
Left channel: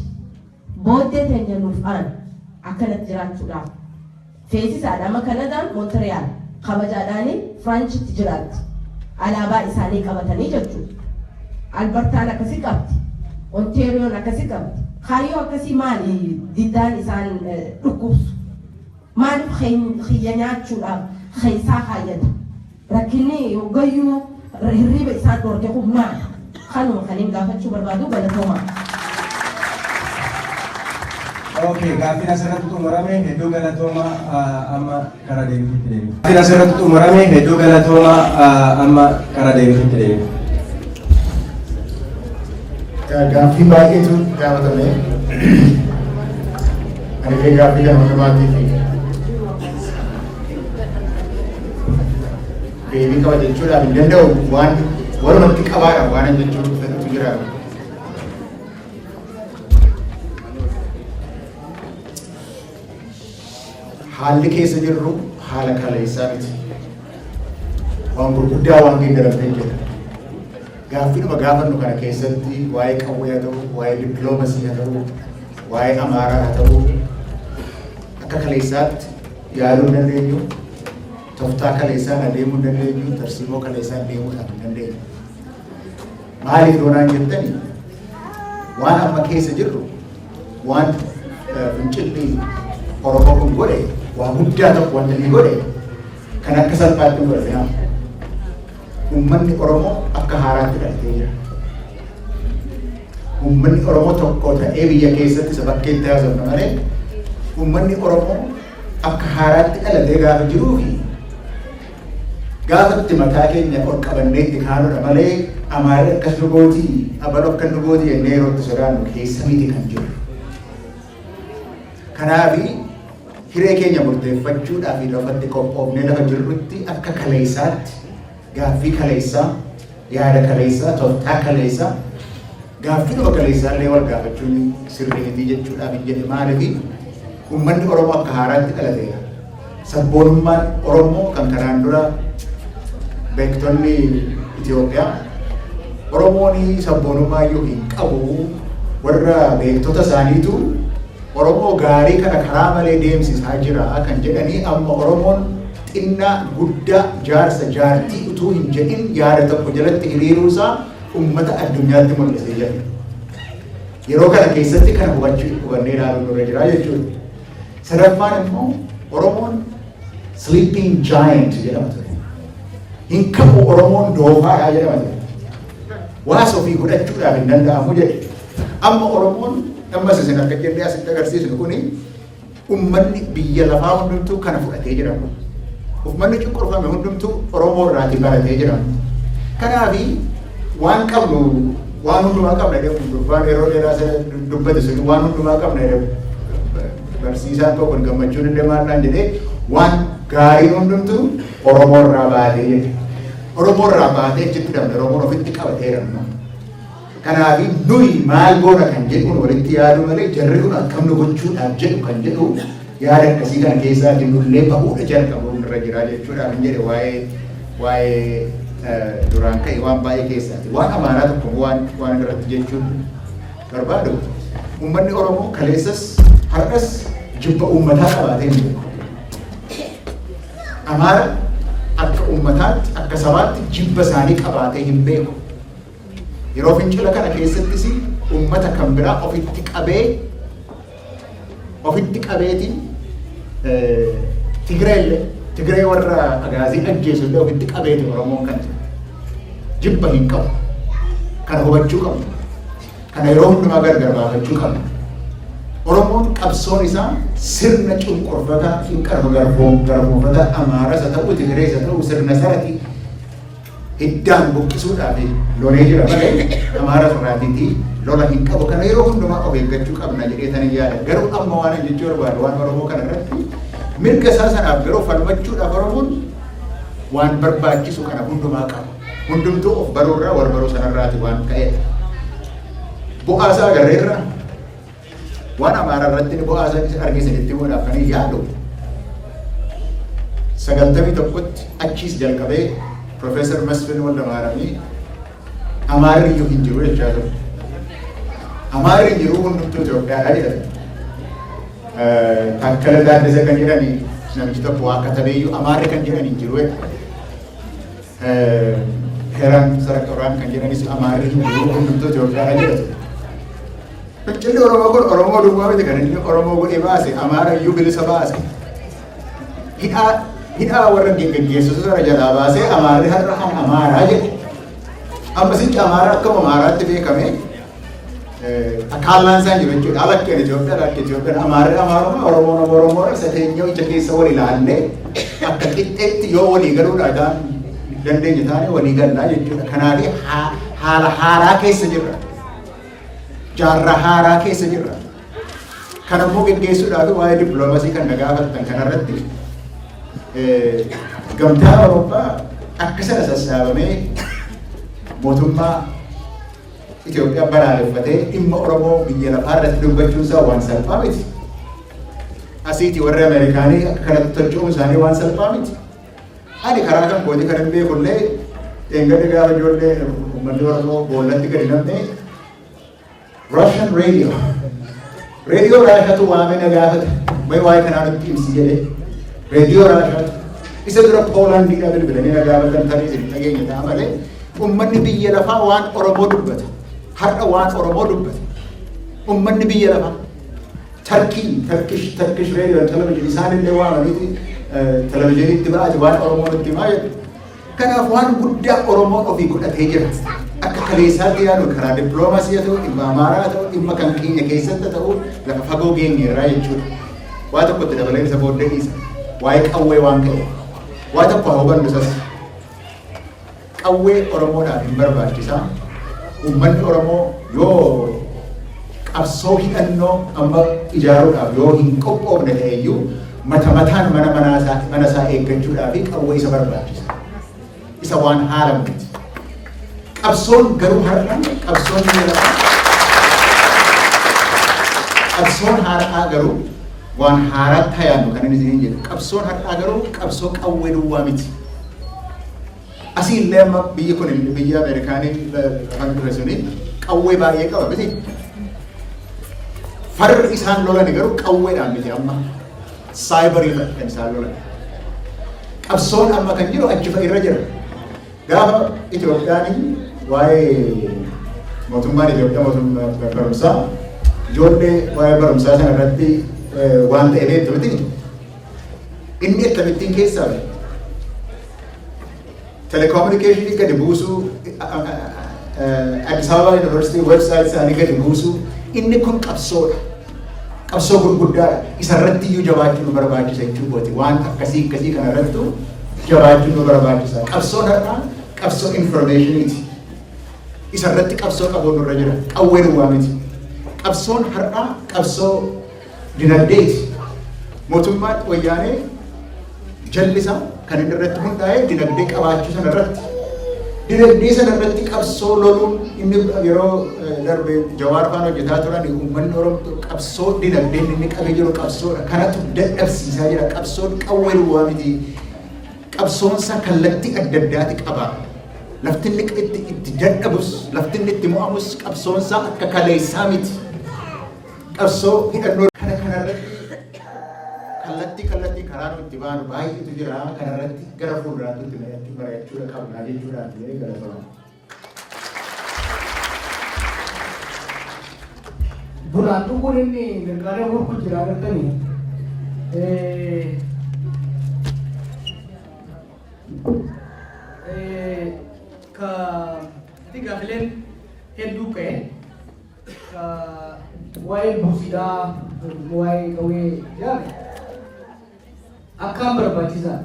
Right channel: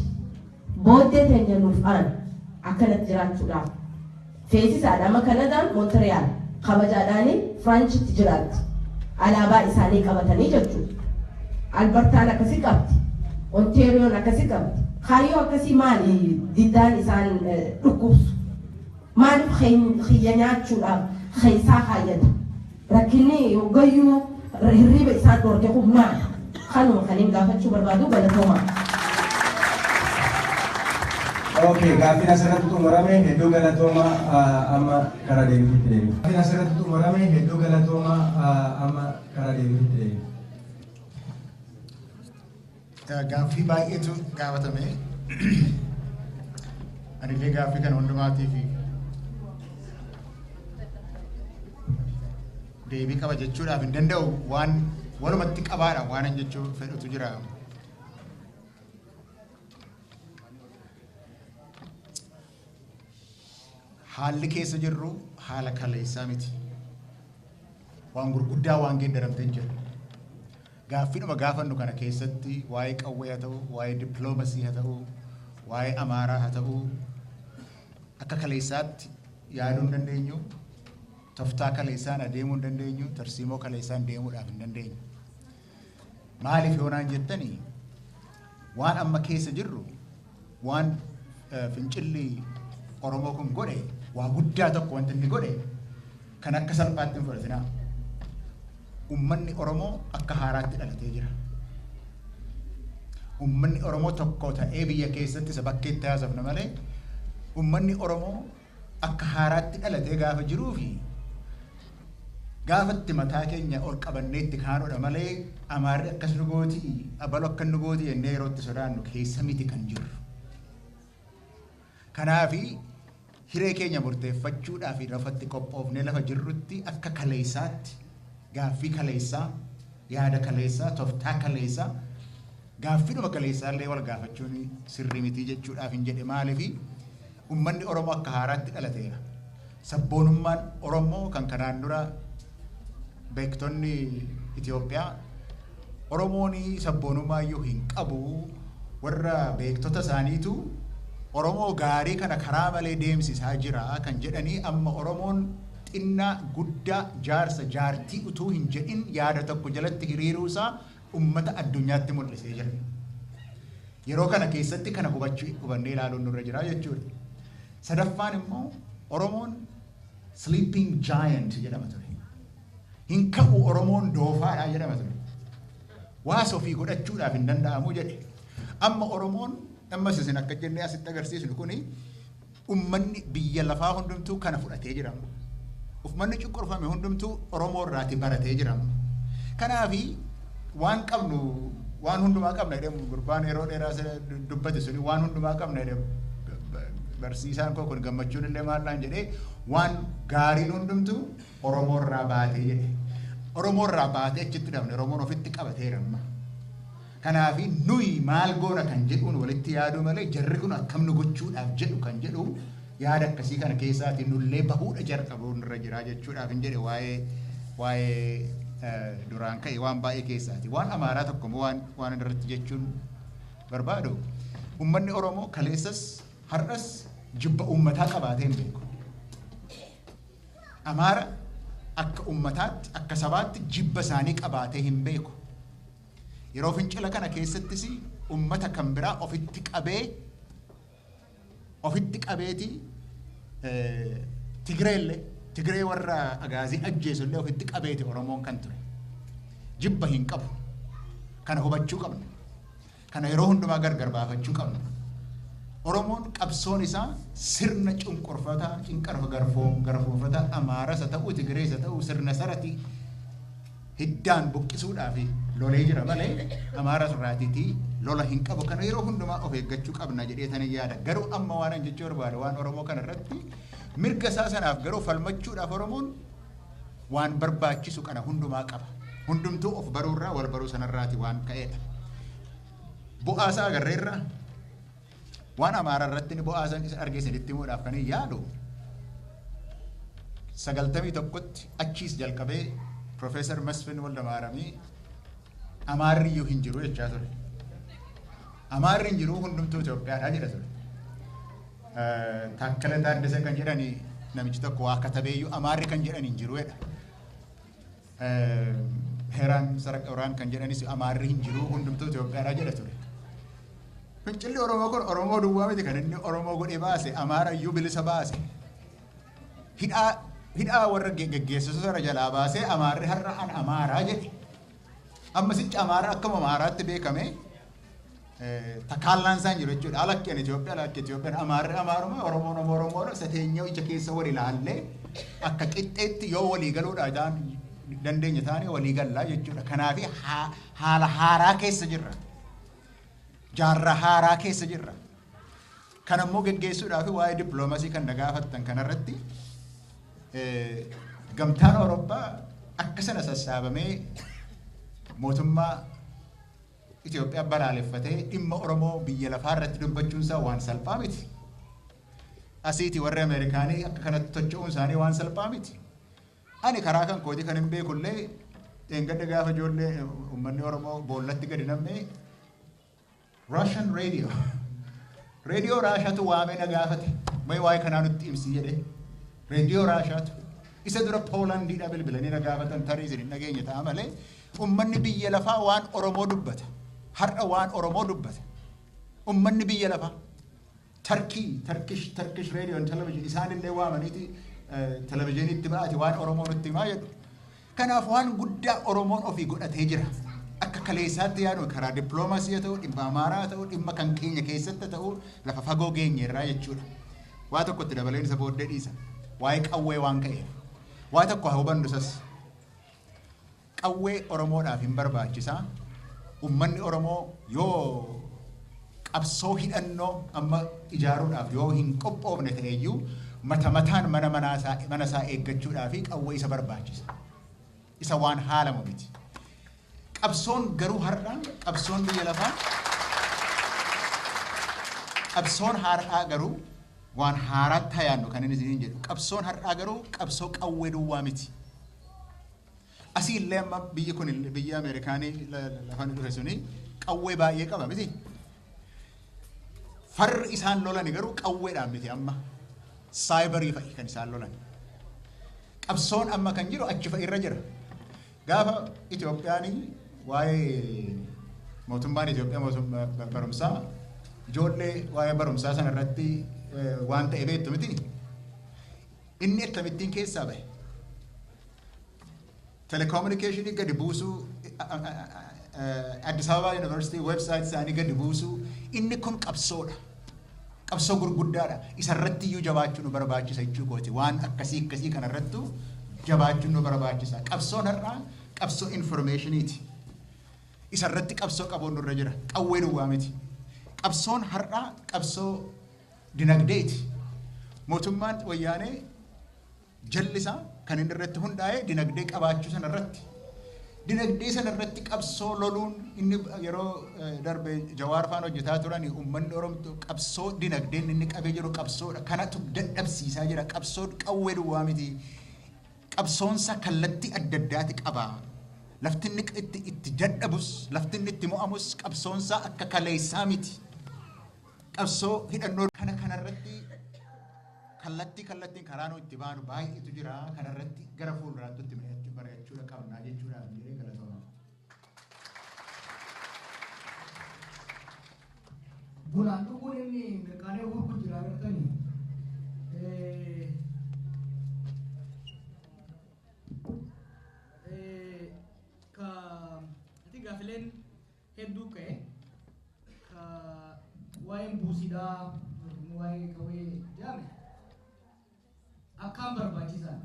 booddee teenya nuuf aan akkanatti jiraachuudhaaf. Feesisaadhaan Kanadaan Montreal kabajaadhaanii Firaanchitti jiraatti. Alaabaa isaanii qabatanii jechuudha. Albertaan akkasii qabdi. Ontaariyoon akkasii qabdi. Kaayyoo akkasii maali diddaan isaan dhukkubsu? Maaliif xiyya nyaachuudhaaf keessaa kaayyata? Rakkinni hoggayyuu hirriba isaan dhoorge humnaa kanuma kaniin gaafachuu barbaadu galatoomaa. Okay, gaaffii asirratti xumurame hedduu galatooma amma karaa deebituutti deemu. Gaaffii asirratti xumurame hedduu galatooma amma karaa deebituutti deemu. Gaaffii baay'eetu gaafatame. Ani gaaffii kana hundumaatiif deebii qaba jechuudhaaf hin danda'u waan walumatti qabaadha waan jechuun fedhutu jira. haalli keessa jirru haala kaleessaa miti. Waan gurguddaa waan geeddaramtee jira. Gaaffiidhuma gaafannu kana keessatti waa'ee qawwee haa ta'u, waa'ee dippiloomasii haa ta'u, waa'ee amaaraa haa ta'u, akka kaleessaatti yaaduu hin dandeenyu, tooftaa kaleessaan adeemuu hin dandeenyu, tarsiimoo kaleessaan deemuudhaaf hin dandeenyu. Maaliif doonaan jettani waan amma keessa jirru waan fincilli Oromoo kun godhe waa guddaa tokko wanta inni godhe kan akka salphaatti hin godhatinaa. Uummanni Oromoo akka haaraatti dhalatee jira. Uummanni Oromoo tokko ta'ee biyya keessatti isa bakkeetti haasofna malee uummanni Oromoo akka haaraatti dhalatee gaafa jiruu fi gaafatti mataa keenya ol qabannee itti kaanudha malee Amaarri akkas nu gootii, Abaloo akka nu gootii jennee yeroo itti sodaannu keessa miti kan jiru. Kanaafi hiree keenya murteeffachuudhaaf lafatti qophoofnee lafa jirrutti akka kaleessaatti gaaffii kaleessaa, yaada kaleessaa, tooftaa kaleessaa, gaaffiidhuma kaleessaa illee wal gaafachuun sirrii miti jechuudhaaf hin jedhe maaliif uummanni Oromoo akka haaraatti dhalateera. Sabboonummaan Oromoo kan kanaan dura beektonni Itoophiyaa Oromoon sabboonummaa iyyuu hin qabu warra beektota isaaniitu Oromoo gaarii kana karaa malee deemsisaa jira kan jedhanii amma Oromoon xinnaa guddaa jaarsa jaartii utuu hin jedhin yaada tokko jalatti hiriiruusaa uummata addunyaatti mul'isee jira. Yeroo kana keessatti kana hubannee ilaaluun nurra jira jechuudha. Sadaffaan immoo Oromoon sleeping giant jedhama ture. Hin qabu Oromoon doofaadha jedhama ture. Waasa ofii godhachuudhaaf hin danda'amu jedhe. Amma Oromoon amma isin akka jennee asitti agarsiisnu kuni uummanni biyya lafaa hundumtuu kana fudhatee jira. Uummanni cunqurfame hundumtuu Oromoo irraatii baratee jira. Kanaafi waan qabnu waan hundumaa qabna jedhamu waan yeroo dheeraa sana dubbate sun waan hundumaa qabna jedhamu barsiisaan tokko gammachuun illee maallaan jedhee waan gaarii hundumtuu Oromoo irraa baatee jedhe. Oromoo irraa baatee achitti dhabne Oromoon ofitti qabateera. Kanaafi nuyi maal goona kan jedhuun walitti yaaduu malee jarri kun akkam nu gochuudhaaf jedhu kan jedhu yaada akkasii kana keessaatiin nullee bahuudha jalqabuun irra jira jechuudhaaf hin jedhe waa'ee duraan ka'e waan baay'ee keessaati. Waan amaaraa tokko waan irratti jechuun barbaadu uummanni Oromoo kaleessas har'as jibba uummataa qabaatee hin beeku. Amaara akka uummataatti akka sabaatti jibba isaanii qabaatee hin beeku. Yeroo fincila kana keessattis uummata kan biraa ofitti qabeetiin Tigree warra agaazii ajjeesu illee ofitti qabeeti Oromoon kan jibba hin qabu. Kana hubachuu qabna. Kana yeroo hundumaa gargar baafachuu qabna. Oromoon qabsoon isaa sirna cunqurfataa garboonfata Amaaras haa ta'u Tigrees haa ta'u sirna sarati hiddaan buqqisuudhaaf lolee jira malee Amaaras irraatiitii lola hin qabu. Kana yeroo hundumaa of eeggachuu qabna jedheetanii yaada. Garuu amma waan jechuu barbaadu waan Oromoo kana irratti mirga isaa sanaaf garuu falmachuudhaaf Oromoon waan barbaachisu kana hundumaa qaba. Hundumtuu of baruurraa wal baruu sanarraati waan ka'edha. Bu'aasaa agarreerra waan Amaaraa irratti bu'aasaa argisanitti godhaaf kan yaadu 91tti achiis jalqabee Profeesar Masfin Waldamaaramii Amaarri iyyuu hin jiru jechaa ture. Amaarri hin jiru hundumtuu Itoophiyaadhaa jedhama. Takkala Gaaddisa kan jedhani namichi tokko waa katabeeyyuu Amaarri kan jedhan hin jiru. Heeraan Saraqoraan kan jedhanis Amaarri hin jiru hundumtuu Itoophiyaadhaa jedhatu. Fincilli Oromoo kun Oromoo duwwaa miti kan inni Oromoo godhee baase Amaara iyyuu bilisa baase. Hidhaa warra geggeessisu sana jalaa baasee Amaarri har'a kan Amaaraa jedhe. Amma sichi Amaaraa akkuma Amaaraatti beekame akkaallaan isaan jiru jechuudha. Alakkeen Itoophiyaan Amaarri Amaarummaa Oromoon Oromoodha isa teenyee ija keessa wal ilaallee akka qixxeetti yoo walii galuudhaan dandeenya taane walii gallaa jechuudha. Kanaaf haala haaraa keessa jirra. Jaarraa haaraa keessa jirra. Kan ammoo geggeessuudhaaf waa'ee dippiloomasii kan nagaafattan kanarratti gamtaa Awurooppaa akka sana sassaabamee mootummaa Itoophiyaa balaaleffatee dhimma Oromoo biyya lafaa irratti dubbachuun isaa waan salphaa miti. asiiti warri Ameerikaanii akka kanatti tolchuun isaanii waan salphaa miti. Ani karaa kan kooti kan hin beekullee eeggadde gaafa ijoollee uummanni Oromoo boollatti gadi namne Russian radio. Radio Raashaatu waamee gaafate. May waa'ee kanaa nutti himsi jedhee. Radio Raashaatu. Isa dura Poolaandii dhaa bilbilanii gaafatan tarii nageenya ta'a malee uummanni biyya lafaa waan Oromoo dubbata. Har'a waan Oromoo dubbata. Uummanni biyya lafaa. Turkish radio and television isaanillee waamaniiti televiziiniitti ba'aati waan Oromoo nutti himaa jedhu. Kanaaf waan guddaa Oromoo ofii godhatee jira. Akka kaleessaatti yaadu karaa dippiloomasii haa ta'u, dhimma amaaraa haa ta'u, dhimma kan keenya keessatti haa ta'u, lafa fagoo geenyeerraa jechuudha. Waa tokkotti dabalee isa booddee dhiisa. Waa'ee qawwee waan ka'e. Waa tokko haa hubannu isas. Qawwee Oromoodhaaf hin barbaachisaa. Uummanni Oromoo yoo qabsoo hidhannoo amma ijaaruudhaaf yoo hin qophoofne ta'eyyuu mata mataan mana isaa eeggachuudhaaf qawwee isa barbaachisa. Isa waan haala miti. Qabsoon garuu har'a qabsoon har'aa garuu waan haaraatti hayaannu kan inni isiniin jedhu. Qabsoon har'aa garuu qabsoo qawwee duwwaa miti. Asii illee amma biyyi kun biyya Ameerikaanii kan ture suni qawwee baay'ee qaba miti. Farri isaan lolan garuu qawweedhaan miti amma saayibarii kan isaan lolan. Qabsoon amma kan jiru achi irra jira. Gaafa Itoophiyaan waa'ee mootummaan Itoophiyaa mootummaa barumsaa ijoollee waa'ee barumsaa sana irratti waan ta'e beektu miti. Inni akkamittiin keessaa bahe. Telecommunicationii gadi buusuu Addis Ababa University website isaanii gadi buusuu inni kun qabsoodha. Qabsoo gurguddaadha. Isarratti iyyuu jabaachuun nu barbaachisa jechuudha. Waan akkasii kana irrattu jabaachuun nu barbaachisa. Qabsoon har'aa qabsoo informationiiti. Isarratti qabsoo qabuun nurra jira. Qawwee duwwaa miti. Qabsoon har'aa qabsoo dinagdeeti. Mootummaan wayyaanee jallisaa kan inni irratti hundaa'e dinagdee qabaachuu sana irratti. Dinagdee sana irratti qabsoo loluun inni yeroo darbe Jawaar faan hojjetaa turan uummanni Oromoo qabsoo dinagdeen inni qabee jiru qabsoodha. Kanatu dadhabsiisaa jira. Qabsoon qawwee duwwaa miti. Qabsoonsa kallattii adda addaati qaba. Lafti inni itti dadhabus, lafti inni itti mo'amus qabsoonsa akka kaleessaa miti. Qabsoo hidhannoo kanarratti kallattii karaa nuti baanu baay'eetu jira. Kanarratti gara fuulduraatti mari'achuu qabnaa jechuudhaan gara sana. Duraan dhuguun inni gargaaree horku jira agartanii. Ka gaafileen hedduu ka'e waa'ee buusiidhaa waa'ee qawwee jedhame akkaan barbaachisaa.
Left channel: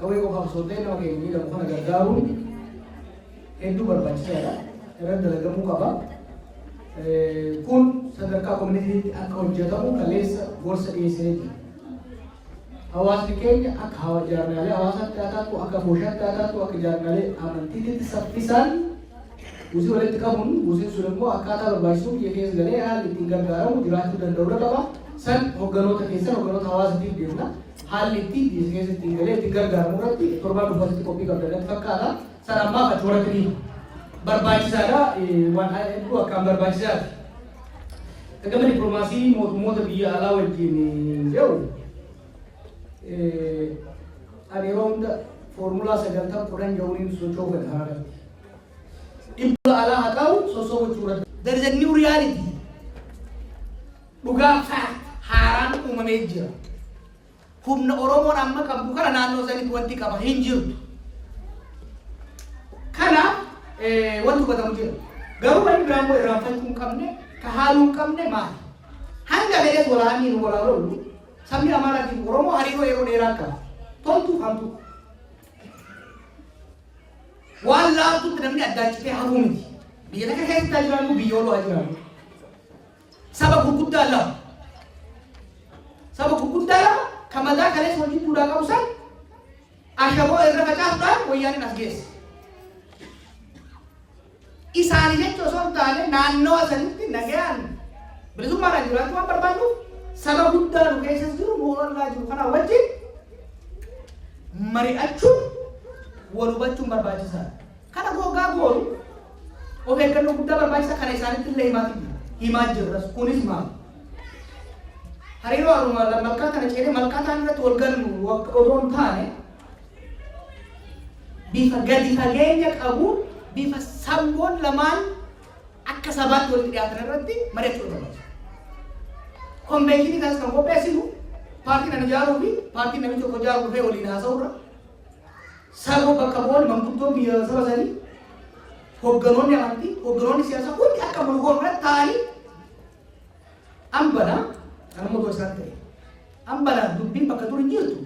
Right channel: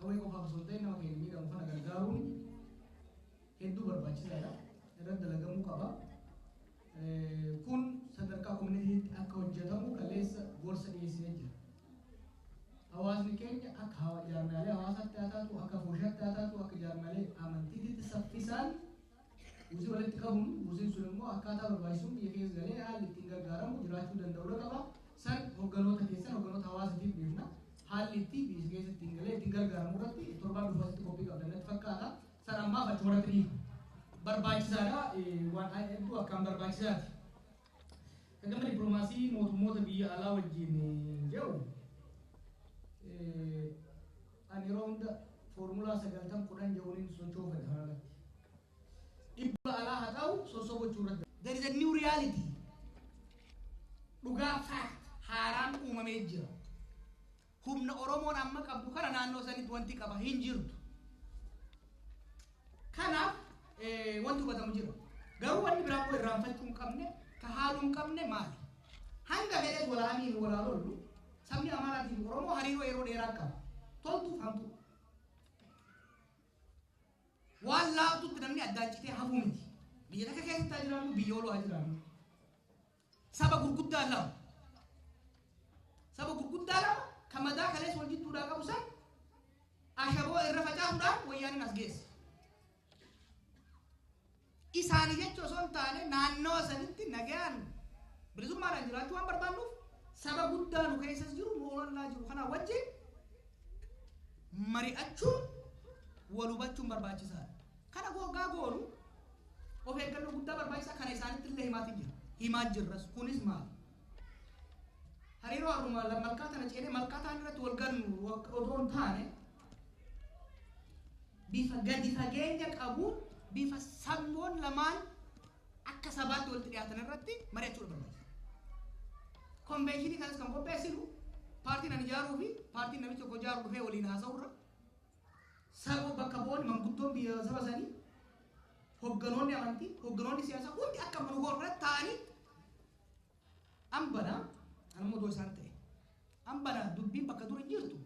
Qawwee qofaaf sootee nama keenya miidhamu kana gargaaruun hedduu barbaachisaadha. Irratti dalagamuu qaba. Kun sadarkaa koominiitiitti akka hojjetamu kaleessa gorsa dhiyeessee jira. Hawaasni keenya akka jaarmaalee hawaasaatti haa taatu, akka booshaatti haa taatu, akka jaarmaalee amantiitti saffisaan buusii walitti qabuun buusiin sun immoo akkaataa barbaachisuuf biyya keessa galee haalli ittiin gargaaramu jiraachuu danda'uu qaba. San hogganoota keessan hogganoota hawaasatiif deemna. Haalli ittiin biyya keessa ittiin galee ittiin gargaaramu irratti torbaan dhufaatti qophii qabdan fakkaata. San ammaa ati horatanii barbaachisaadha. Waan hedduu akkaan barbaachisaadha. Gama dippiloomaasii mootummoota biyya alaa wajjin jiru ani yeroo hunda foormulaa 9 jahuun socho'uu fedha kanarratti. Dhibba alaa haa ta'u sosochuu irratti. There is a new reality. Dhugaa haaraan uumamee jira. Humna Oromoon amma qabdu kana naannoo sanitti wanti qaba hin jirtu. Kana wanti hubatamu jira. Garuu wanti biraan immoo irraanfachuu hin qabne, ka haaluu hin qabne maali? Hanga galees walaanii walaaloolu sabni Amaaraatiin Oromoo hariiroo yeroo dheeraa qaba. Toltuu hamtuu. Waan laatutti namni addaachitee hafuu miti. Biyya takka keessatti jiraannu biyyooloo jiraannu. Saba gurguddaa lama. Saba gurguddaa lama kan mataa kalees wajjin duudhaa qabu san ashaboo irra facaasuudhaan wayyaaniin as geesse. Isaanii jechuun osoo hin taane naannoo sanitti nagayaan bilisummaadhaan jiraachuu waan barbaannu saba guddaa nu keessas jiru moorallaa jiru kana wajjin mari'achuun wal hubachuun barbaachisaadha. Kana goggaa goonu of eeggannoo guddaa barbaachisa kana isaanitti illee himaa jirras kunis maal hariiroo aruma malkaa kana ceedee malkaa ta'an irratti wal gannu odoon taane bifa gadi fageenya qabu bifa samboon lamaan akka sabaatti walitti dhiyaatan irratti mari'achuu barbaachisa. Konveenshinii kanas kan qopheessinu paartiin ani ijaaruu fi paartiin namichi tokko ijaaruu dhufee waliin haasa'uurra saba bakka bu'oon manguddoon biyya saba sanii hogganoonni amantii hogganoonni siyaasaa hundi akka mul'oon irratti ta'anii ambana kan mootoo isaan ta'e ambana dubbiin bakka dur hin jirtu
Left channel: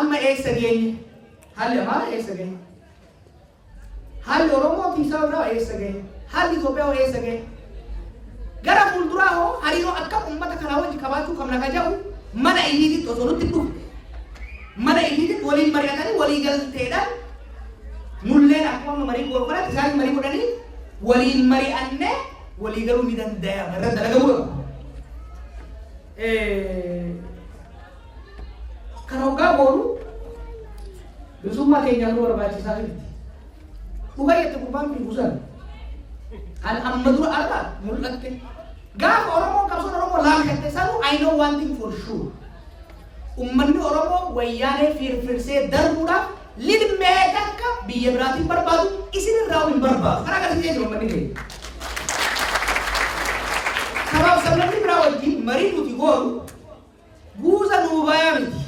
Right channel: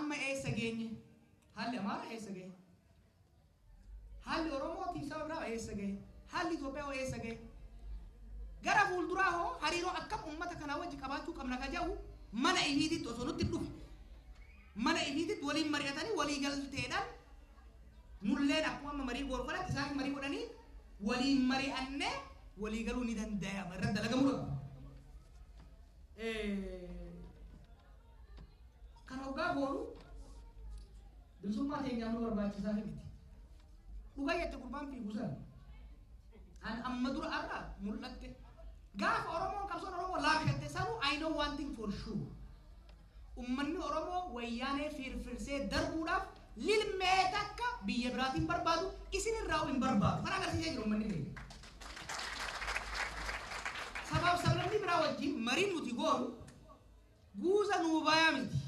amma eessa geenye haalli Amaaraa eessa geenye haalli Oromoo fi saba biraa eessa geenye haalli Itoophiyaa eessa geenye gara fuulduraa hoo hariiroo akka uummata kanaa wajji qabaachuu qabna ka jedhu mana illiititti osoo nutti dhufu mana illiititti waliin mari'atanii walii galteedhaan nulleen akkuma marii godhanii isaan marii godhanii waliin mari'annee walii galuu ni danda'ama irra dalagamuu qaba. Kana hoggaa boonu bilisummaa keenyaan nu barbaachisaa miti. Dhugaa jette gurbaan fi busan an amma dura argaa mul'atte gaafa Oromoo qabsoon Oromoo laamshatte sanuu I know one thing for sure. Uummanni Oromoo wayyaanee firfirsee darbuudhaaf lidmee takka biyya biraatiin barbaadu isin irraa hin barbaadu. Kana agarsiisee jiru uummanni keenya. Sabaaf sablamni biraa wajjin marii nuti goonu buusa nuu bayaa miti.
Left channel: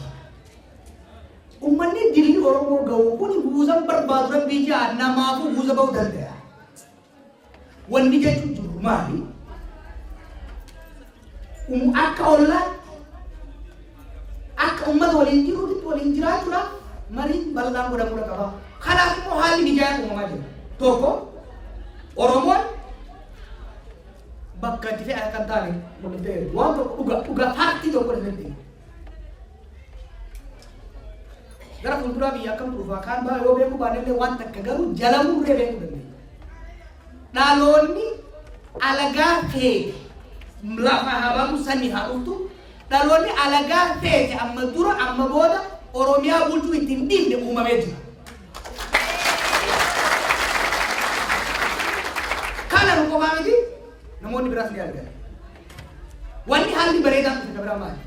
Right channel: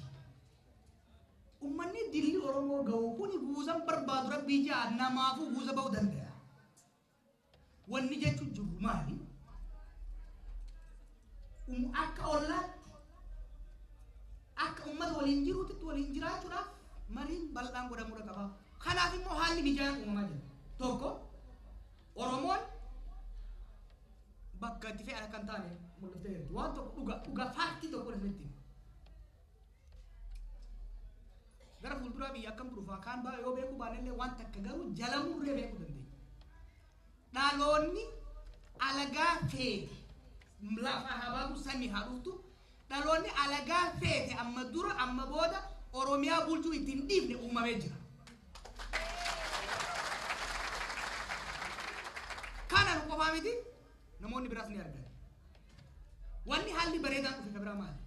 Uummanni dilli Oromoo ga'u kuni buusan barbaadu dhan biyya namaafuu buusa ba'uu danda'a. Wanni jechuun jiru maali? Akka ollaatti akka uummata waliin jiruutti waliin jiraachuudhaaf mariin bal'aan godhamuu qaba. Kanaaf immoo haalli mijaa'aa uumamaa jira. Tokko Oromoon bakka itti fe'aa kan taane mul'atee waan tokko dhugaa paartii tokko irratti gara fuulduraa biyya akkam turuufaa kaan baa yoo beekuu baanillee waan takka garuu jala murree beekuu dandeenya. Dhaloonni alagaa feete lafa habaatu sanii haa dhuftu dhaloonni alagaa feete amma dura amma booda Oromiyaa bulchuu ittiin dhiibne uumamee jira. Kana nu qofaa miti namoonni biraas ni argan. Wanni haalli bareedaan dhufe biraa maali?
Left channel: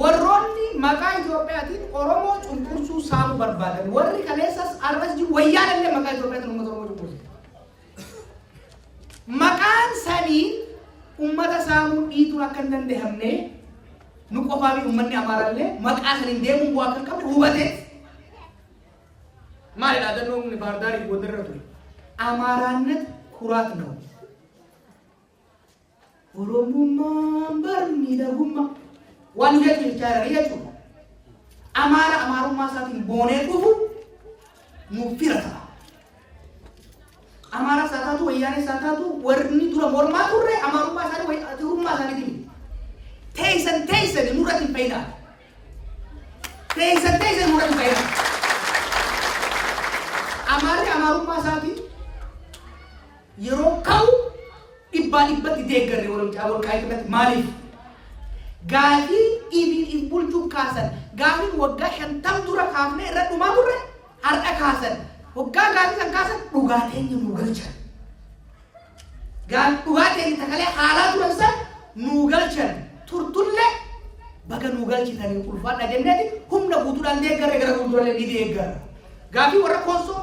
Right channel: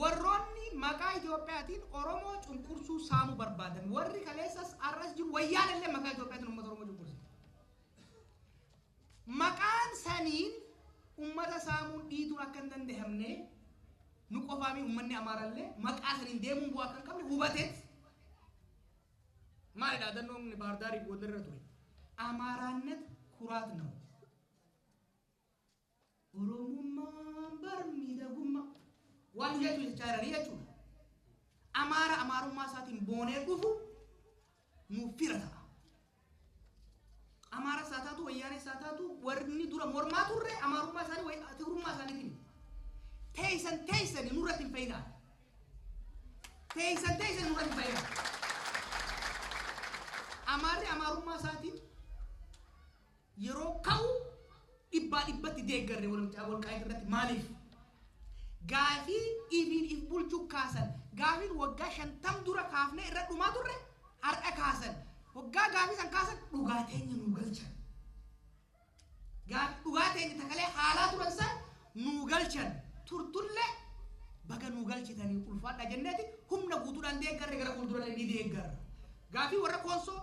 Warroonni maqaa Itoophiyaatiin Oromoo cunqursuu saamuu barbaadan warri kaleessas arras jiru wayyaanallee maqaa Itoophiyaatiin uummata Oromoo cunqurse. Maqaan sanii uummata saamuu dhiituun akka hin danda'amne nu qofaa fi uummanni Amaaraallee maqaa saniin deemuun bu'aa akka hin qabne hubatee maalidha dannoon Baardaarii Gondarra ture. Amaaraannet ኩራት ነው። ኦሮሞማን በርሚደጉማ ዋንጀት ይቻላል ይያችሁ አማሩማ ሳቲን ቦኔ ቁፉ ሙፊረታ አማራ ሳታቱ ወያኔ ሳታቱ ወርኒ ዱረ ሞርማ ቱሬ አማሩማ ሳኒ ወይ አቱሩማ ሳኒ ዲ ተይሰን ኑረት ይፈይዳ ተይሰን ኑረት ይፈይዳ አማሩማ ሳቲ የሮካው ibbat deeggarre wal qaayibatti maaliif gaafii ibin bulchuu kaasan gaafii waggaa 50 dura kaafne irra dhumaa turre har'a kaasan waggaa gaafii san kaasan dhugaateenya nu galchan dhugaateenya takalee haalaa turan san nu galchan turtulle baga nu galchitanii ulfaadha jenneeti humna guutuudhaan deeggarre gara fuuldurallee ni deeggarra gaafii warra konsoo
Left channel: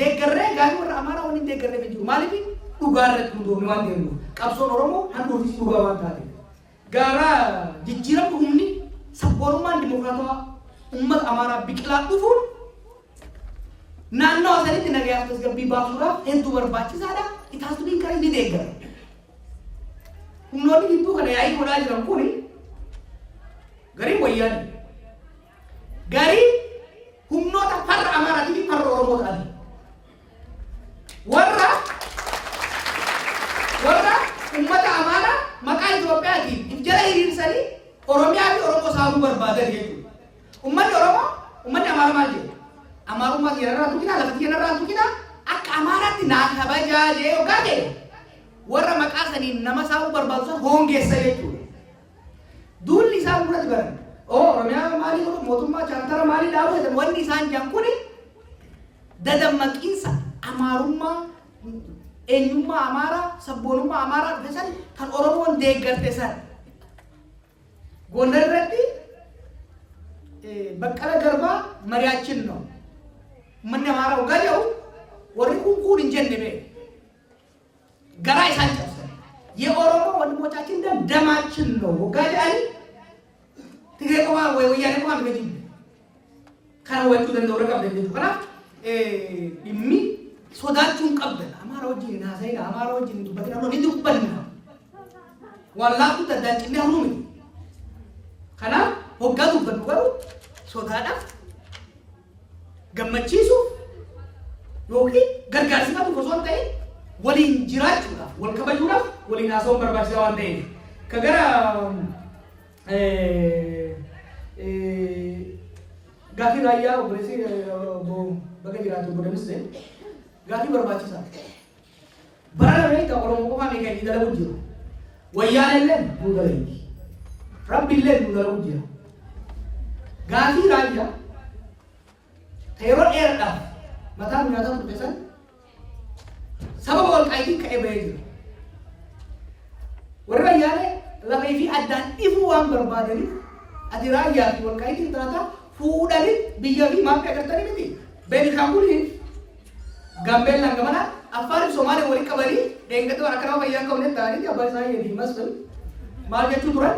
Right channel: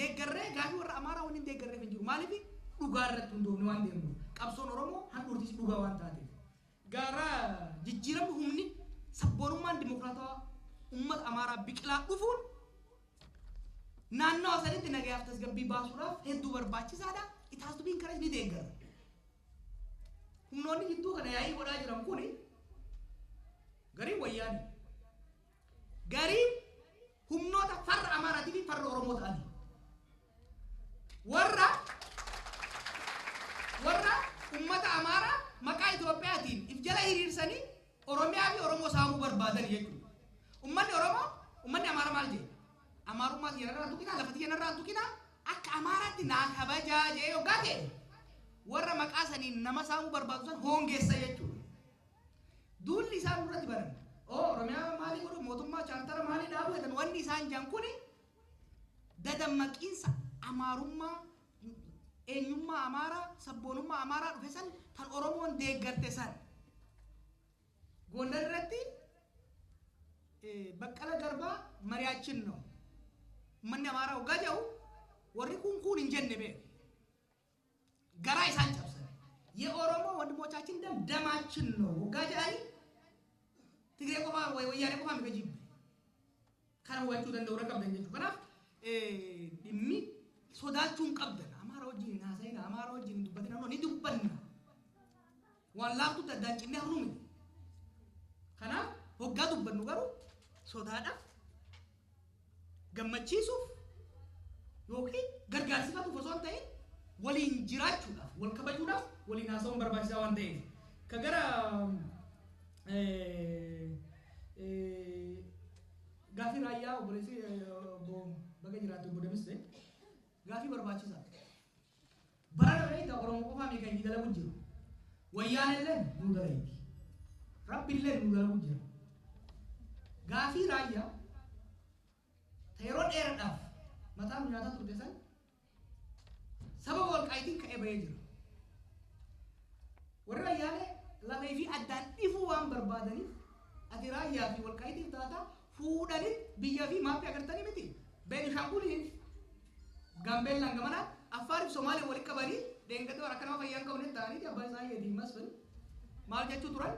deeggarre gaafii warra amaaraa waliin deeggarre jiru maaliif dhugaarratti hundoofne waan deemnu qabsoon Oromoo handhuufis dhugaa waan taate gara jijjiiramni humni sabboonummaan dimokiraatawaa uummata Amaaraa biqilaa dhufuun naannoo asanitti nagayaa tasgabbii baasuudhaaf hedduu barbaachisaadha. Itaasu dhiinkaree ni deeggara. Humnoonni gidduu kana yaa'ii godhaa jiran kuni garii wayyaani garii humnoota farra Amaaraa fi farra Oromoo ta'ani warra ummata Amaaraa maqaa Itoophiyaatiin jala hiriirsanii Oromiyaa fi Oromoo saamuu barbaadan jechuudha. Ummanni Oromoo ummanni Amaaraa maal jedhu? Amaarummaa keenyarraa tuqinaa lafti keenyarraa tuqinaa akka Amaaraatti naa kabajaa jee yookaan jedhu warra maqaa saniin nama saamuu barbaadu san hoongeessa jechuudha. Duulli isaan duratti baran Oromiyaa maalii godhu mootummaa chaartara maalii dhaabu jedhan wanni isaan jedhan kuni dadammaqiinsa amaarummaa eenyummaa amaaraa sabboonummaa amaaraa dhufe san kan Oromoon deeggarte san Gondar irratti Baqqala Garbaa mari'aachin ነው manni amaaraa waggaa jedhu warri kun hin jenne bee garaa isaan cabsan የኦሮሞ ወንድሞቻችን ደማችን ነው ወጋጅ አይ ትግሬ ቆማ ወይ ወያኔ ቆማ በጂ ካን ወጡ ደንደው ረቀብ ደንደው ከራ ይሚ ሶዳቹን ቀበል አማራዎች ናሳይና አማራዎች እንዱበት ነው እንዱ ቀበልና ዋላቱ ተዳጭ ነው ነው ከና ወጋቱ በዱገሩ ሶዳዳ ገመቺሱ ዮኪ ገርጋርሲቱ ኮሶንታይ ወሊን ጅራቹላ ወልከበጁላ ወሊን አሶን በርባሻው አንዴ ከገራ ጋፊ ራያ ወብረሲ በገጅራቱ ወደምስ ጋፊ በርባችሳ በራራ ላይ ተቆሮሞ ቆማ ሜካኒ ደለውጅ ወያኔለን ዱደለኝ ረቢለን ዱደለውጅ ጋፊ ራያ ተይሮ ኤርዳ መታም ያታም ተሰን sababa walqaayitiin ka'ee bahee jira. Warri wayyaanee lafee fi addaan ifuu waan barbaadaniif ati raayyaa fi walqaayitiin taata fuudhanii biyya fi maatii agartanii miti. Beenishaanguliin Gaambeellaan gamana Affaariif Somaaliyaa waliin qabanii deeggartoota akka nama fayyaa qabuun ta'anii abbaa isaa yedii masfal maal jechuu turan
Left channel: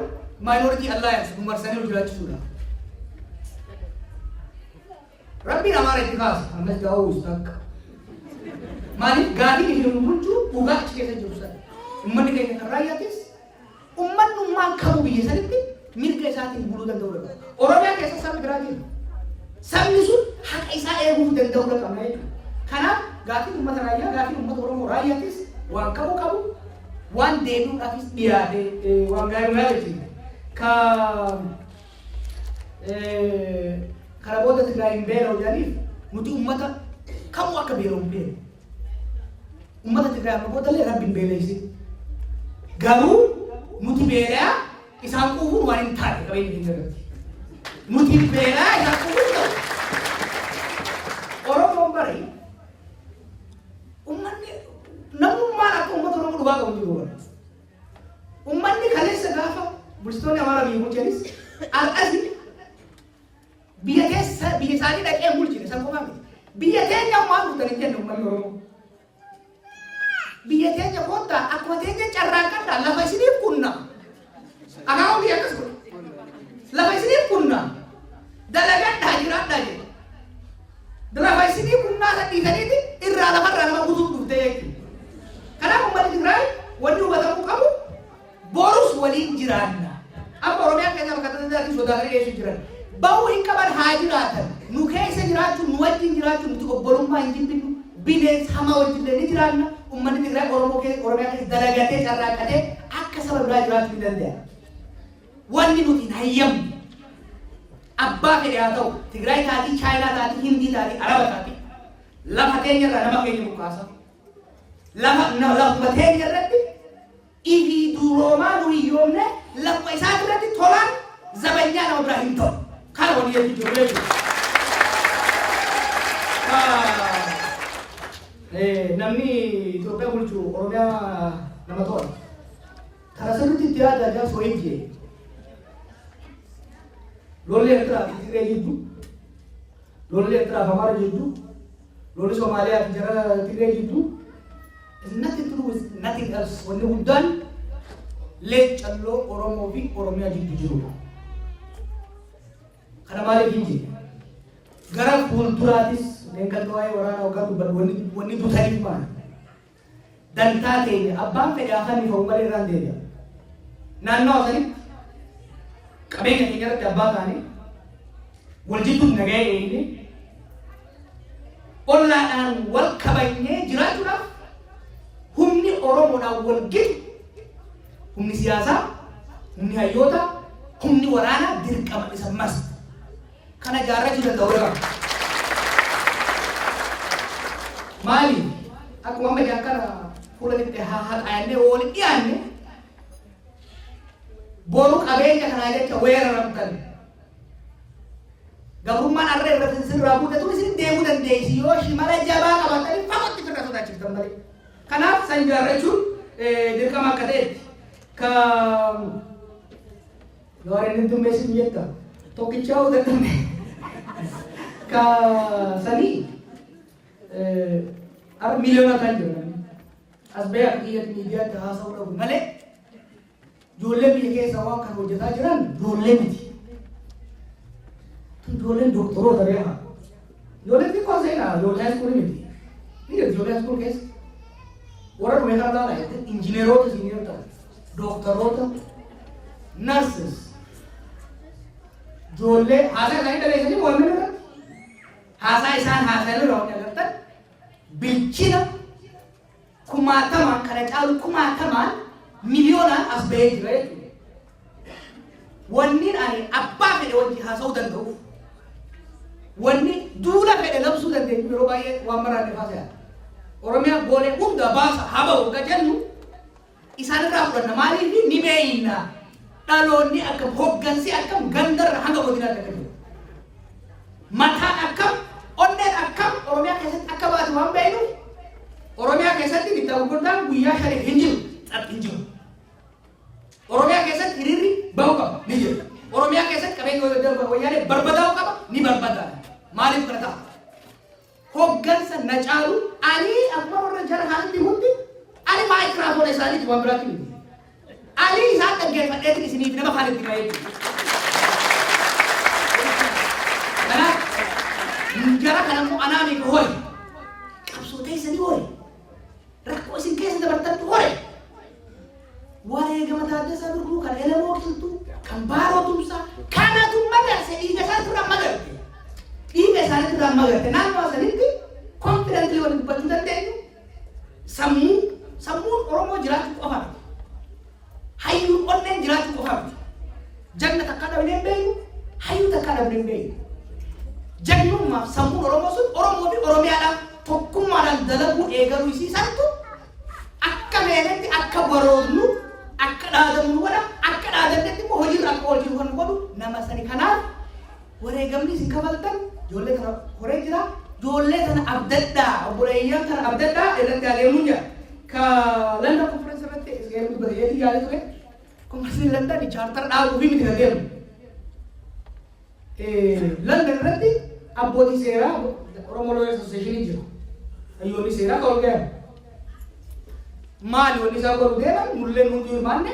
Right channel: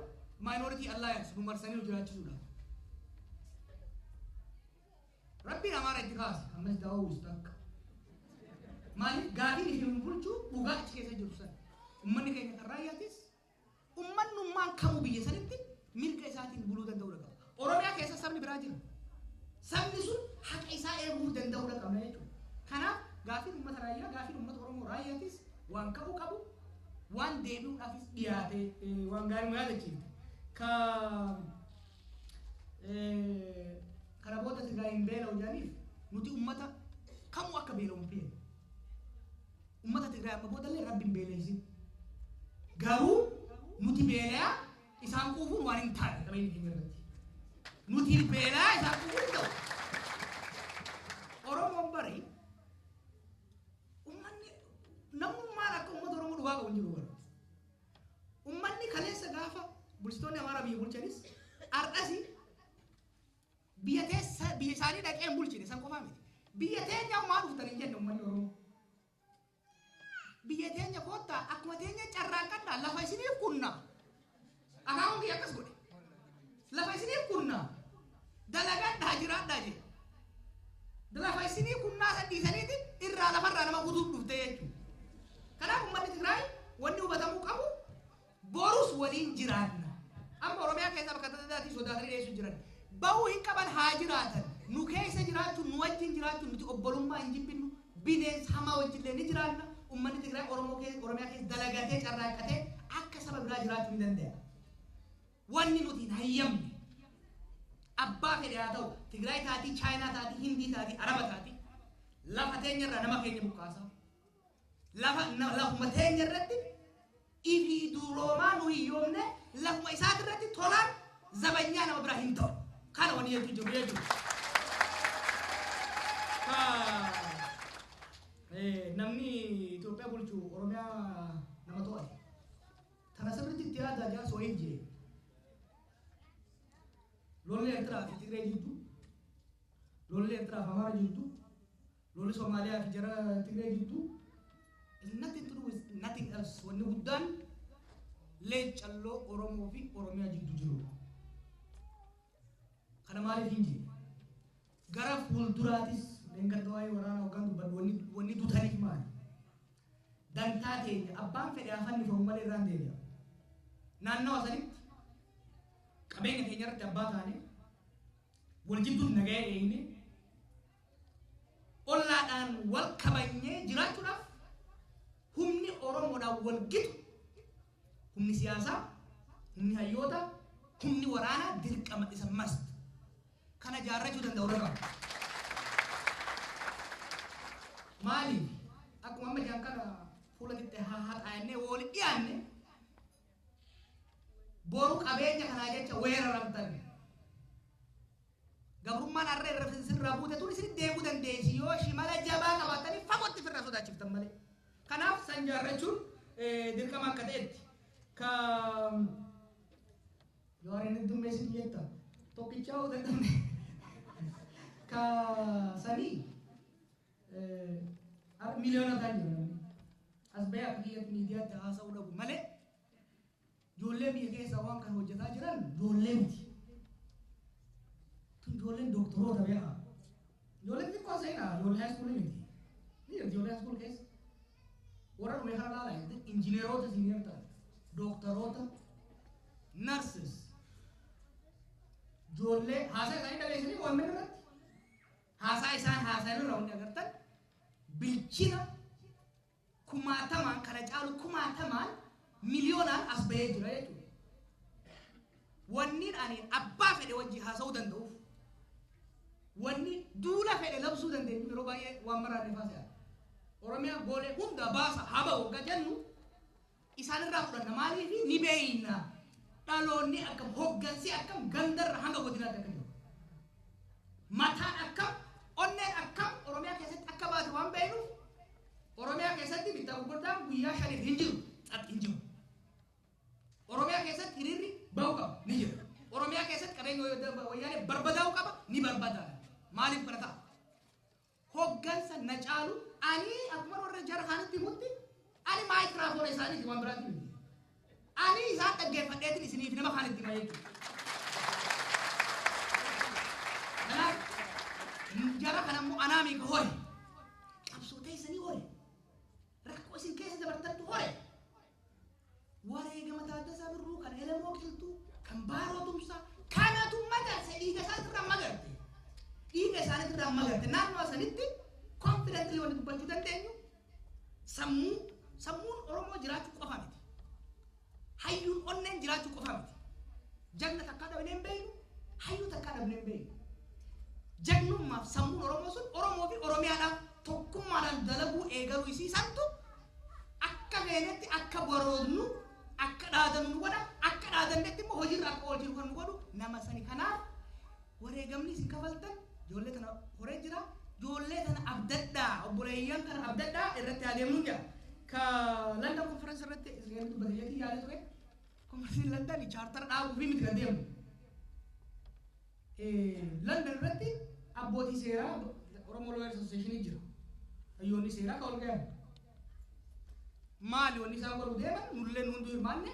maayinooritii allaayans marsanii hojjechuudha. Rabbiin amaara itti kaasa ammas gaa'uus takka. Maaliif gaafii hin bulchuu dhugaatti keessa jiru sana. Uummanni keenya kan raayyaattis uummanummaan kamuu biyya sanitti mirga isaatiin buluu danda'uu qaba. Oromiyaa keessa sabni biraa jira. Sabni sun haqa isaa eeguu danda'uu qaba jechuudha. Kanaaf gaafii uummata raayyaa gaafii uummata Oromoo raayyaattis waan qabu waan deebi'uudhaafis dhiyaate waan gaarii jechuudha. Kana booda Tigraay hin beela'u jedhaniif nuti uummata kamuu akka beela'u hin beela'u. ummata Tigraay amma boodallee rabbiin beeleysi garuu nuti beelaa isaan quufuun waan hin taane qabeenya keenya irratti nuti beelaa isaan quufuun ta'u Oromoon bari ummanni namummaan akka ummata Oromoo dhugaa qabu jiru bara ummanni kaleessa gaafa bulchitoonni amaaraa biyya bulchanis har'asi biyya keessa biyya isaanii dhaqee bulchine san qofaa miti biyya teenya waan dhuftan hin jenne ummanni Oromoo biyya teenya kota akkuma teenya carraaqadha lafa isiniif kunna akaawwan biyya akkas godha lafa isiniif kunna dalagadhaa jiraadhaa jedha lafa isiniif kunnaa san dhiisaniiti irraa lafarraa nama guutuuf dhuftee jechuudha kanaaf uummanni Tigraay wanni hubatamuu qabu borus waliin jiraanna amma Oromiyaa keessa bakka tajaajilatti sodaatanii dhiyeessuu jiran bahuu hin qaban haa jiraatan nu keessa jiraachuu nu wajjin jiraachuu nuti obbolummaa hin jibbinu bineensa hamaa wajjillee ni jiraanna ummanni Tigraay Oromiyaa keessa dalagatee carraaqatee akka saba biraa jiraachuu ni danda'a. Wanni nuti hin hayyamne abbaa fedhe haa ta'u Tigraay taatii Chaayinaa taatii Hindii taatii Araba taatii lafa teenya irraa nama keenya buqqaasa. Lafa teenya irratti ifii duroomaa nu hiyyoomne lafa isaa irratti tolaan zabanyaa nama biraa hin ta'u. Kana wani yeetu jiru jechuudha. Namni Itoophiyaa bulchu Oromiyaa nama tola. Karaa sirriitti itti yaada ajaa soo hin jee. Lolli Eertiraa fi Tigree jidduu, lolli Eertiraa fi Amaara jidduu, lolli Somaaliyaa fi jara Tigree jidduu, nothing to do with nothing else. Wanni guddaan leecalloo Oromoo fi Oromiyaa jidduu jirudha. Kana maaliif hin jee? Gara fuulduraatis deeggartoota waa'ee waraanaa waggaa dubbatu wanni dutaniif maali? Dantaa keenya abbaan fedhe afaan ifaa malee irraan deebi'a. Naannoo sanitti qabeenya keenya irratti abbaa taanee wal jidduun nagaa eegne ollaadhaan wal kabajnee jiraachuudhaaf humni Oromoodhaan wal gidu humni siyaasaa, humni hayyoota, humni waraanaa dirqama isa mas kana jaarrachuu danda'u qaba. Maali akkuma amma jaan kana fuulatti haaqaannee waliin dhiyaanne boru qabeenya kanaa jecha weeraramtan. Gabrummaan harree irratti sirraa buutatu isin deemuu dandeessi yoo shimala jabaa qabatanii fagootti firra sodaachiftan malee. Kanaaf san ijaarrachuun dirqama akka ta'etti ka Yorin dummeessin jetta tokkichaa hojjetamne ka sanii miliyoona kan jiran as bee akka biyyatti miidiyaatti haasa'uu dhabu malee ijoollee biyya keessa waan kan hojjetaa jiran ijoollee miti. Ijoolleen doktoroota beekaa. Ijoolleen xiqqoo seenaa ijoollee iskuulii miti. Biyya ijoollee iskuul keessa warra dhume kan taana injineerota siiniyoota doktoroota nurses ijoollee haasaa isaanii dhaleessanii mormii irratti haasaa isaan haasa'anii irraa hojii agartan bilchina kumaatamaan kana caalu kumaatamaan miliyoonaan as bahee jira jechuudha. Wanni ani abbaa fedhe wajji haasa'uu danda'uuf wanni duula fedhe labsuu dandeenyu yeroo baay'ee waan baraanne haasa'aa. Oromiyaa boolee hunda baasa haba wagga jennu isaan irraa fudhanna maaliif ni beeyna dhaloonni akka hoggansi akkam gandarra hanga godinaatti akka jiru. Mataan akkam onneen akkam Oromiyaa keessatti akka baatu waan beeynu Oromiyaa keessatti bittaa gurguddaan guyyaa shanii hin jiru xaphi hin jiru. Oromiyaa keessatti hiriirri bahu qaba ni jiru. Oromiyaa keessatti qabeenya wayyaanee barbadaa'u qaba ni barbadaa'u. Maaliif kana ta'a? Hoggansa na caalu ani akkuma warra jara haalitti hundi ani maayikiraafoona isaaniiti waan biraatti miti. Ali isaan dhaggeeffadheetiin isiniif nama faanitti ka'ee jiru. Kanaaf jara kanammoo anaamiif hore qabsoo teessanii hore rakkoo isin keessa dabartantu hore wareegama Taaddasaa Birruu kan Elemoo Qilxuu kan Baaroo Tumsaa kanatu magarse dhiiga isaanitti irraan magarte. Dhiiga isaanitti irraan magarte naannoo sanitti konfidentli waliin dubbachuu dandeenyu sammuun Oromoo jiraachuu qofa miti. Hayyuun onneen jiraachuu qofa miti. Jagna takka dhabnee hin beeknu hayyuu takka dhabnee hin beeknu. Jagnummaaf sammuun Oromoo sun Oromoo fi Oromiyaadhaaf tokkummaadhaan dalaguu eegaluu isiisantu akka meenetti akka baroodnu akka dhaadamnu godha akka dhaadannetti immoo hojiirra akka oolchinu kan godhu nama sani. Kanaaf wareegamni isin kafaltan ijoollee kana horee jira. Ijoollee kana abdaddaa obboleeyyan kana abdaddaa irratti adeemuun jira. Ka London conference irratti isgeemu bareetii yaade ture. Conference London charter dhaabuu fi miti adeemu. London irratti abbootii seeraa Oromoo Lawyers Association jiru. Hayyoonni seeraa ka'uu gahan. Maali wanni isaa godhu deeman nullee nuti hirmaanne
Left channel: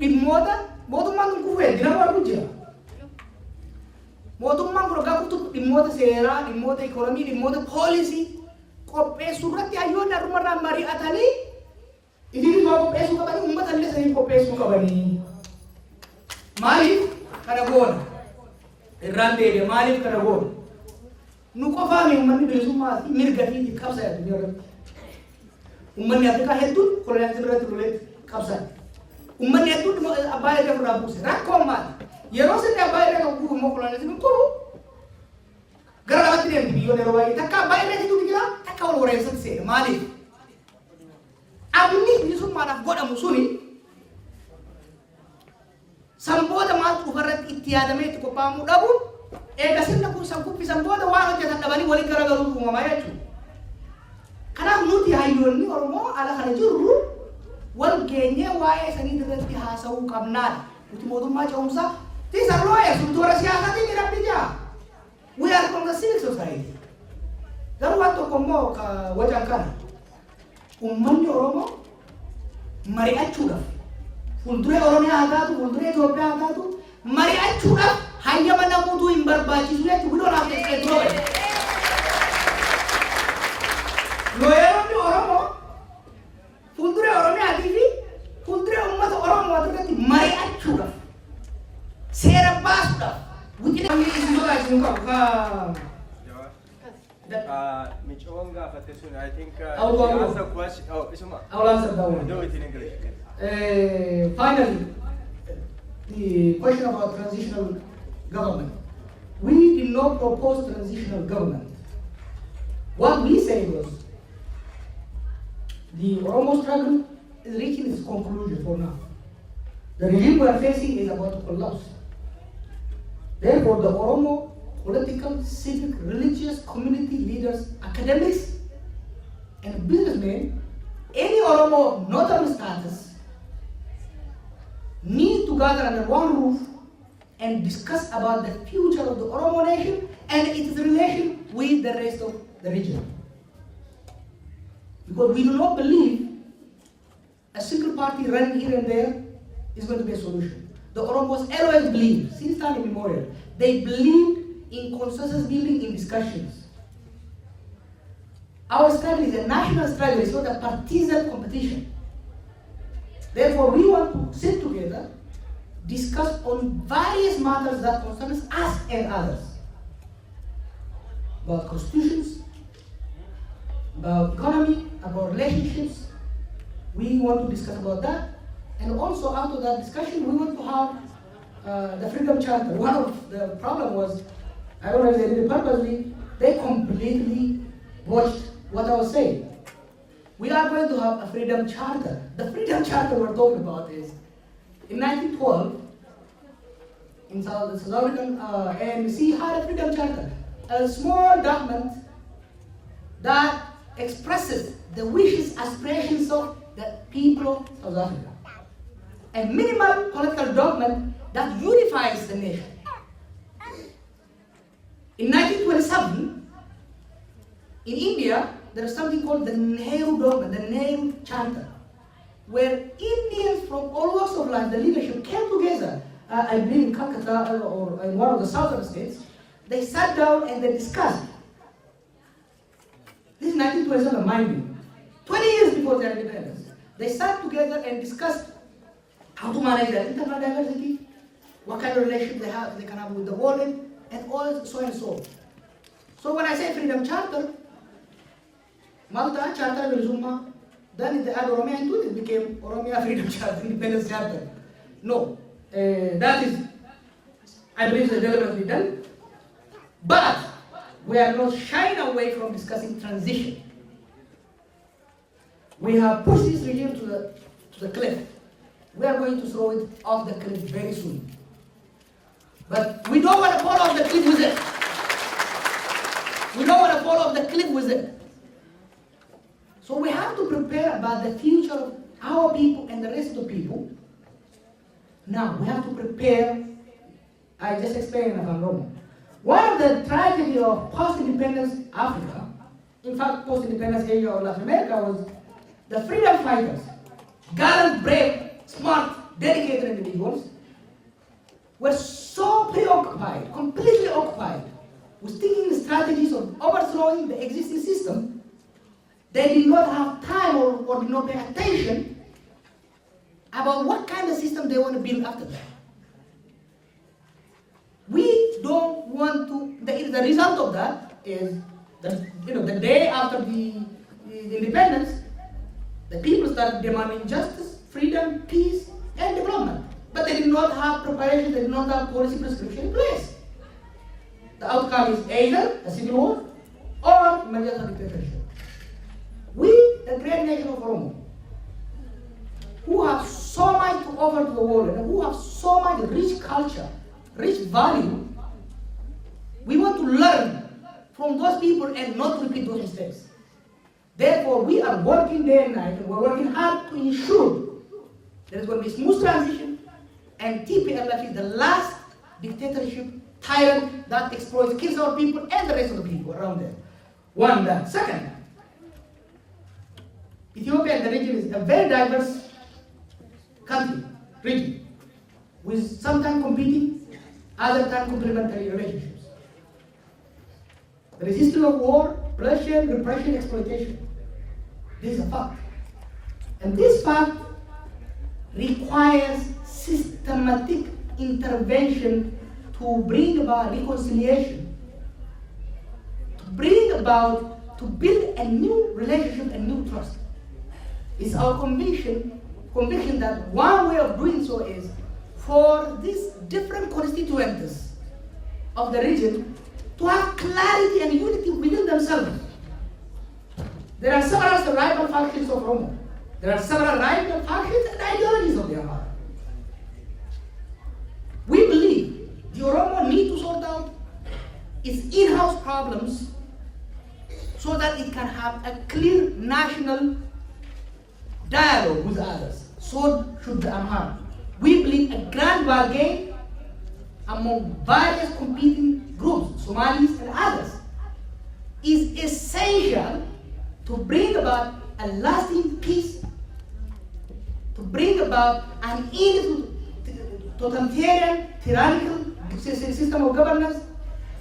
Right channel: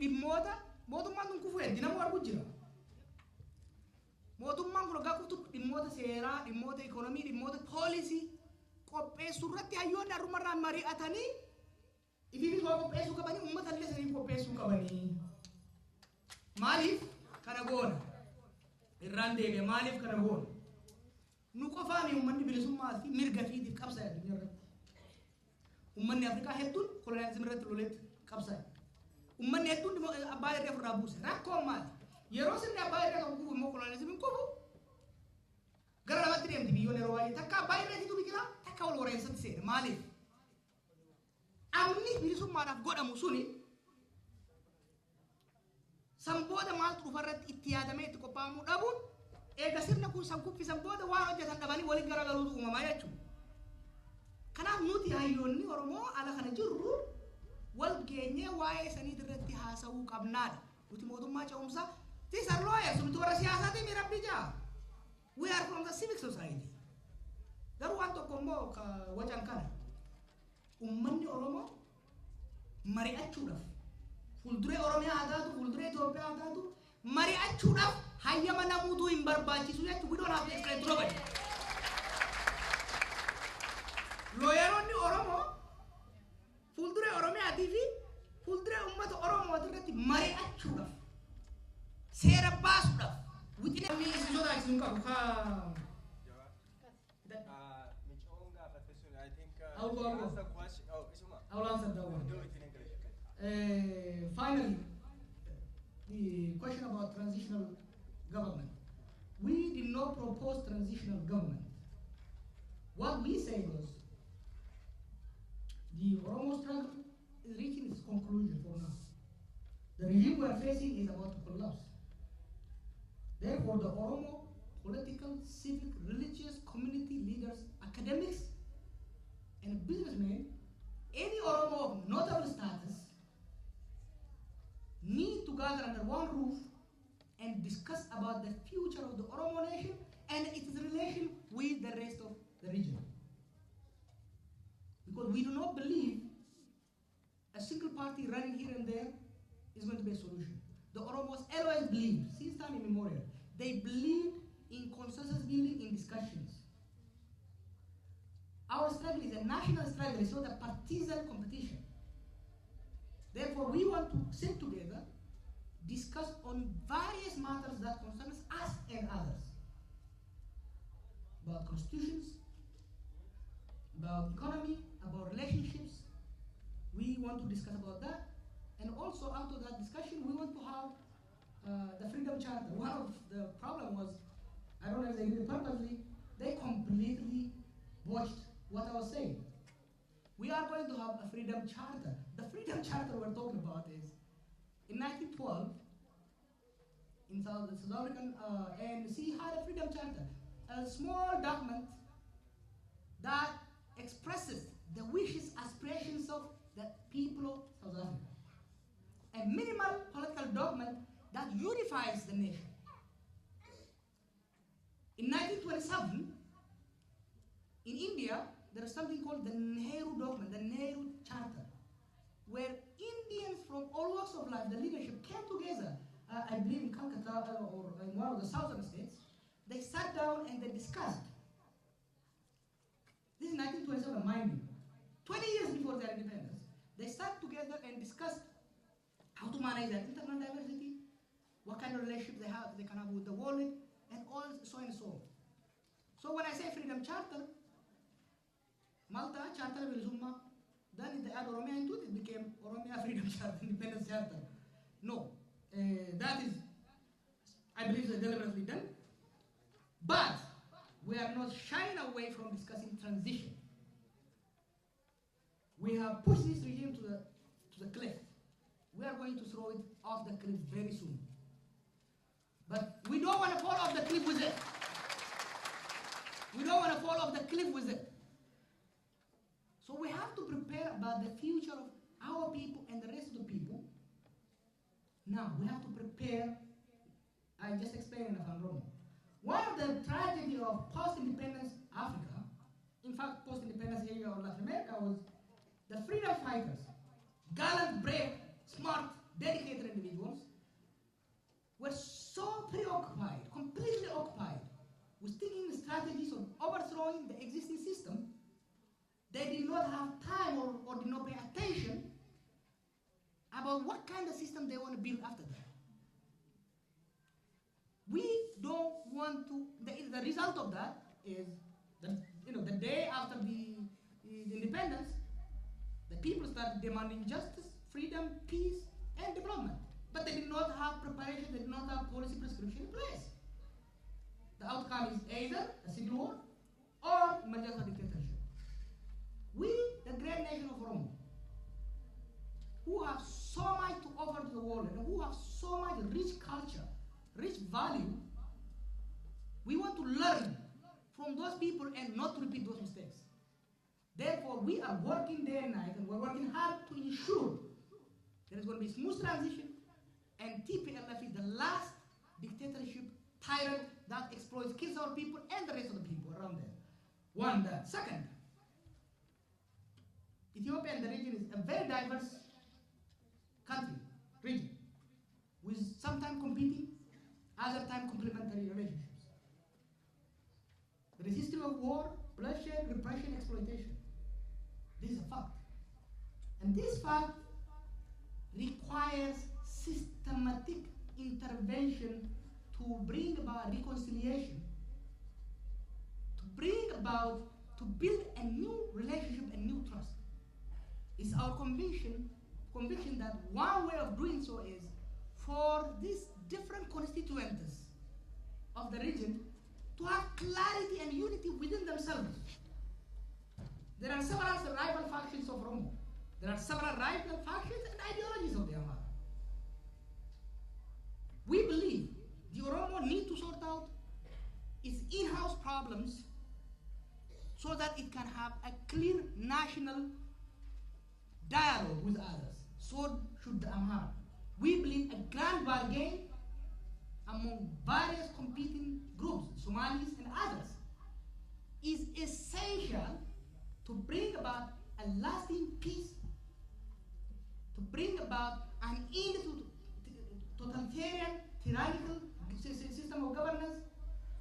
dhimmoota mootummaan kun kufee dinama arguu jira. Mootummaan kun ogaa kutu dhimmoota seeraa, dhimmoota ikoonomii, dhimmoota poolisii qopheessuu irratti hayyoonni har'umarraa mari'atanii idiin immoo qopheessuu qabanii uummata illee sanii qopheessuu qabanii. Maaliif kana goona? Irraan deebi'e maaliif kana goona? Nu qofaami uummanni bilisummaa fi mirga fi qabsa addunyaa irratti. Uummanni Afrikaa hedduun koloniyaalizimii irratti loleetti qabsan. Uummanni hedduun abbaa irraa fudhaa buuse. Rakkoon maali? Yeroo sirni abbaa irraa kan guuru immoo koloniyaalizimiin kuru gara lamatti deemti biyyoonni yeroo baay'ee takka abbaa irraa hedduutu jira takka wal wareessatti seena. Maaliif? Abni bilisummaadhaaf godhamu suni sanboota maaltu dhufarratti itti yaadamee itti qophaa'amuu dhabuun eega sirna kun san kuffisan booda waan hojjetan dhabanii waliin garagaluutu uumamaa jechuudha. Kanaaf nuti hayyoonni Oromoo ala kana jirru wal geenyee waa'ee sanii irratti haasa'uu qabnaadha. Nuti mootummaa ce'umsaa these are lawyers nuti warra siyaasaatiin jedhamni jaa. We are from the civil society. Garuu waan tokko immoo wacan kana uummanni Oromoo mari'achuudhaaf fuulduree Oromiyaa haa taatu fuulduree Itoophiyaa haa taatu mari'achuudhaaf hayyama namuutuu hin barbaachisu jechuudha. We don't have to explain to nobody. Looyeroonni Oromoo fuulduree Oromiyaatii fi fuulduree uummata Oromoo irratti mari'achuudhaaf seera baasuudhaaf wixii namni isin barbaachisu qabu. Michoon gaafate sun I think I will answer question. Oh, Isuma. I will answer that one. Do it in English. Finally, the question about transitional government. We did not propose transitional government. What we said was the Oromo struggle is reaching its conclusion for now. The regime we are facing is about to collapse. Therefore, the Oromo political, civic, religious, community leaders, academics, and businessmen, any Oromo of notable status, need to gather under one roof and discuss about the future of the Oromo nation and its relation with the rest of the region. Because we do not believe a single party running here and there is going to be a solution. The Oromos always believe, since time immemorial, they believed in consensus building, in discussions. Our struggle is a national struggle, it's not a partisan competition. Therefore, we want to sit together, discuss on various matters that concern us and others. About constitutions, about economy, about relationships. We want to discuss about that. And also after that discussion, we want to have the Freedom Charter. One of the problem was, I don't know if they did it purposely, they completely watched what I was saying. We are going to have a Freedom Charter. The Freedom Charter we're talking about is, in 1912, in South African ANC had a Freedom Charter, a small document that expresses the wishes, aspirations of the people of South Africa. A minimal political document that unifies the nation. In 1927, in India, there is something called the Nehru document, the Nehru Charter, where Indians from all walks of life, the leadership, came together. I believe in Calcutta or in one of the southern states. They sat down and they discussed. This is 1927, mind you. 20 years before their independence. They sat together and discussed how to manage their internal diversity, what kind of relationship they can have with the world, and all so and so. So when I say Freedom Charter, Malta Charter Bilisumma, then they add Oromia into it, it became Oromia Freedom Charter, Independence Charter. No, that is, I believe, deliberately done. But we are not shying away from discussing transition. We have pushed this regime to the cliff. We are going to throw it off the cliff very soon. But we don't want to fall off the cliff with it. We don't want to fall off the cliff with it. So we have to prepare about the future of our people and the rest of the people. Now, we have to prepare. I just explained about Rome. One of the tragedy of post-independence Africa, in fact, post-independence Asia or Latin America, was the freedom fighters, gallant, brave, smart, dedicated individuals, were so preoccupied, completely occupied, with thinking strategies of overthrowing the existing system, they did not have time or did not pay attention about what kind of system they want to build after that. We don't want to, the result of that is that, the day after the independence, the people started demanding justice, freedom, peace, and development. But they did not have preparation, they did not have policy prescription in place. The outcome is either a civil war or emergence of dictatorship. We, the great nation of Oromo, who have so much to offer to the world and who have so much rich culture, rich value, we want to learn from those people and not repeat those mistakes. Therefore, we are working day and night, and we're working hard to ensure there is going to be a smooth transition, and TPLF is the last dictatorship tyrant that exploits, kills our people and the rest of the people around there. One, that. Second, Ethiopia and the region is a very diverse country, region, with sometimes competing, other times complementary relationships. There is history of war, bloodshed, repression, exploitation. This is a fact. And this fact requires systematic intervention to bring about reconciliation, to build a new relationship and new trust. It's our conviction that one way of doing so is for these different constituents of the region to have clarity and unity within themselves. There are several rival factions of Oromo. There are several rival factions and ideologies of the Amhara. We believe the Oromo need to sort out its in-house problems so that it can have a clear national dialogue with others. So should the Amhara. We believe a grand bargain among various competing groups, Somalis and others, is essential to bring about a lasting peace, to bring about an totalitarian, tyrannical system of governance,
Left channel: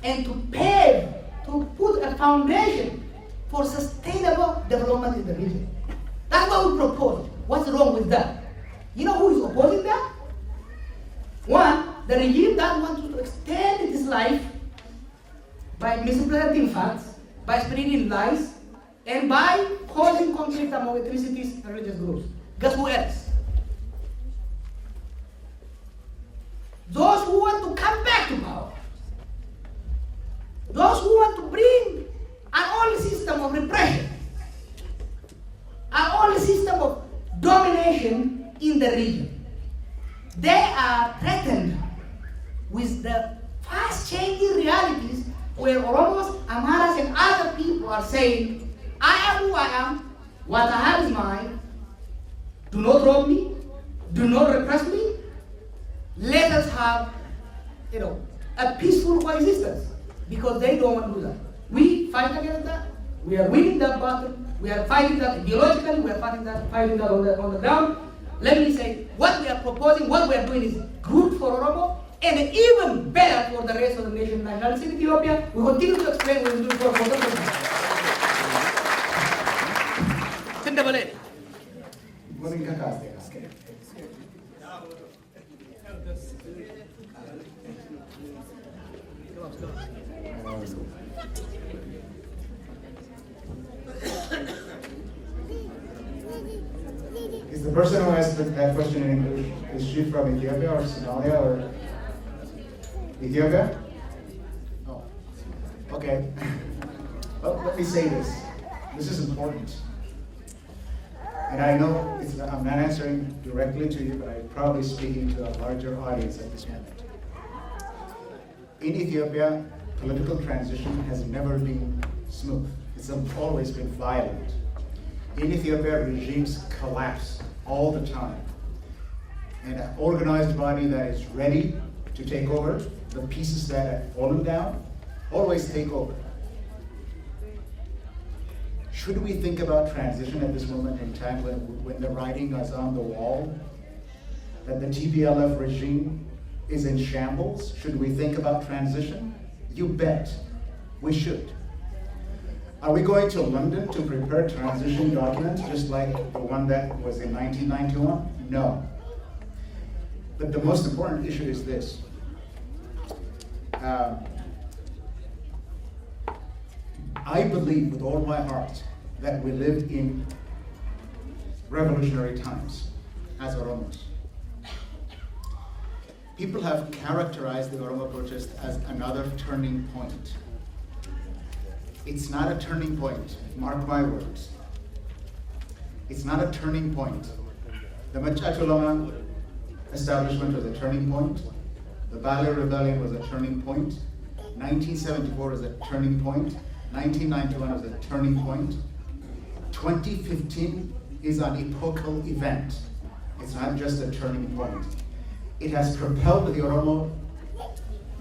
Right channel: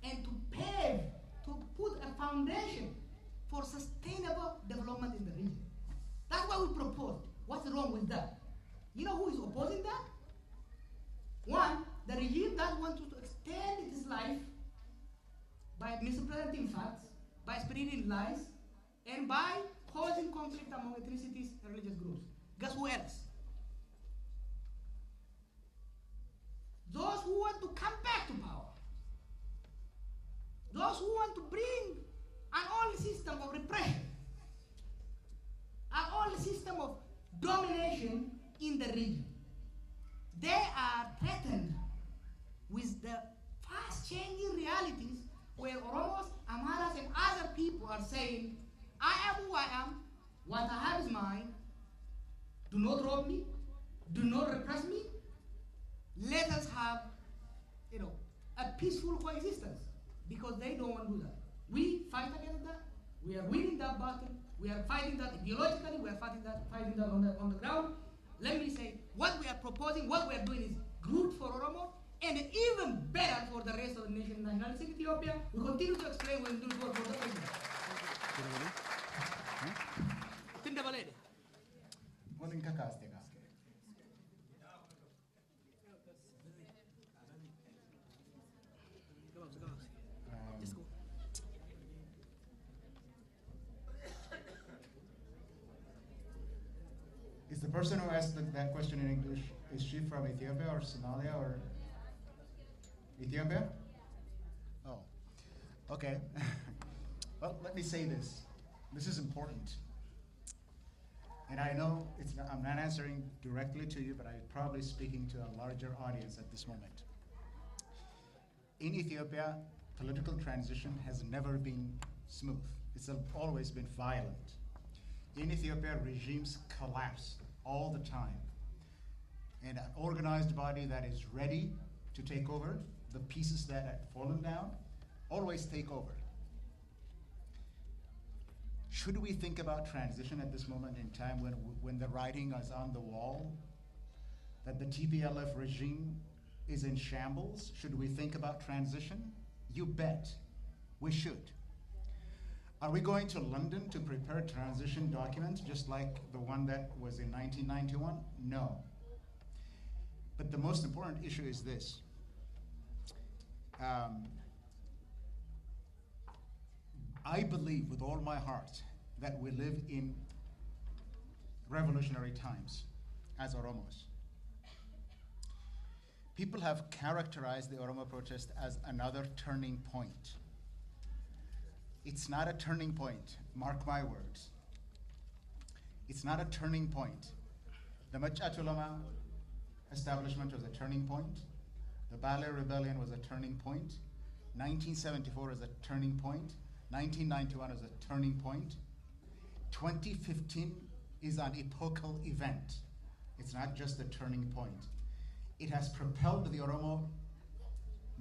and to put a foundation for sustainable development in the region. That's what we propose. What's wrong with that? You know who is opposing that? One, the regime that wants to extend its life by misrepresenting facts, by spreading lies, and by causing conflict among ethnicities and religious groups. Guess who else? Those who want to come back to power. Those who want to bring an old system of repression, an old system of domination in the region. They are threatened with the fast-changing realities where Oromos, Amharas, and other people are saying, I am who I am, what I have is mine, do not rob me, do not repress me, let us have, a peaceful coexistence, because they don't want to do that. We fight against that, we are winning that battle, we are fighting that ideologically, we are fighting that on the ground. Let me say, what we are proposing, what we are doing is good for Oromo, and even better for the rest of the nation. National in Ethiopia, we continue to explain what we do for the Is the person who asked that question in English, is she from Ethiopia or Somalia or Ethiopia? Oh, okay. Well, let me say this. This is important. And I know I'm not answering directly to you, but I'm probably speaking to a larger audience at this moment. In Ethiopia, political transition has never been smooth. It's always been violent. In Ethiopia, regimes collapse all the time. And an organized body that is ready to take over, the pieces that have fallen down, always take over. Should we think about transition at this moment in time when the writing is on the wall, that the TPLF regime is in shambles? Should we think about transition? You bet, we should. Are we going to London to prepare transition documents just like the one that was in 1991? No. But the most important issue is this. I believe with all my heart that we live in revolutionary times as Oromos. People have characterized the Oromo protest as another turning point. It's not a turning point, mark my words. It's not a turning point. The Machacholoma establishment was a turning point. The Bale Rebellion was a turning point. 1974 was a turning point. 1991 was a turning point. 2015 is an epochal event. It's not just a turning point. It has propelled the Oromo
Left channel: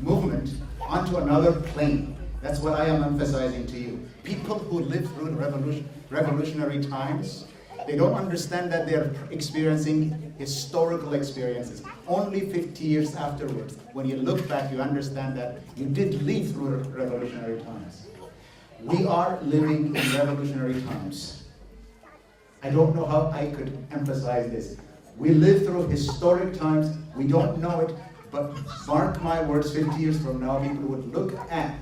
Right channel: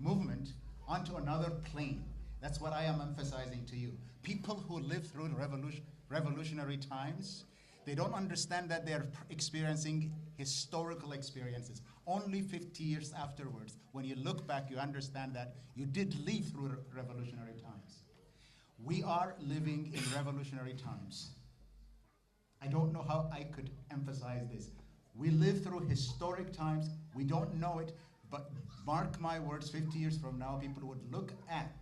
movement onto another plane. That's what I am emphasizing to you. People who live through revolutionary times, they don't understand that they're experiencing historical experiences. Only 50 years afterwards, when you look back, you understand that you did live through revolutionary times. We are living in revolutionary times. I don't know how I could emphasize this. We live through historic times. We don't know it, but mark my words, 50 years from now, people would look at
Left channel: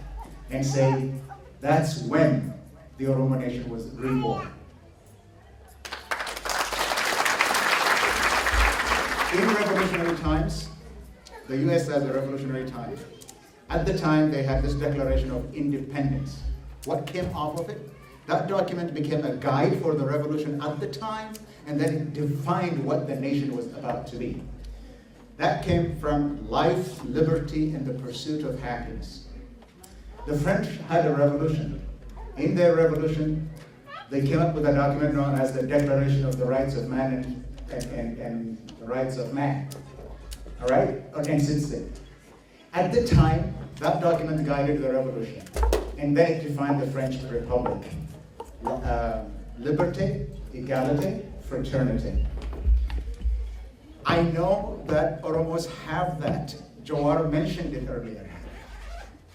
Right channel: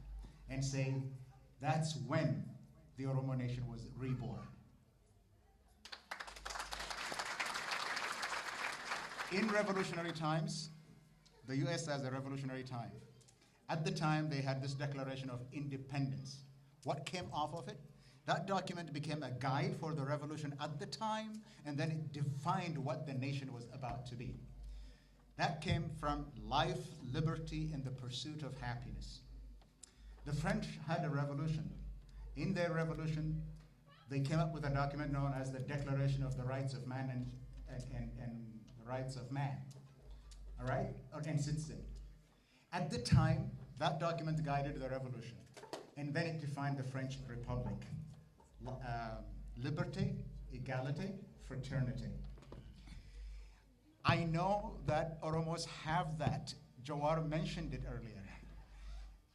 and say, that's when the Oromo nation was reborn. In revolutionary times, the US has a revolutionary time. At the time, they had this declaration of independence. What came off of it? That document became a guide for the revolution at the time, and then it defined what the nation was about to be. That came from life, liberty, and the pursuit of happiness. The French had a revolution. In their revolution, they came up with a document known as the Declaration of the Rights of Man and the Rights of Man. All right? And since then. At the time, that document guided the revolution. And then it defined the French Republic. Liberté, égalité, fraternity. I know that Oromos have that. Jawar mentioned it earlier.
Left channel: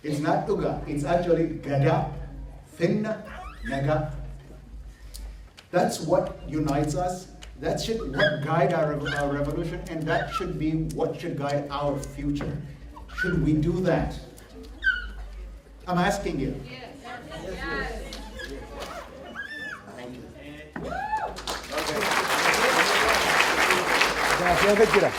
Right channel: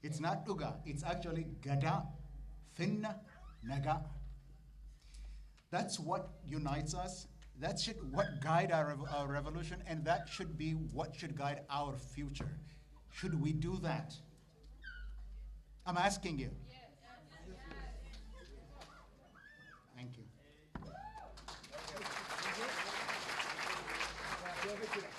It's not Uga, it's actually Gada, Finna, Naga. That's what unites us. That should what guide our revolution, and that should be what should guide our future. Should we do that? I'm asking you. Yes. Thank you. Gaafii akka jira.